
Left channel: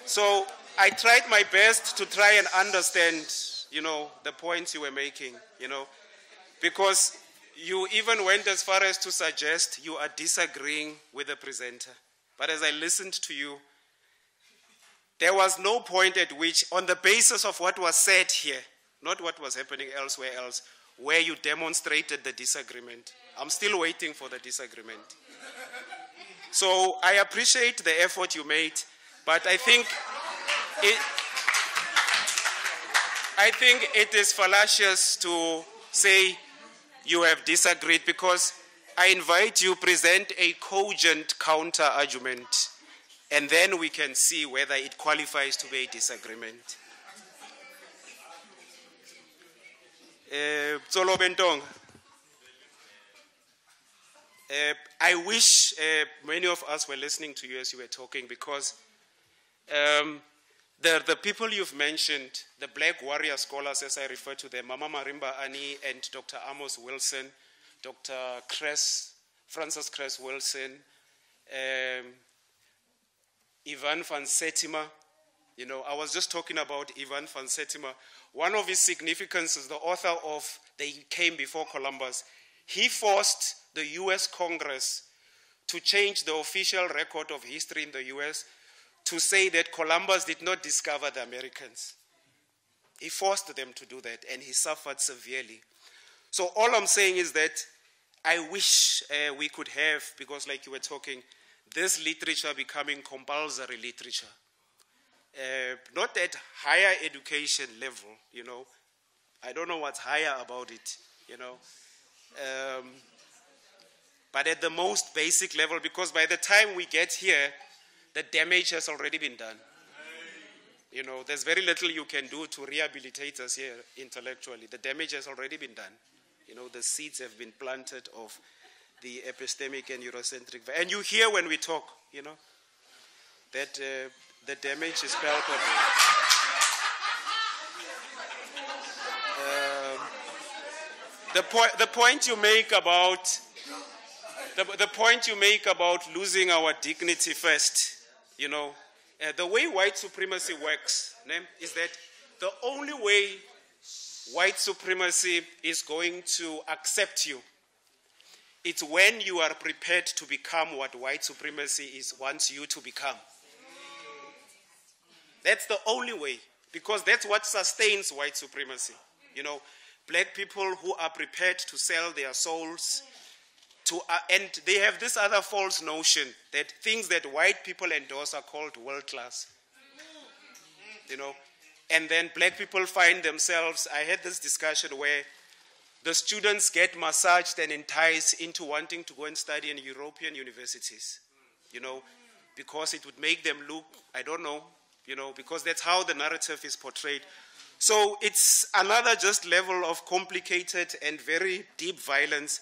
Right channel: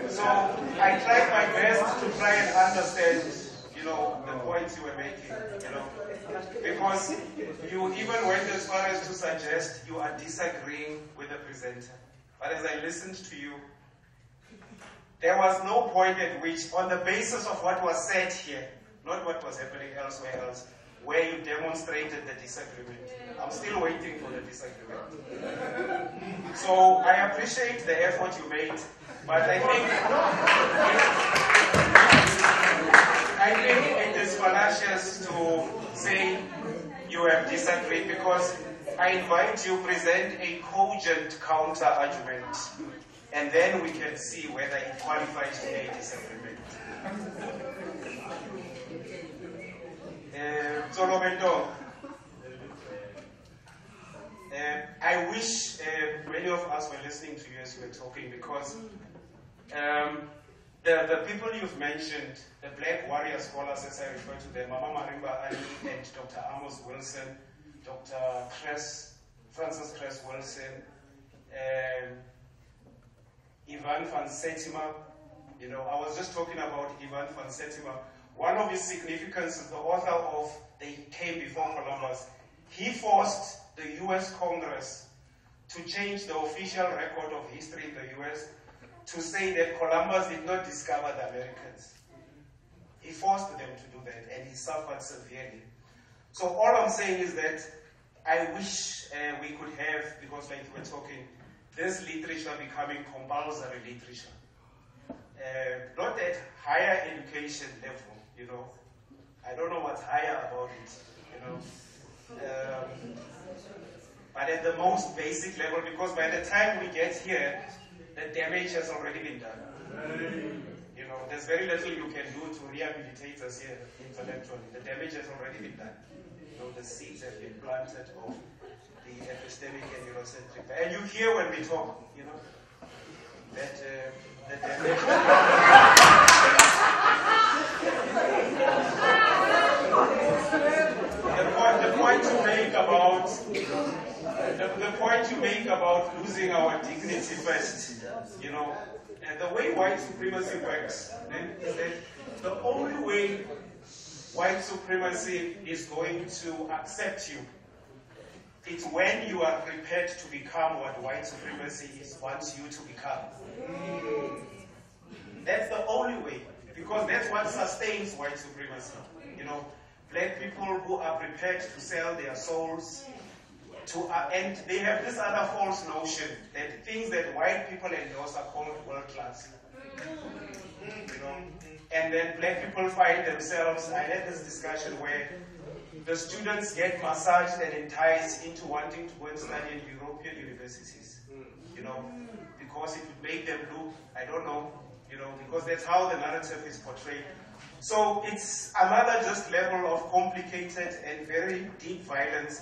So I tried my best to try and understand, you know, the points you were making, you know, because you even went as far as to suggest you are disagreeing with the presenter. But as I listened to you, there was no point at which, on the basis of what was said here, not what was happening elsewhere else, where you demonstrated the disagreement. I'm still waiting for the disagreement. So I appreciate the effort you made, but I think it is fallacious to say you have disagreed, because I invite you to present a cogent counter-argument, and then we can see whether it qualifies to be a disagreement. I wish many of us were listening to you as you were talking, because the people you've mentioned, the black warrior scholars as I refer to them, Mama Marimba Ani and Dr. Amos Wilson, Dr. Francis Cress Wilson, Ivan van Settima. You know, I was just talking about Ivan van Settima. One of his significances, the author of They Came Before Columbus, he forced the US Congress to change the official record of history in the US to say that Columbus did not discover the Americans. He forced them to do that, and he suffered severely. So all I'm saying is that I wish we could have, because like you were talking, this literature becoming compulsory literature. Not at higher education level, you know. I don't know what's higher about it, you know. But at the most basic level, because by the time we get here, the damage has already been done. You know, there's very little you can do to rehabilitate us here intellectually. The damage has already been done. You know, the seeds have been planted of the epistemic and Eurocentric. And you hear when we talk, you know, that the damage is the point you make about losing our dignity first, you know, the way white supremacy works is that the only way white supremacy is going to accept you, it's when you are prepared to become what white supremacy wants you to become. That's the only way, because that's what sustains white supremacy. You know, black people who are prepared to sell their souls to, and they have this other false notion that things that white people endorse are called world class. You know, and then black people find themselves, I had this discussion where the students get massaged and enticed into wanting to go and study in European universities, you know, because it would make them look, I don't know, you know, because that's how the narrative is portrayed. So it's another just level of complicated and very deep violence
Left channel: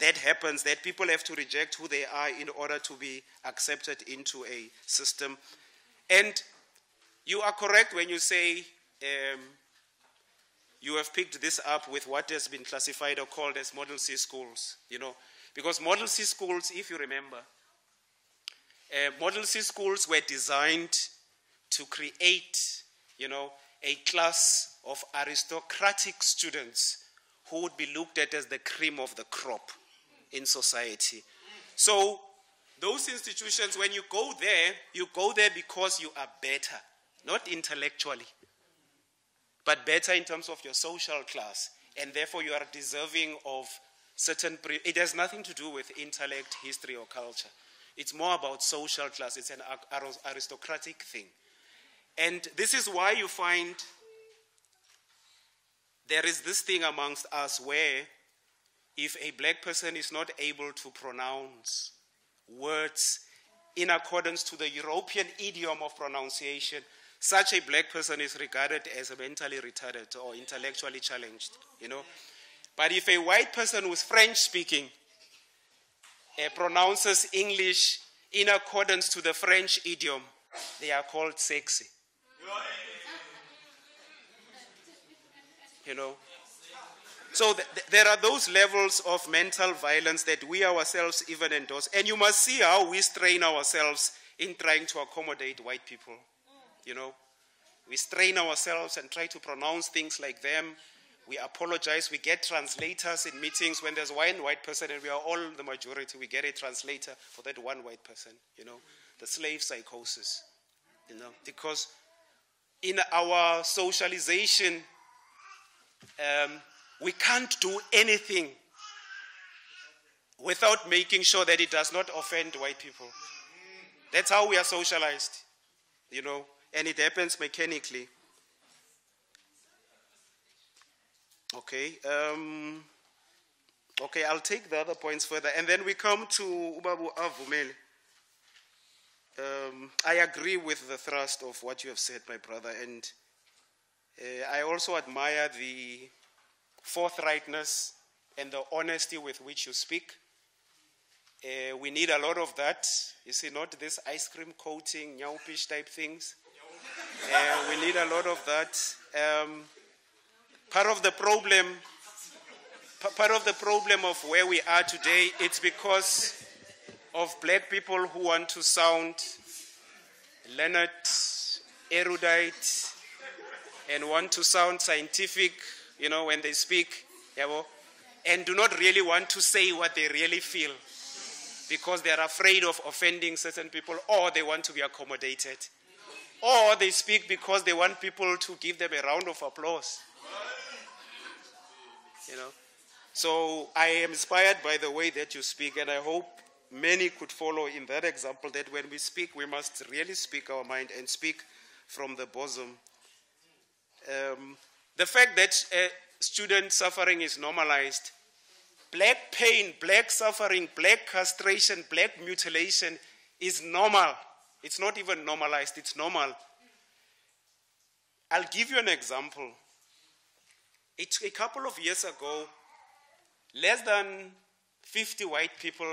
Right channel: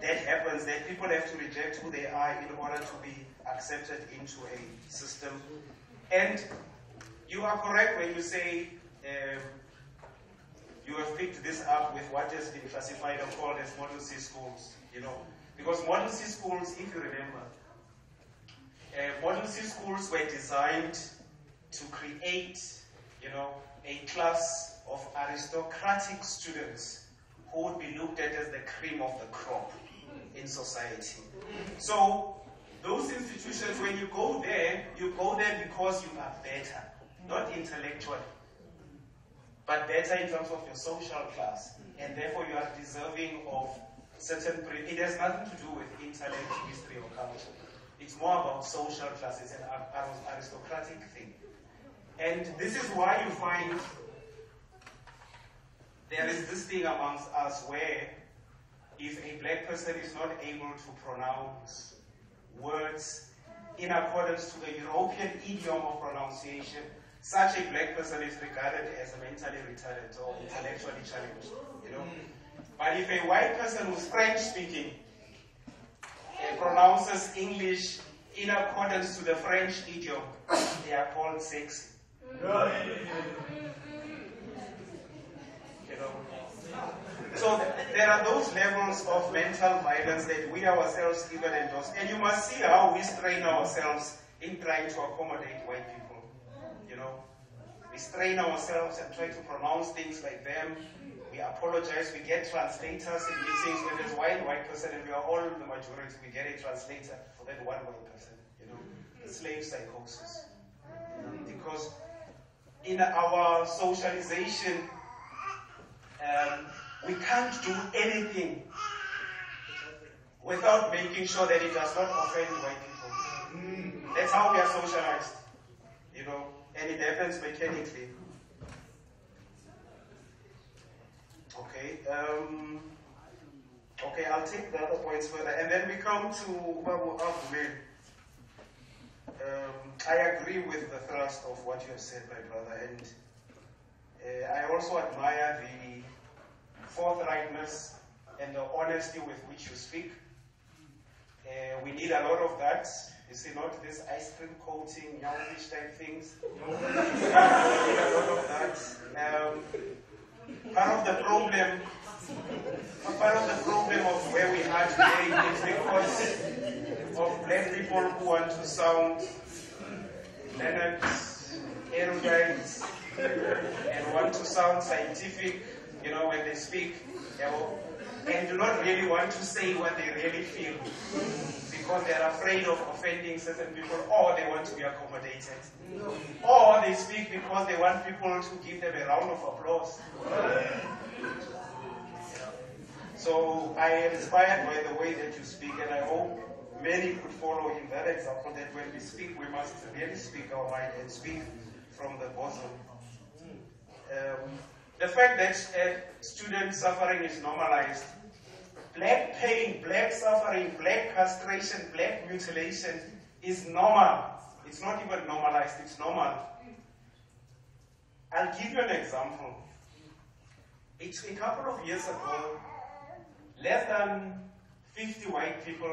that happens, that people have to reject who they are in order to be accepted into a system. And you are correct when you say you have picked this up with what has been classified or called as Model C schools, you know. Because Model C schools, if you remember, Model C schools were designed to create, you know, a class of aristocratic students who would be looked at as the cream of the crop in society. So those institutions, when you go there because you are better, not intellectually, but better in terms of your social class, and therefore you are deserving of certain, it has nothing to do with intellect, history, or culture. It's more about social class. It's an aristocratic thing. And this is why you find there is this thing amongst us where if a black person is not able to pronounce words in accordance to the European idiom of pronunciation, such a black person is regarded as mentally retarded or intellectually challenged, you know. But if a white person who's French speaking and pronounces English in accordance to the French idiom, they are called sexy. You know. So there are those levels of mental violence that we ourselves even endorse. And you must see how we strain ourselves in trying to accommodate white people. You know, we strain ourselves and try to pronounce things like them. We apologize. We get translators in meetings when there's one white person and we are all the majority. We get a translator for that one white person. You know, the slave psychosis. You know, because in our socialization, we can't do anything without making sure that it does not offend white people. That's how we are socialized, you know, and it happens mechanically. Okay, okay, I'll take the other points further, and then we come to Ubabu Avume. I agree with the thrust of what you have said, my brother, and I also admire the forthrightness and the honesty with which you speak. We need a lot of that. You see, not this ice cream coating, nyaupish type things. We need a lot of that. Part of the problem of where we are today, it's because of black people who want to sound learned, erudite, and want to sound scientific, you know, when they speak, and do not really want to say what they really feel because they are afraid of offending certain people, or they want to be accommodated, or they speak because they want people to give them a round of applause. You know? So I am inspired by the way that you speak, and I hope many could follow in that example, that when we speak, we must really speak our mind and speak from the bosom. The fact that student suffering is normalized, black pain, black suffering, black castration, black mutilation is normal. It's not even normalized, it's normal. I'll give you an example. A couple of years ago, less than 50 white people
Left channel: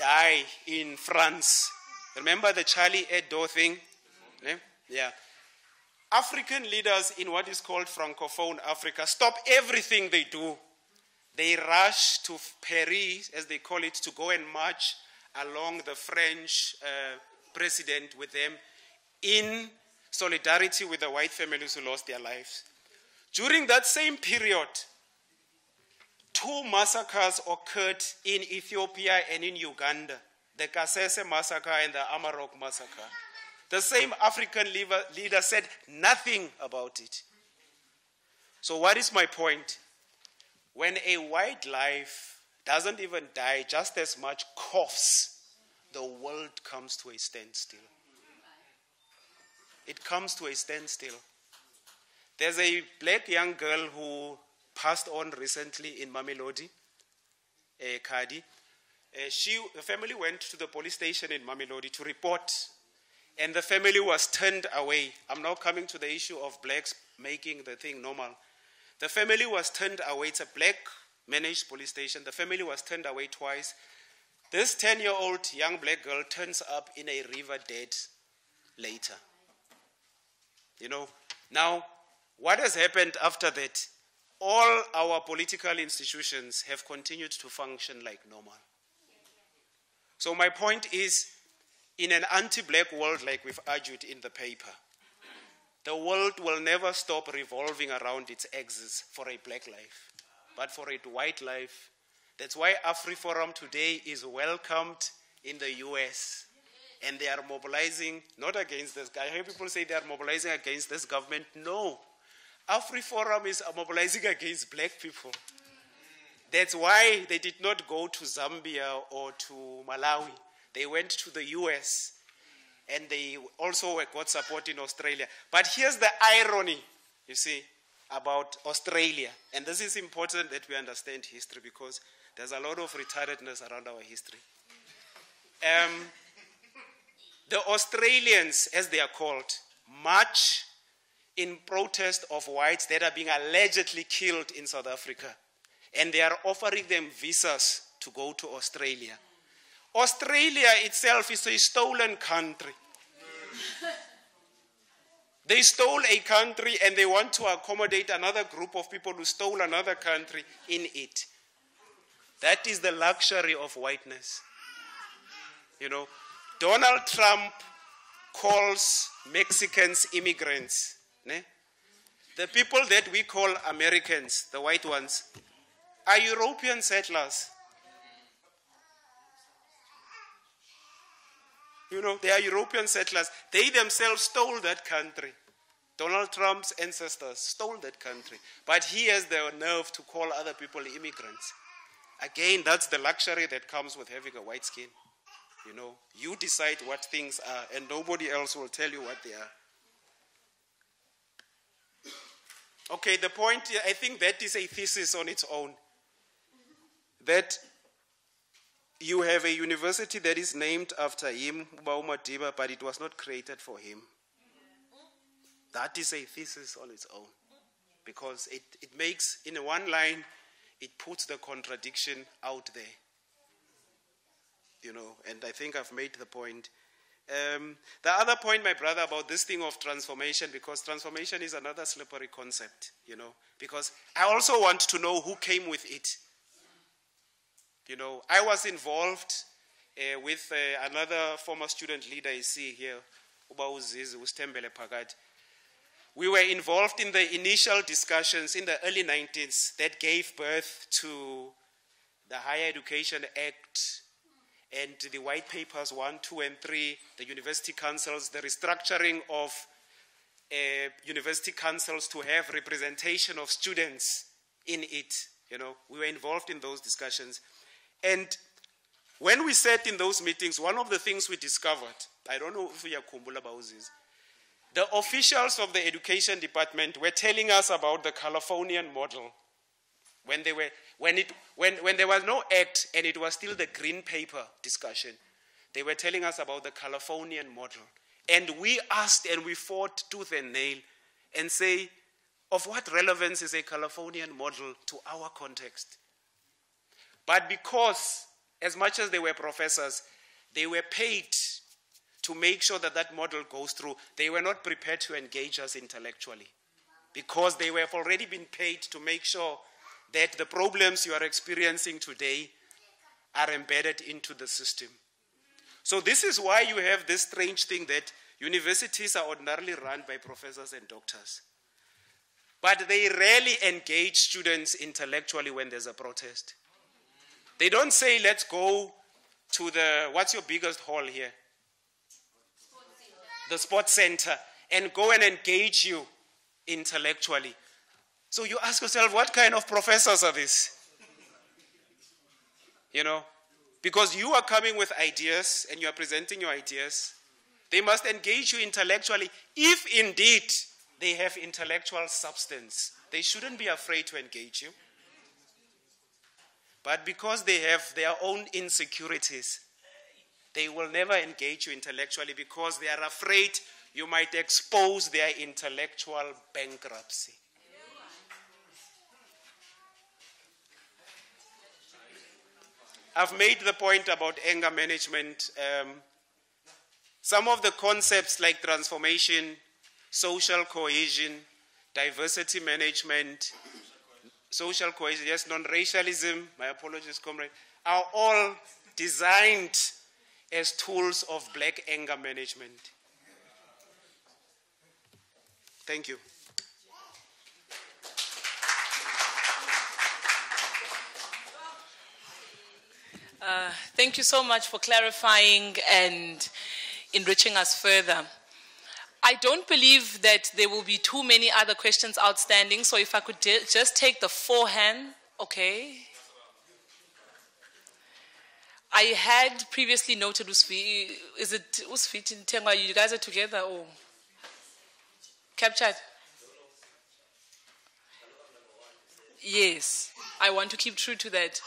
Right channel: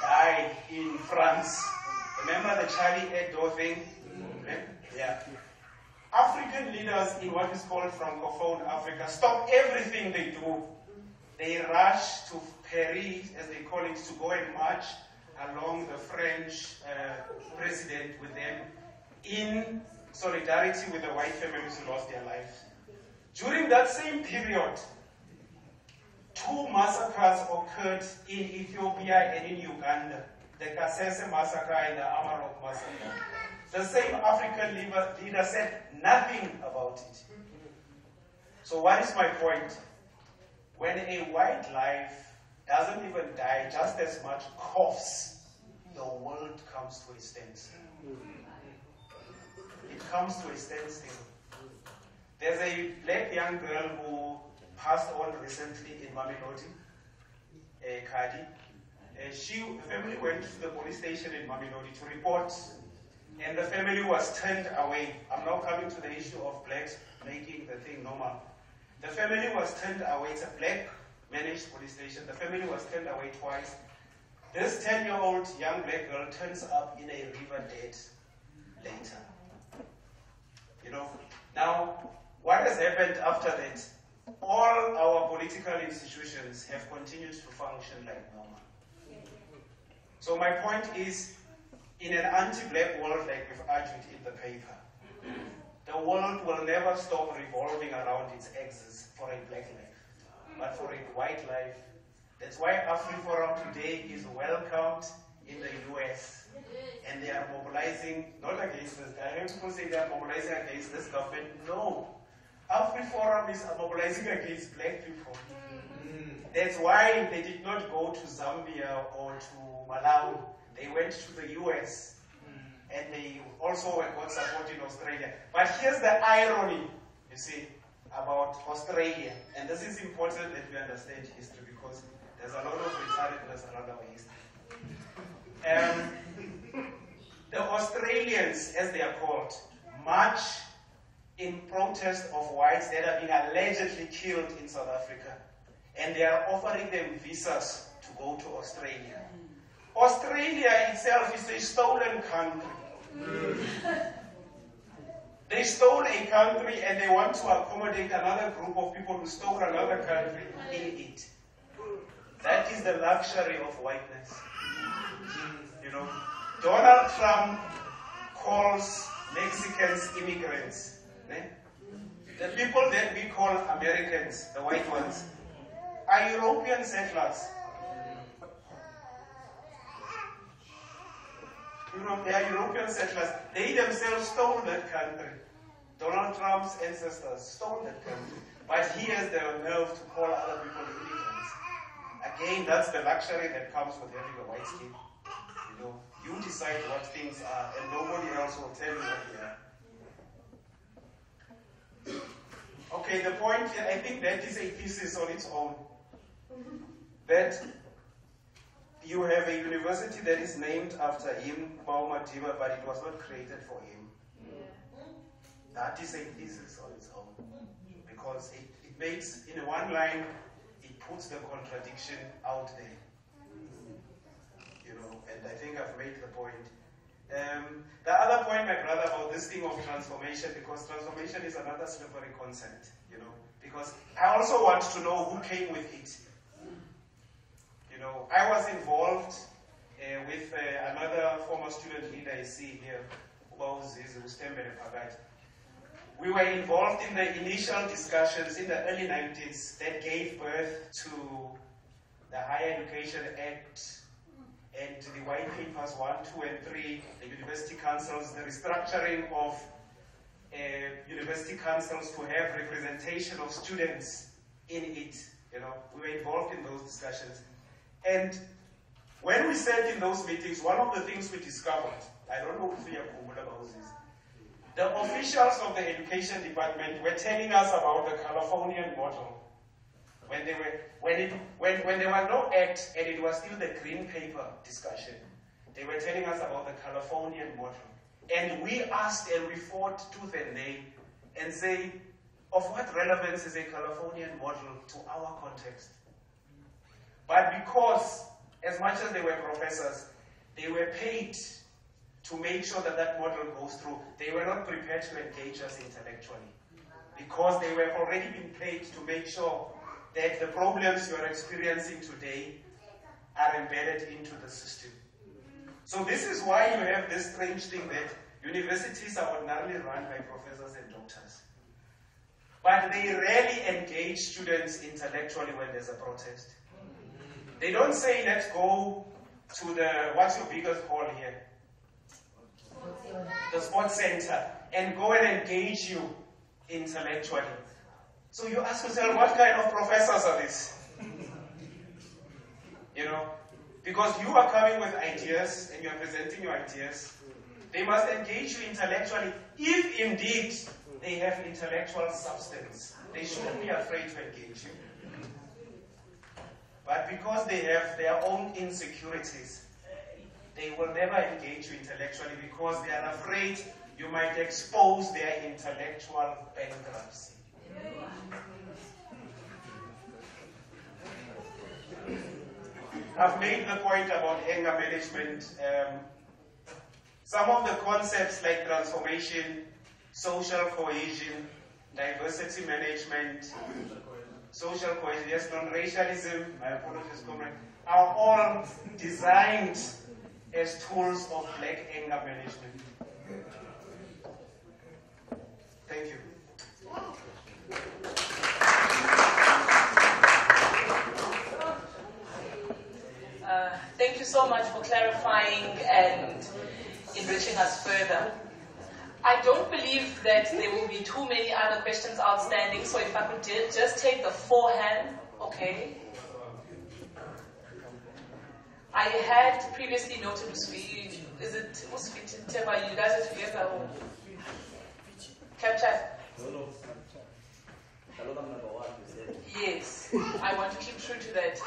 died in France. Remember the Charlie Hebdo thing? Yeah. African leaders in what is called Francophone Africa stop everything they do. They rush to Paris, as they call it, to go and march along the French president with them in solidarity with the white families who lost their lives. During that same period, 2 massacres occurred in Ethiopia and in Uganda. The Kasese massacre and the Amarok massacre. The same African leader said nothing about it. So what is my point? When a white life doesn't even die, just as much coughs, the world comes to a standstill. It comes to a standstill. There's a black young girl who passed on recently in Mamelodi, Kadi. The family went to the police station in Mamelodi to report, and the family was turned away. I'm now coming to the issue of blacks making the thing normal. The family was turned away. It's a black managed police station. The family was turned away twice. This 10-year-old young black girl turns up in a river dead later. You know, now, What has happened after that? All our political institutions have continued to function like normal. So my point is, in an anti-black world like we've argued in the paper, the world will never stop revolving around its axis for a black life, but for a white life. That's why AfriForum today is welcomed in the US. And they are mobilizing, not against this guy. I hear people say they are mobilizing against this government. No. AfriForum is mobilizing against black people. That's why they did not go to Zambia or to Malawi. They went to the US. And they also got support in Australia. But here's the irony, you see, about Australia. And this is important that we understand history, because there's a lot of retardedness around our history. The Australians, as they are called, march in protest of whites that are being allegedly killed in South Africa. And they are offering them visas to go to Australia. Australia itself is a stolen country. They stole a country and they want to accommodate another group of people who stole another country in it. That is the luxury of whiteness. You know, Donald Trump calls Mexicans immigrants. Ne? The people that we call Americans, the white ones, are European settlers. You know, they are European settlers. They themselves stole that country. Donald Trump's ancestors stole that country. But he has the nerve to call other people immigrants. Again, that's the luxury that comes with having a white skin. You know, you decide what things are, and nobody else will tell you what they are. Okay, the point, I think that is a thesis on its own. That you have a university that is named after him, Baumadiba, but it was not created for him. That is a thesis on its own. Because it makes, in one line, it puts the contradiction out there. You know, and I think I've made the point. The other point, my brother, about this thing of transformation, because transformation is another slippery concept, you know, because I also want to know who came with it. You know, I was involved with another former student leader I see here, Ukutshintshwa. We were involved in the initial discussions in the early 90s that gave birth to the Higher Education Act and the white papers 1, 2, and 3, the university councils, the restructuring of university councils to have representation of students in it. You know, we were involved in those discussions. And when we sat in those meetings, one of the things we discovered, I don't know if you are kumbula about this, the officials of the education department were telling us about the Californian model. When there was no act and it was still the green paper discussion, they were telling us about the Californian model. And we asked and we fought tooth and nail and say, of what relevance is a Californian model to our context? But because, as much as they were professors, they were paid to make sure that that model goes through, they were not prepared to engage us intellectually. Because they were already been paid to make sure that the problems you are experiencing today are embedded into the system. So this is why you have this strange thing that universities are ordinarily run by professors and doctors. But they rarely engage students intellectually when there's a protest. They don't say, let's go to the, what's your biggest hall here? The sports center, and go and engage you intellectually. So you ask yourself, what kind of professors are these? You know, because you are coming with ideas and you are presenting your ideas. They must engage you intellectually if indeed they have intellectual substance. They shouldn't be afraid to engage you. But because they have their own insecurities, they will never engage you intellectually because they are afraid you might expose their intellectual bankruptcy. I've made the point about anger management. Some of the concepts like transformation, social cohesion, diversity management, social cohesion, yes, non-racialism, my apologies, comrade, are all designed as tools of black anger management. Thank you. Thank you so much for clarifying and enriching us further. I don't believe that there will be too many other questions outstanding, so if I could just take the forehand, okay. I had previously noted Usvi, is it Usvi Temba, you guys are together or captured? Yes, I want to keep true to that.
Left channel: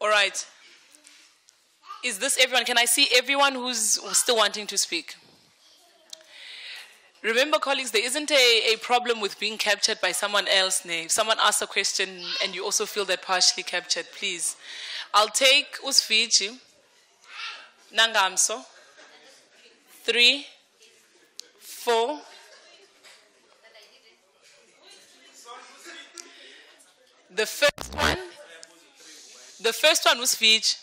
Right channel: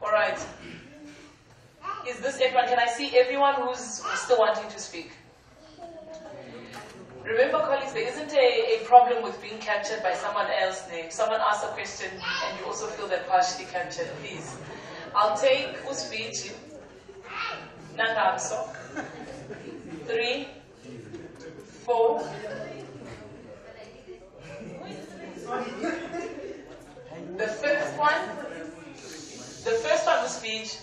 All right. Is this everyone? Can I see everyone who's still wanting to speak? Remember, colleagues, there isn't a problem with being captured by someone else. If someone asks a question and you also feel they're partially captured, please. I'll take Usvichi, Nangamso, 3, 4. The first one was Vij.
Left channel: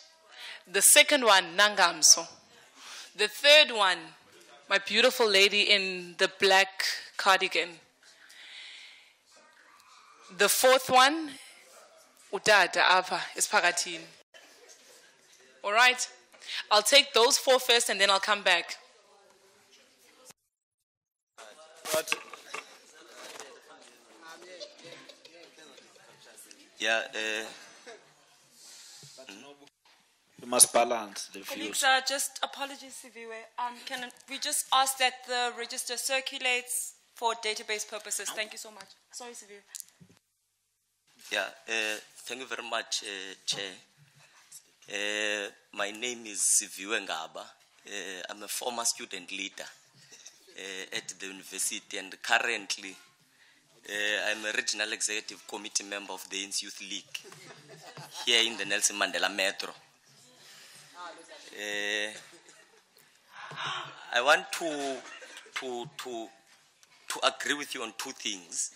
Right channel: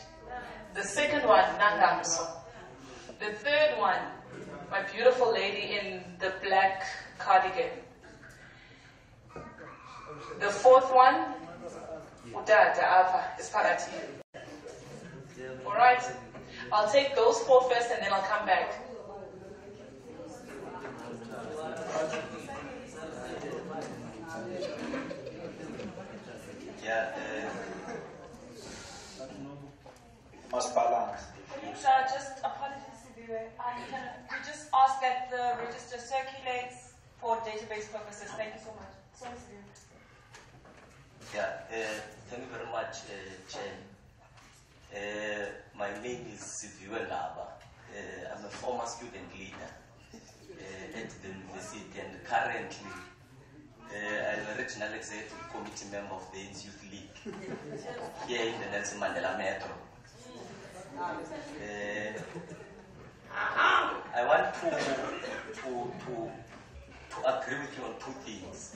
The second one, Nangamso. The third one, my beautiful lady in the black cardigan. The fourth one, Udada Apa is Pagati. All right? I'll take those 4 first and then I'll come back. Yeah, you must balance the views. Just apologies, Siviwe. Can we just ask that the register circulates for database purposes? Thank you so much. Sorry, Siviwe. Yeah, thank you very much, Chair. My name is Siviwe Ngaba. I'm a former student leader at the university, and currently I'm a regional executive committee member of the AIDS Youth League here in the Nelson Mandela Metro. I want to agree with you on 2 things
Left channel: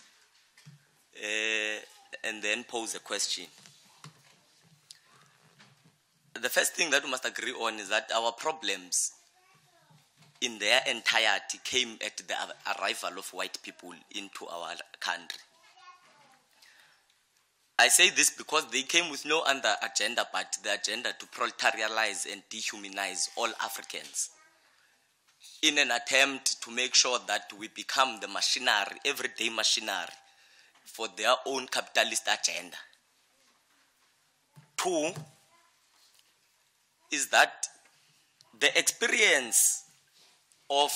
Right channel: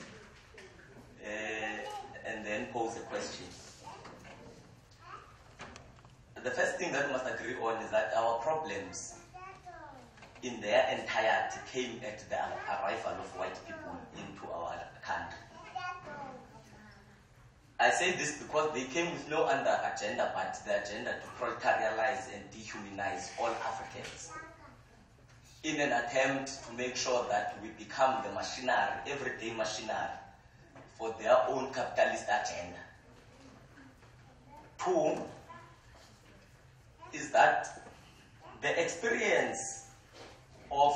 and then pose a question. The first thing that we must agree on is that our problems in their entirety came at the arrival of white people into our country. I say this because they came with no other agenda but the agenda to proletarialize and dehumanize all Africans in an attempt to make sure that we become the machinery, everyday machinery, for their own capitalist agenda. 2 is that the experience of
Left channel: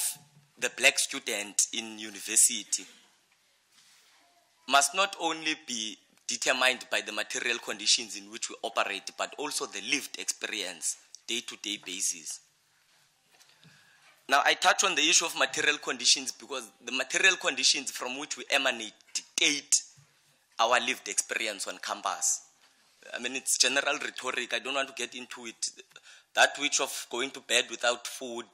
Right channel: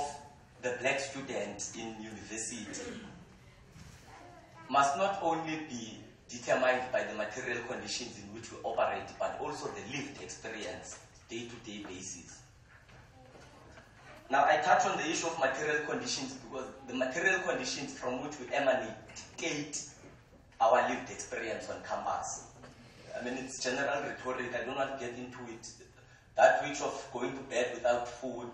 the black student in university must not only be determined by the material conditions in which we operate, but also the lived experience, day-to-day basis. Now, I touch on the issue of material conditions because the material conditions from which we emanate dictate our lived experience on campus. I mean, it's general rhetoric, I don't want to get into it. That which of going to bed without food,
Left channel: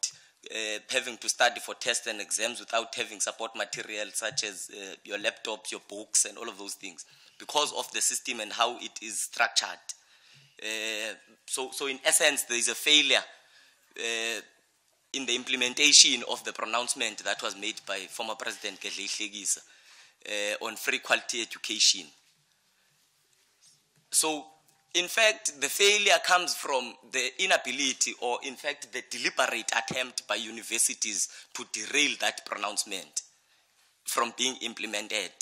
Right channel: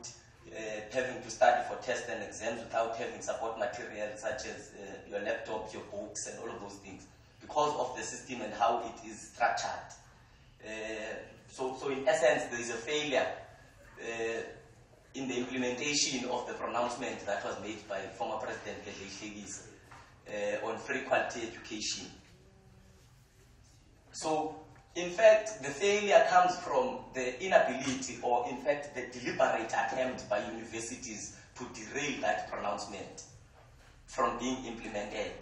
having to study for tests and exams without having support material such as your laptops, your books, and all of those things, because of the system and how it is structured. So in essence, there is a failure in the implementation of the pronouncement that was made by former President Gedle Hlekisa on free quality education. So, in fact, the failure comes from the inability or, in fact, the deliberate attempt by universities to derail that pronouncement from being implemented.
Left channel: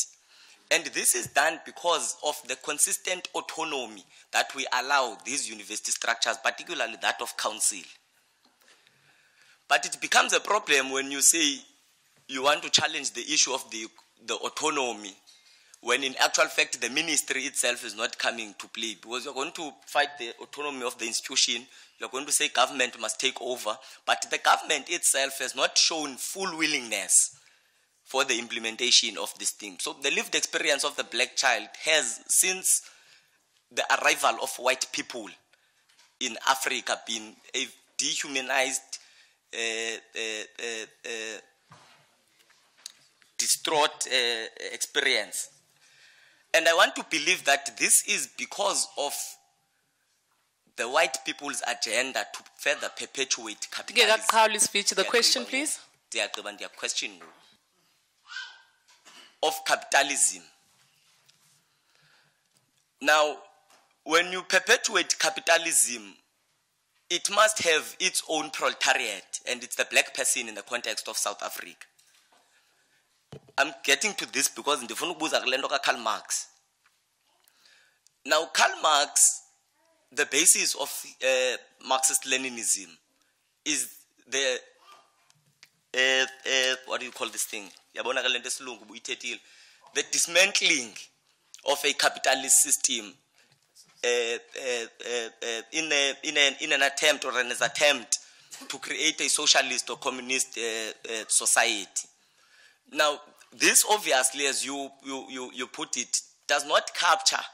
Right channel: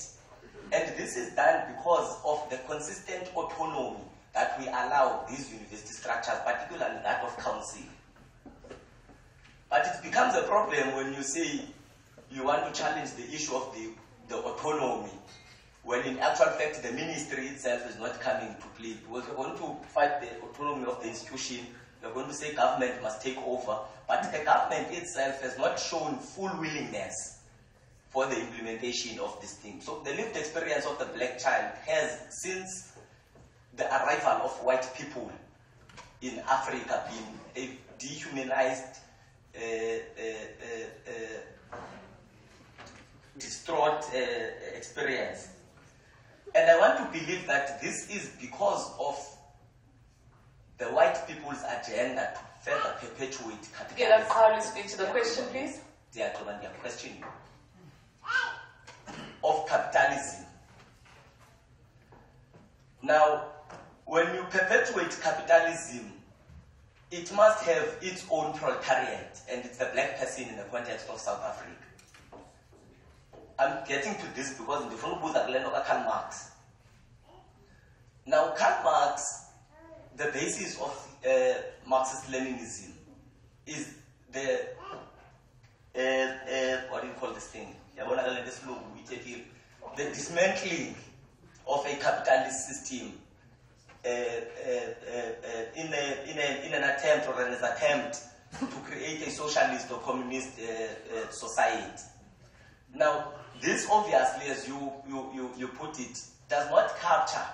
And this is done because of the consistent autonomy that we allow these university structures, particularly that of council. But it becomes a problem when you say you want to challenge the issue of the autonomy, when in actual fact the ministry itself is not coming to play, because you're going to fight the autonomy of the institution, you're going to say government must take over, but the government itself has not shown full willingness for the implementation of this thing. So the lived experience of the black child has, since the arrival of white people in Africa, been a dehumanized, distraught experience. And I want to believe that this is because of the white people's agenda to further perpetuate capitalism. Howley speech. The question, please. Their question of capitalism. Now, when you perpetuate capitalism, it must have its own proletariat, and it's the black person in the context of South Africa. I'm getting to this because in the Karl Marx. Now, Karl Marx, the basis of Marxist-Leninism is the, what do you call this thing? The dismantling of a capitalist system in an attempt or an attempt to create a socialist or communist society. Now, this obviously, as you put it, does not capture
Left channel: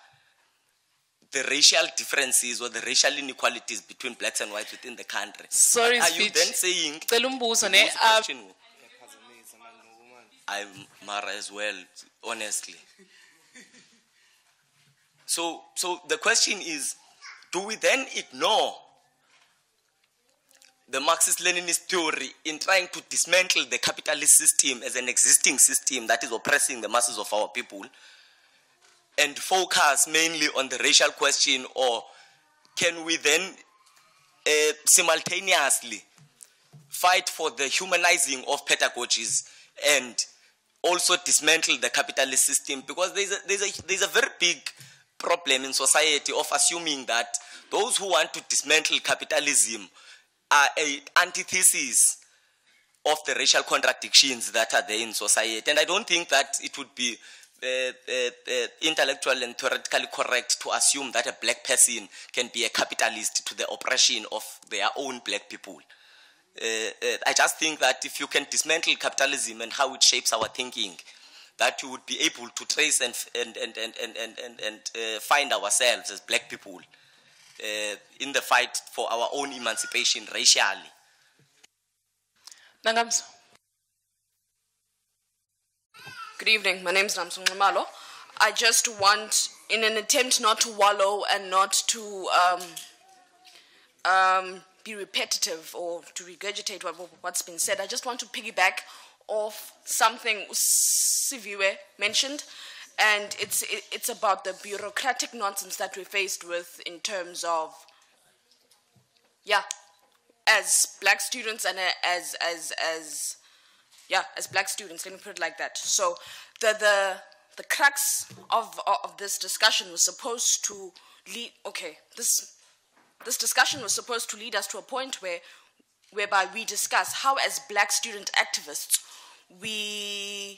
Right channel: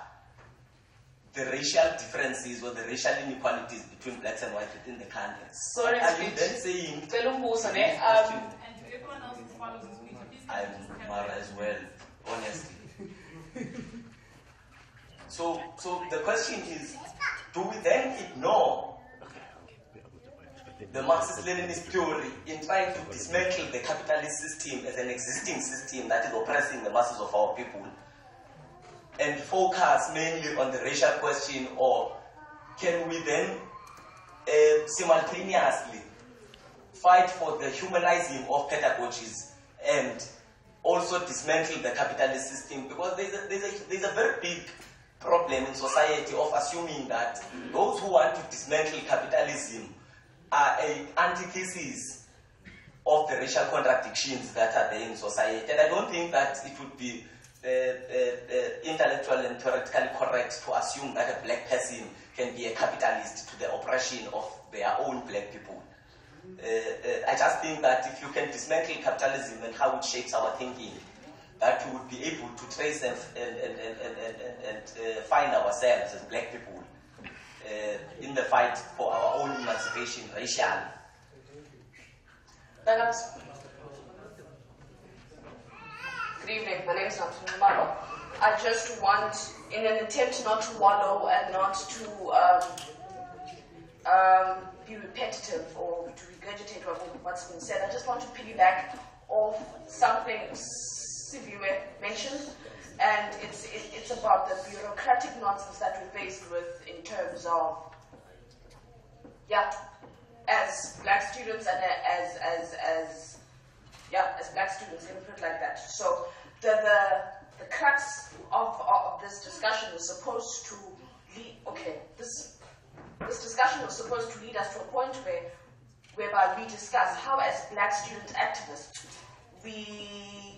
the racial differences or the racial inequalities between blacks and whites within the country. Sorry, are speech. you then saying I'm Mara as well, honestly. So the question is, do we then ignore the Marxist-Leninist theory in trying to dismantle the capitalist system as an existing system that is oppressing the masses of our people and focus mainly on the racial question, or can we then simultaneously fight for the humanizing of pedagogies and also dismantle the capitalist system? Because there's a very big problem in society of assuming that those who want to dismantle capitalism are an antithesis of the racial contradictions that are there in society. And I don't think that it would be intellectually and theoretically correct to assume that a black person can be a capitalist to the oppression of their own black people. I just think that if you can dismantle capitalism and how it shapes our thinking, that you would be able to trace and find ourselves as black people in the fight for our own emancipation racially. Nagams. Good evening, my name is Nelson Mandela. I just want, in an attempt not to wallow and not to be repetitive or to regurgitate what's been said, I just want to piggyback off something Siviwe mentioned, and it's about the bureaucratic nonsense that we're faced with in terms of, as black students and as black students, let me put it like that. So the crux of this discussion was supposed to lead, this discussion was supposed to lead us to a point whereby we discuss how, as black student activists, we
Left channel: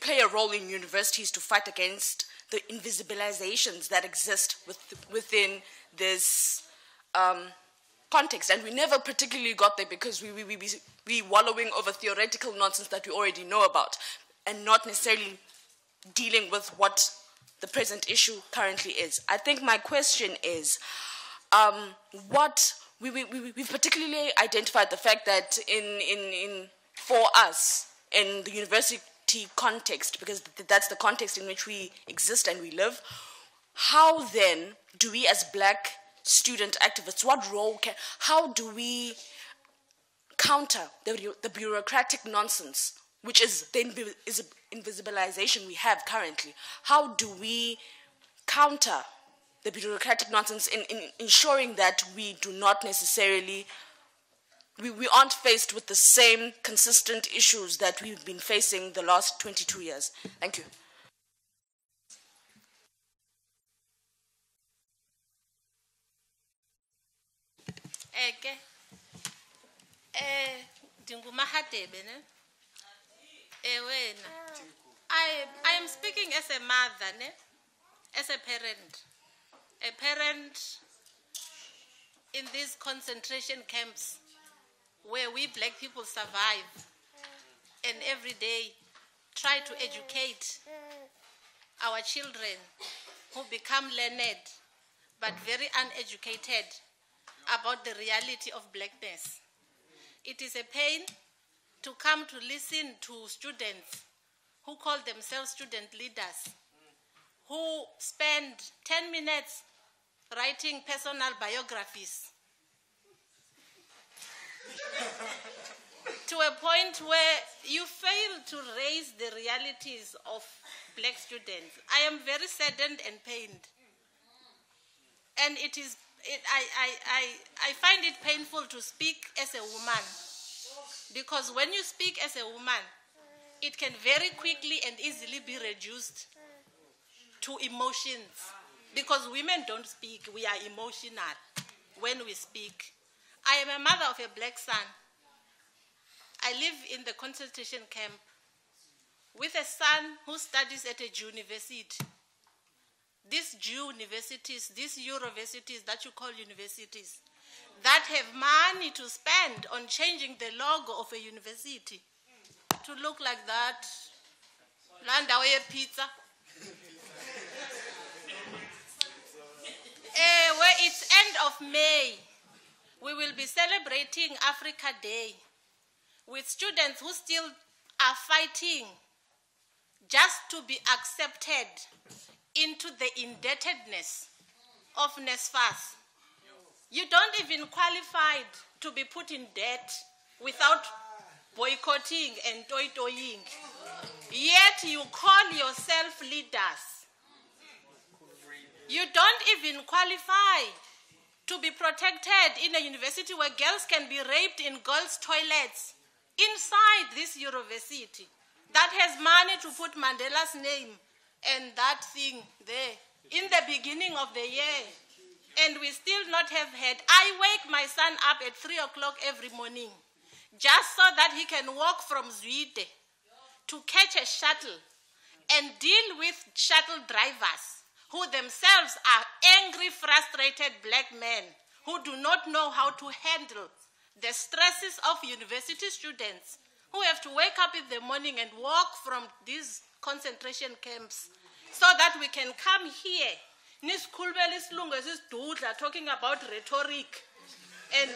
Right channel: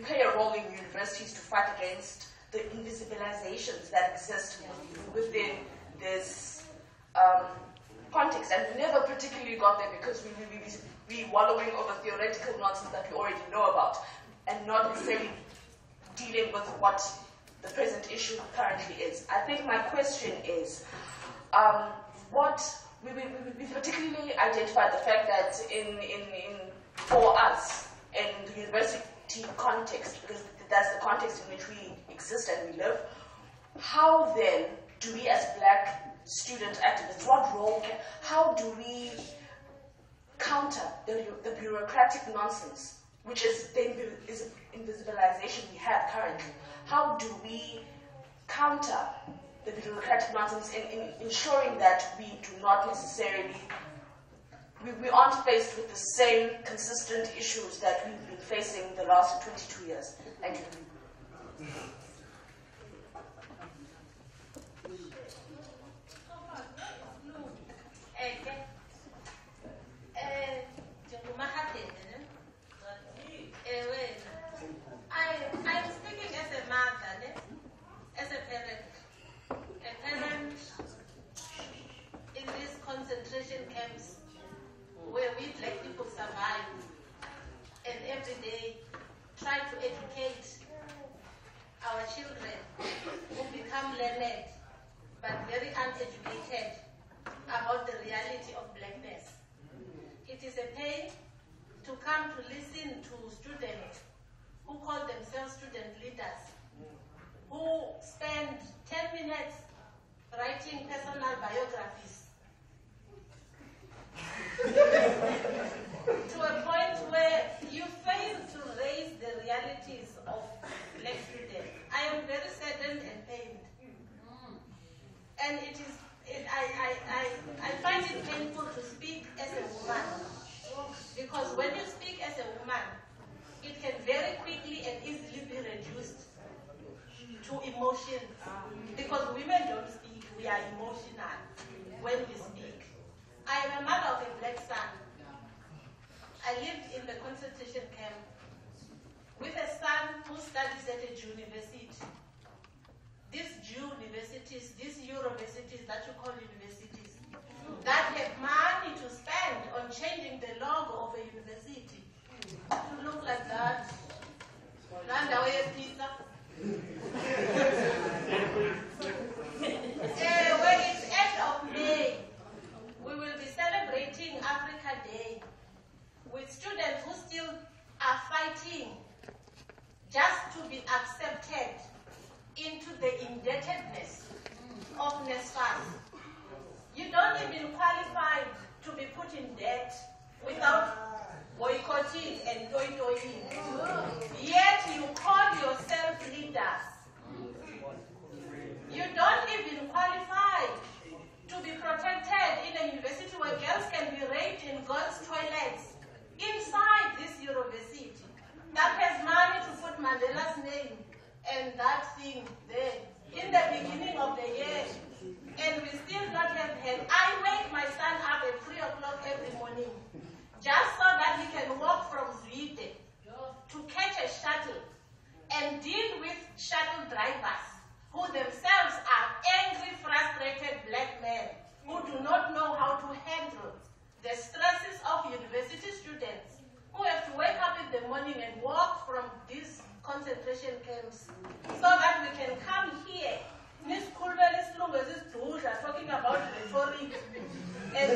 play a role in universities to fight against the invisibilizations that exist within this context. And we never particularly got there because we wallowing over theoretical nonsense that we already know about and not necessarily dealing with what the present issue currently is. I think my question is, we've particularly identified the fact that for us, in the university context, because that's the context in which we exist and we live, how then do we as black student activists, how do we counter the bureaucratic nonsense, which is the invisibilization we have currently? How do we counter the bureaucratic nonsense in ensuring that we do not necessarily, we aren't faced with the same consistent issues that we've been facing the last 22 years? Thank you. I am speaking as a mother, as a parent in these concentration camps where we black people survive and every day try to educate our children who become learned but very uneducated about the reality of blackness. It is a pain to come to listen to students who call themselves student leaders, who spend 10 minutes writing personal biographies to a point where you fail to raise the realities of black students. I am very saddened and pained. And I find it painful to speak as a woman, because when you speak as a woman, it can very quickly and easily be reduced to emotions, because women don't speak, we are emotional when we speak. I am a mother of a black son. I live in the concentration camp with a son who studies at a Jew university. These Jew universities, these Euroversities that you call universities, that have money to spend on changing the logo of a university to look like that. Landless pizza. Where it's end of May, we will be celebrating Africa Day with students who still are fighting just to be accepted into the indebtedness of NSFAS. You don't even qualify to be put in debt without boycotting and toy-toying. Yet you call yourself leaders. You don't even qualify to be protected in a university where girls can be raped in girls' toilets inside this university that has money to put Mandela's name and that thing there in the beginning of the year, and we still not have had. I wake my son up at 3 o'clock every morning just so that he can walk from Zwide to catch a shuttle and deal with shuttle drivers who themselves are angry, frustrated black men who do not know how to handle the stresses of university students who have to wake up in the morning and walk from these concentration camps so that we can come here talking about rhetoric and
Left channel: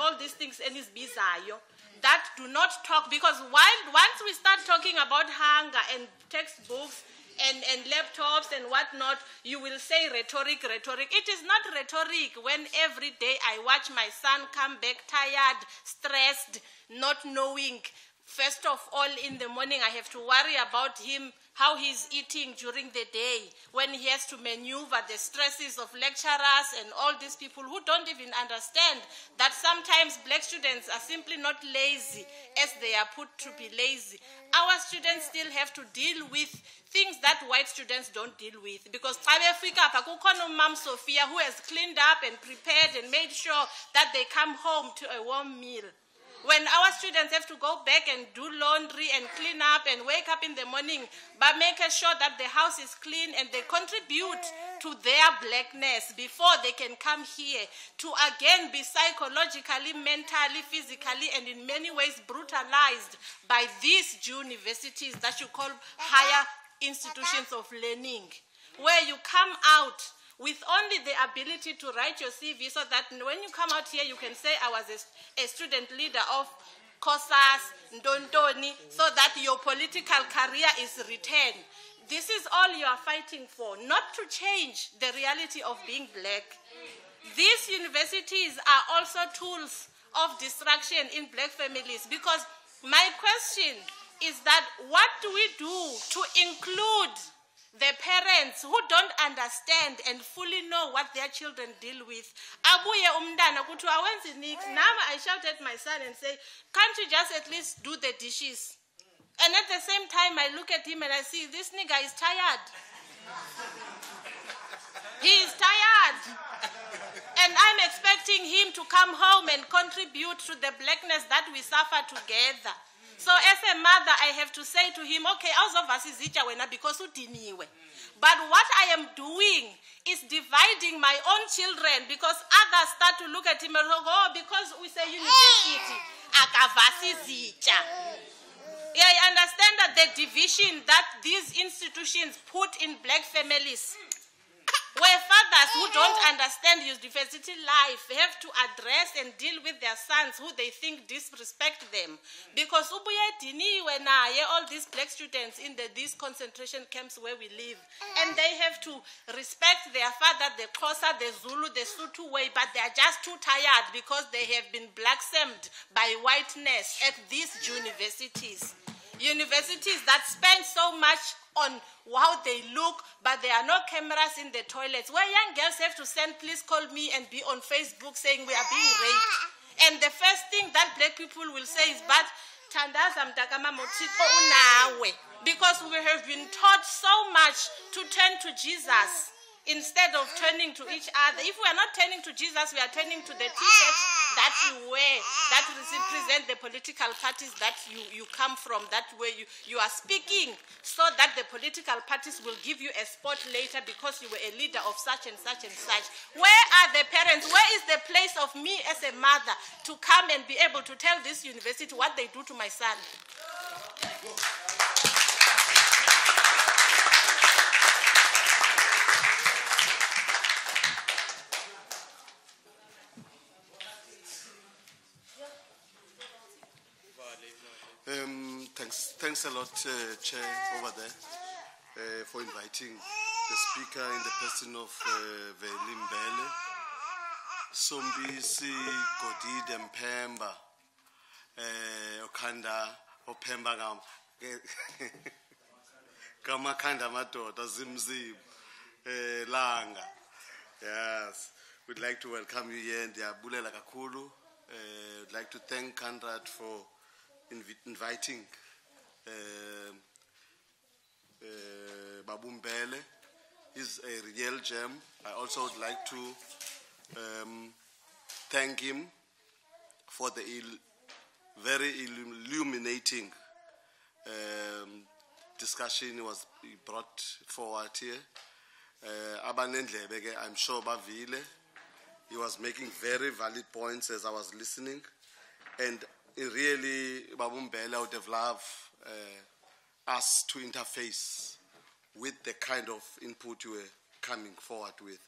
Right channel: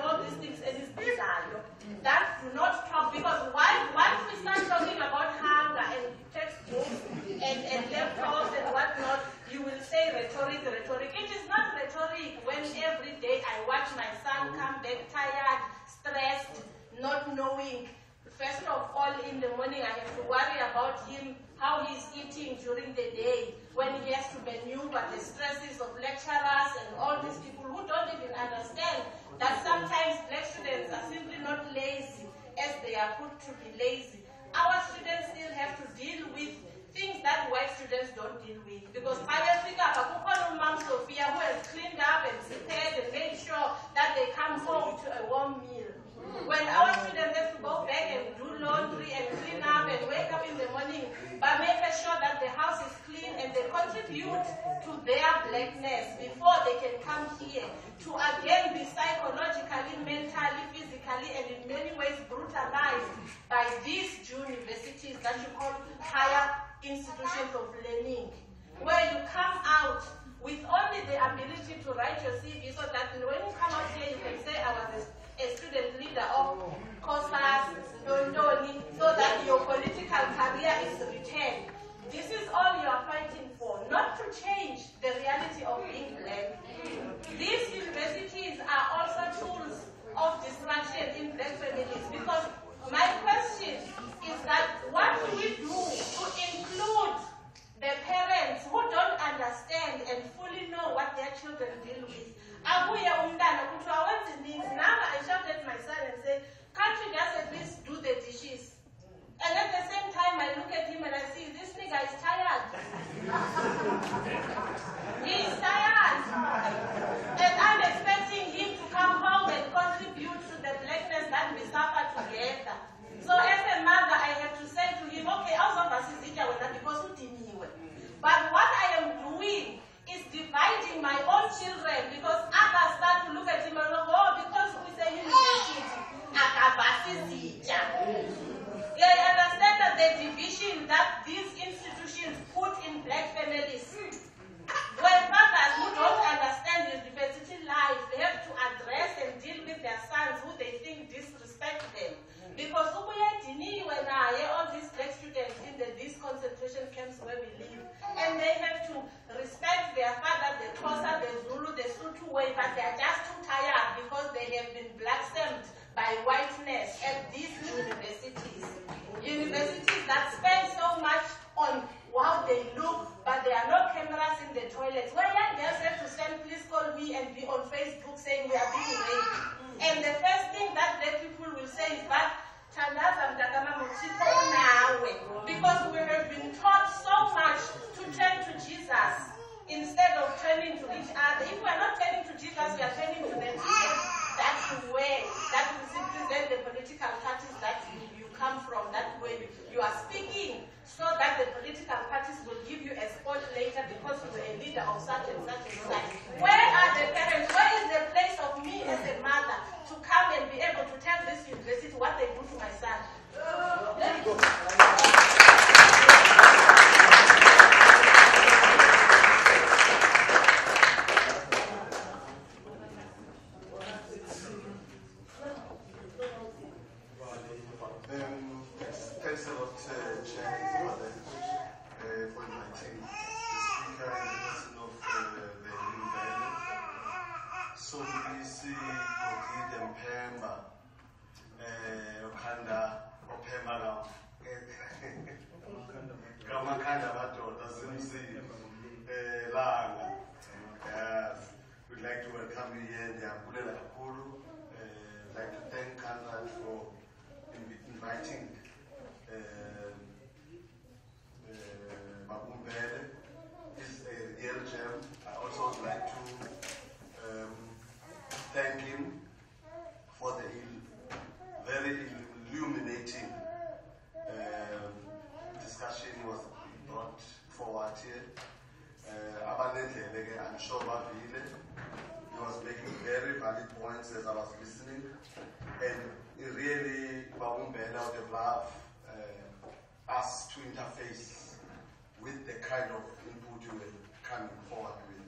all these things and it's bizarre that do not talk, because once we start talking about hunger and textbooks and laptops and whatnot, you will say rhetoric. It is not rhetoric when every day I watch my son come back tired, stressed, not knowing. First of all, in the morning, I have to worry about him, how he's eating during the day, when he has to maneuver the stresses of lecturers and all these people who don't even understand that sometimes black students are simply not lazy as they are put to be lazy. Our students still have to deal with things that white students don't deal with. Because Mom Sophia, who has cleaned up and prepared and made sure that they come home to a warm meal. When our students have to go back and do laundry and clean up and wake up in the morning, but making sure that the house is clean and they contribute to their blackness before they can come here to again be psychologically, mentally, physically, and in many ways brutalized by these universities that you call higher institutions of learning, where you come out with only the ability to write your CV so that when you come out here you can say I was a student leader of COSAS, Ndondoni, so that your political career is retained. This is all you are fighting for, not to change the reality of being black. These universities are also tools of destruction in black families, because my question is that what do we do to include the parents who don't understand and fully know what their children deal with? Now I shout at my son and say, can't you just at least do the dishes? And at the same time I look at him and I see this nigga is tired. He is tired. And I'm expecting him to come home and contribute to the blackness that we suffer together. So as a mother, I have to say to him, okay, also because but what I am doing is dividing my own children, because others start to look at him and go, oh, because we say university, I understand that the division that these institutions put in black families, where fathers who don't understand university life have to address and deal with their sons who they think black students in these concentration camps where we live, and they have to respect their father, the Xhosa, the Zulu, the Sotho way, but they are just too tired because they have been black-samed by whiteness at these universities. Universities that spend so much on how they look, but there are no cameras in the toilets, where young girls have to send, please call me, and be on Facebook saying we are being raped. And the first thing that black people will say is, but Tandaza mtakama mutito unawe, because we have been taught so much to turn to Jesus instead of turning to each other. If we are not turning to Jesus, we are turning to the t-shirts that you wear, that represent the political parties that you come from, that way you are speaking, so that the political parties will give you a spot later because you were a leader of such and such and such. Where are the parents? Where is the place of me as a mother to come and be able to tell this university what they do to my son? Thanks a lot, Chair, for inviting the speaker in the person of Veli Mbele, Sombisi, Godide Mpemba, Okanda, Opemba Kamakanda Madoda, Zimzim, Langa. Yes, we'd like to welcome you here, Diabulela Kakulu. We'd like to thank Conrad for inviting Babu Mbele. Is a real gem. I also would like to thank him for the very illuminating discussion he brought forward here. I'm sure Bavile, he was making very valid points as I was listening, and really, Babu Mbele, I would have loved us to interface with the kind of input you were coming forward with.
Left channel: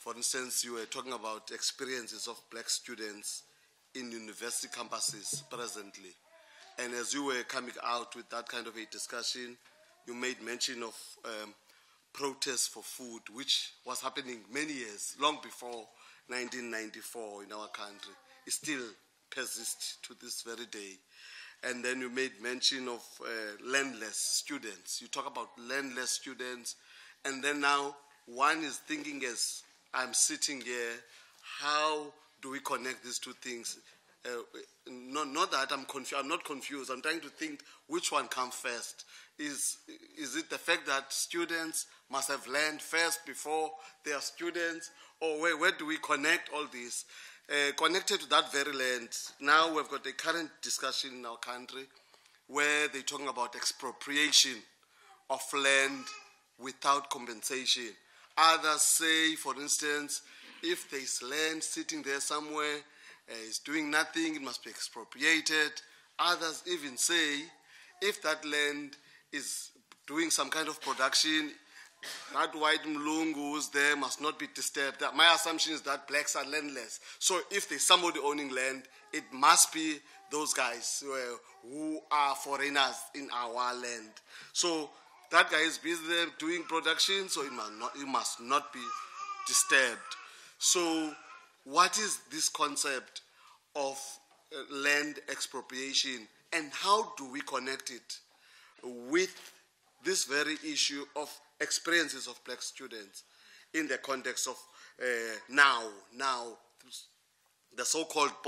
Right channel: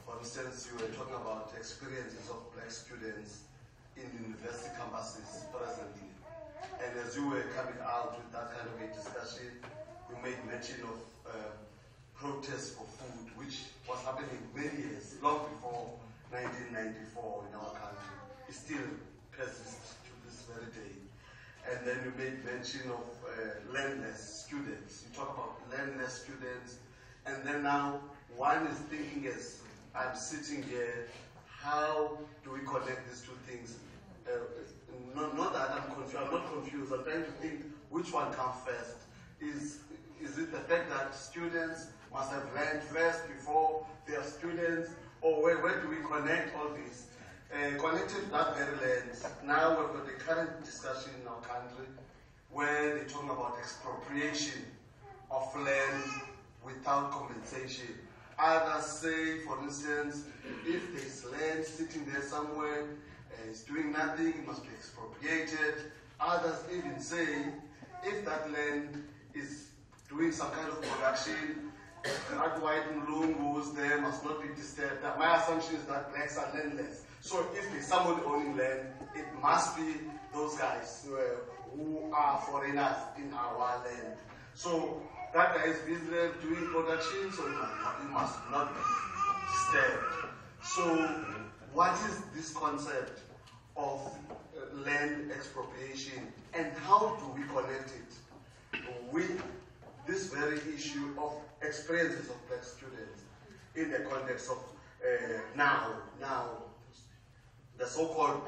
For instance, you were talking about experiences of black students in university campuses presently. And as you were coming out with that kind of a discussion, you made mention of protests for food, which was happening many years, long before 1994 in our country. It still persists to this very day. And then you made mention of landless students. You talk about landless students, and then now one is thinking, as I'm sitting here, how do we connect these two things? Not that I'm confused. I'm not confused. I'm trying to think which one comes first. Is it the fact that students must have learned first before they are students, or where do we connect all this? Connected to that very land, now we've got the current discussion in our country where they're talking about expropriation of land without compensation. Others say, for instance, if there's land sitting there somewhere, it's doing nothing, it must be expropriated. Others even say, if that land is doing some kind of production, that white Mlungus there must not be disturbed. My assumption is that blacks are landless. So if there's somebody owning land, it must be those guys who are foreigners in our land. So that guy is busy there doing production, so it must not be disturbed. So what is this concept of land expropriation, and how do we connect it with this very issue of experiences of black students in the context of now the so-called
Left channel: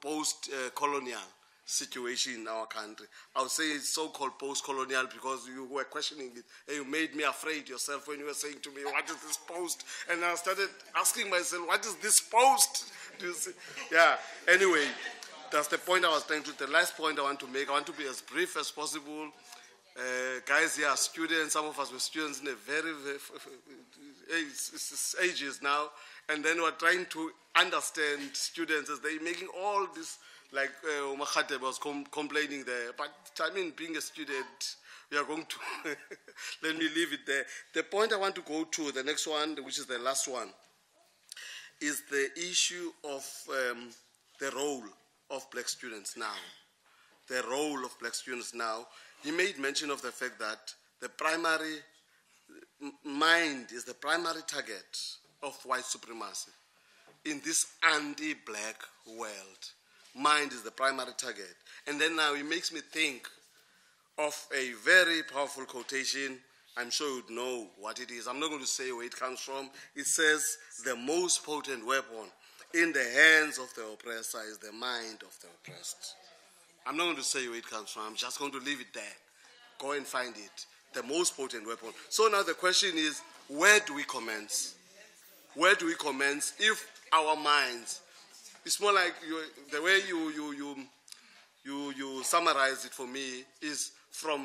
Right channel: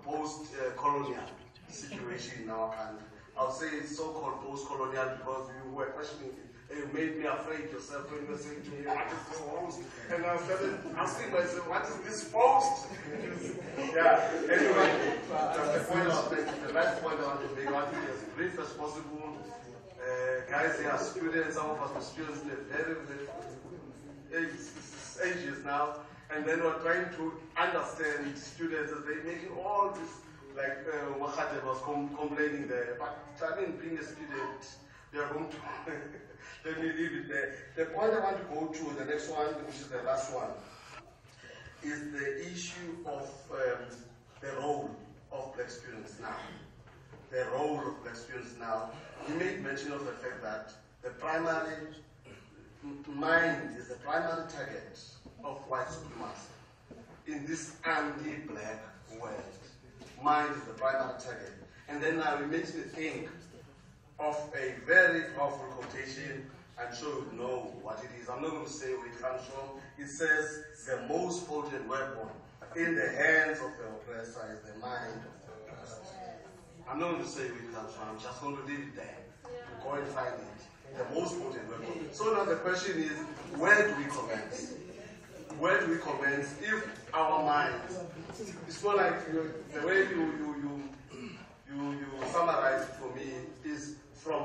post-colonial situation in our country? I would say it's so-called post-colonial because you were questioning it. And you made me afraid yourself when you were saying to me, what is this post? And I started asking myself, what is this post? Yeah, anyway, that's the point I was trying to, the last point I want to make. I want to be as brief as possible. Guys here are students, some of us were students in a very ages now, and then we're trying to understand students as they're making all this, like Makhateb was complaining there, but I mean, being a student, we are going to, let me leave it there. The point I want to go to, the next one, which is the last one, is the issue of the role of black students now. the role of black students now, he made mention of the fact that the primary mind is the primary target of white supremacy in this anti-black world. Mind is the primary target. And then now it makes me think of a very powerful quotation. I'm sure you'd know what it is. I'm not going to say where it comes from. It says, the most potent weapon in the hands of the oppressor is the mind of the oppressed. I'm not going to say where it comes from. I'm just going to leave it there. Go and find it. The most potent weapon. So now the question is, where do we commence? Where do we commence if our minds, it's more like the way you summarize it for me is from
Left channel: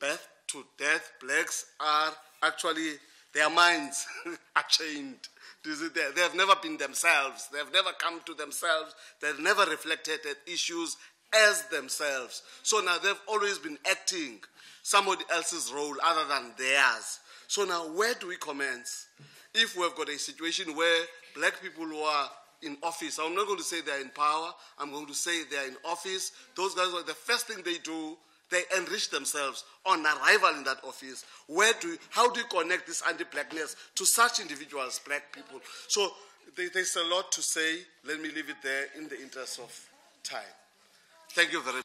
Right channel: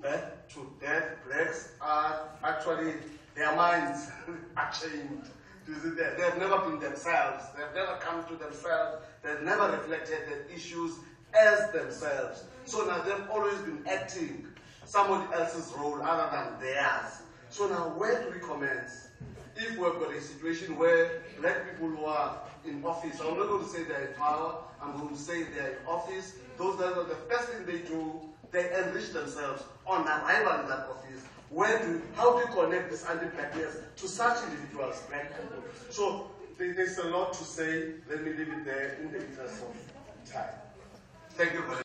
birth to death, blacks are actually, their minds are chained. They have never been themselves. They have never come to themselves. They've never reflected at issues as themselves. So now they've always been acting somebody else's role other than theirs. So now where do we commence? If we've got a situation where black people who are in office, I'm not going to say they're in power, I'm going to say they're in office, those guys are the first thing they do, they enrich themselves on arrival in that office. How do you connect this anti-blackness to such individuals, black people? So there's a lot to say. Let me leave it there in the interest of time. Thank you very much.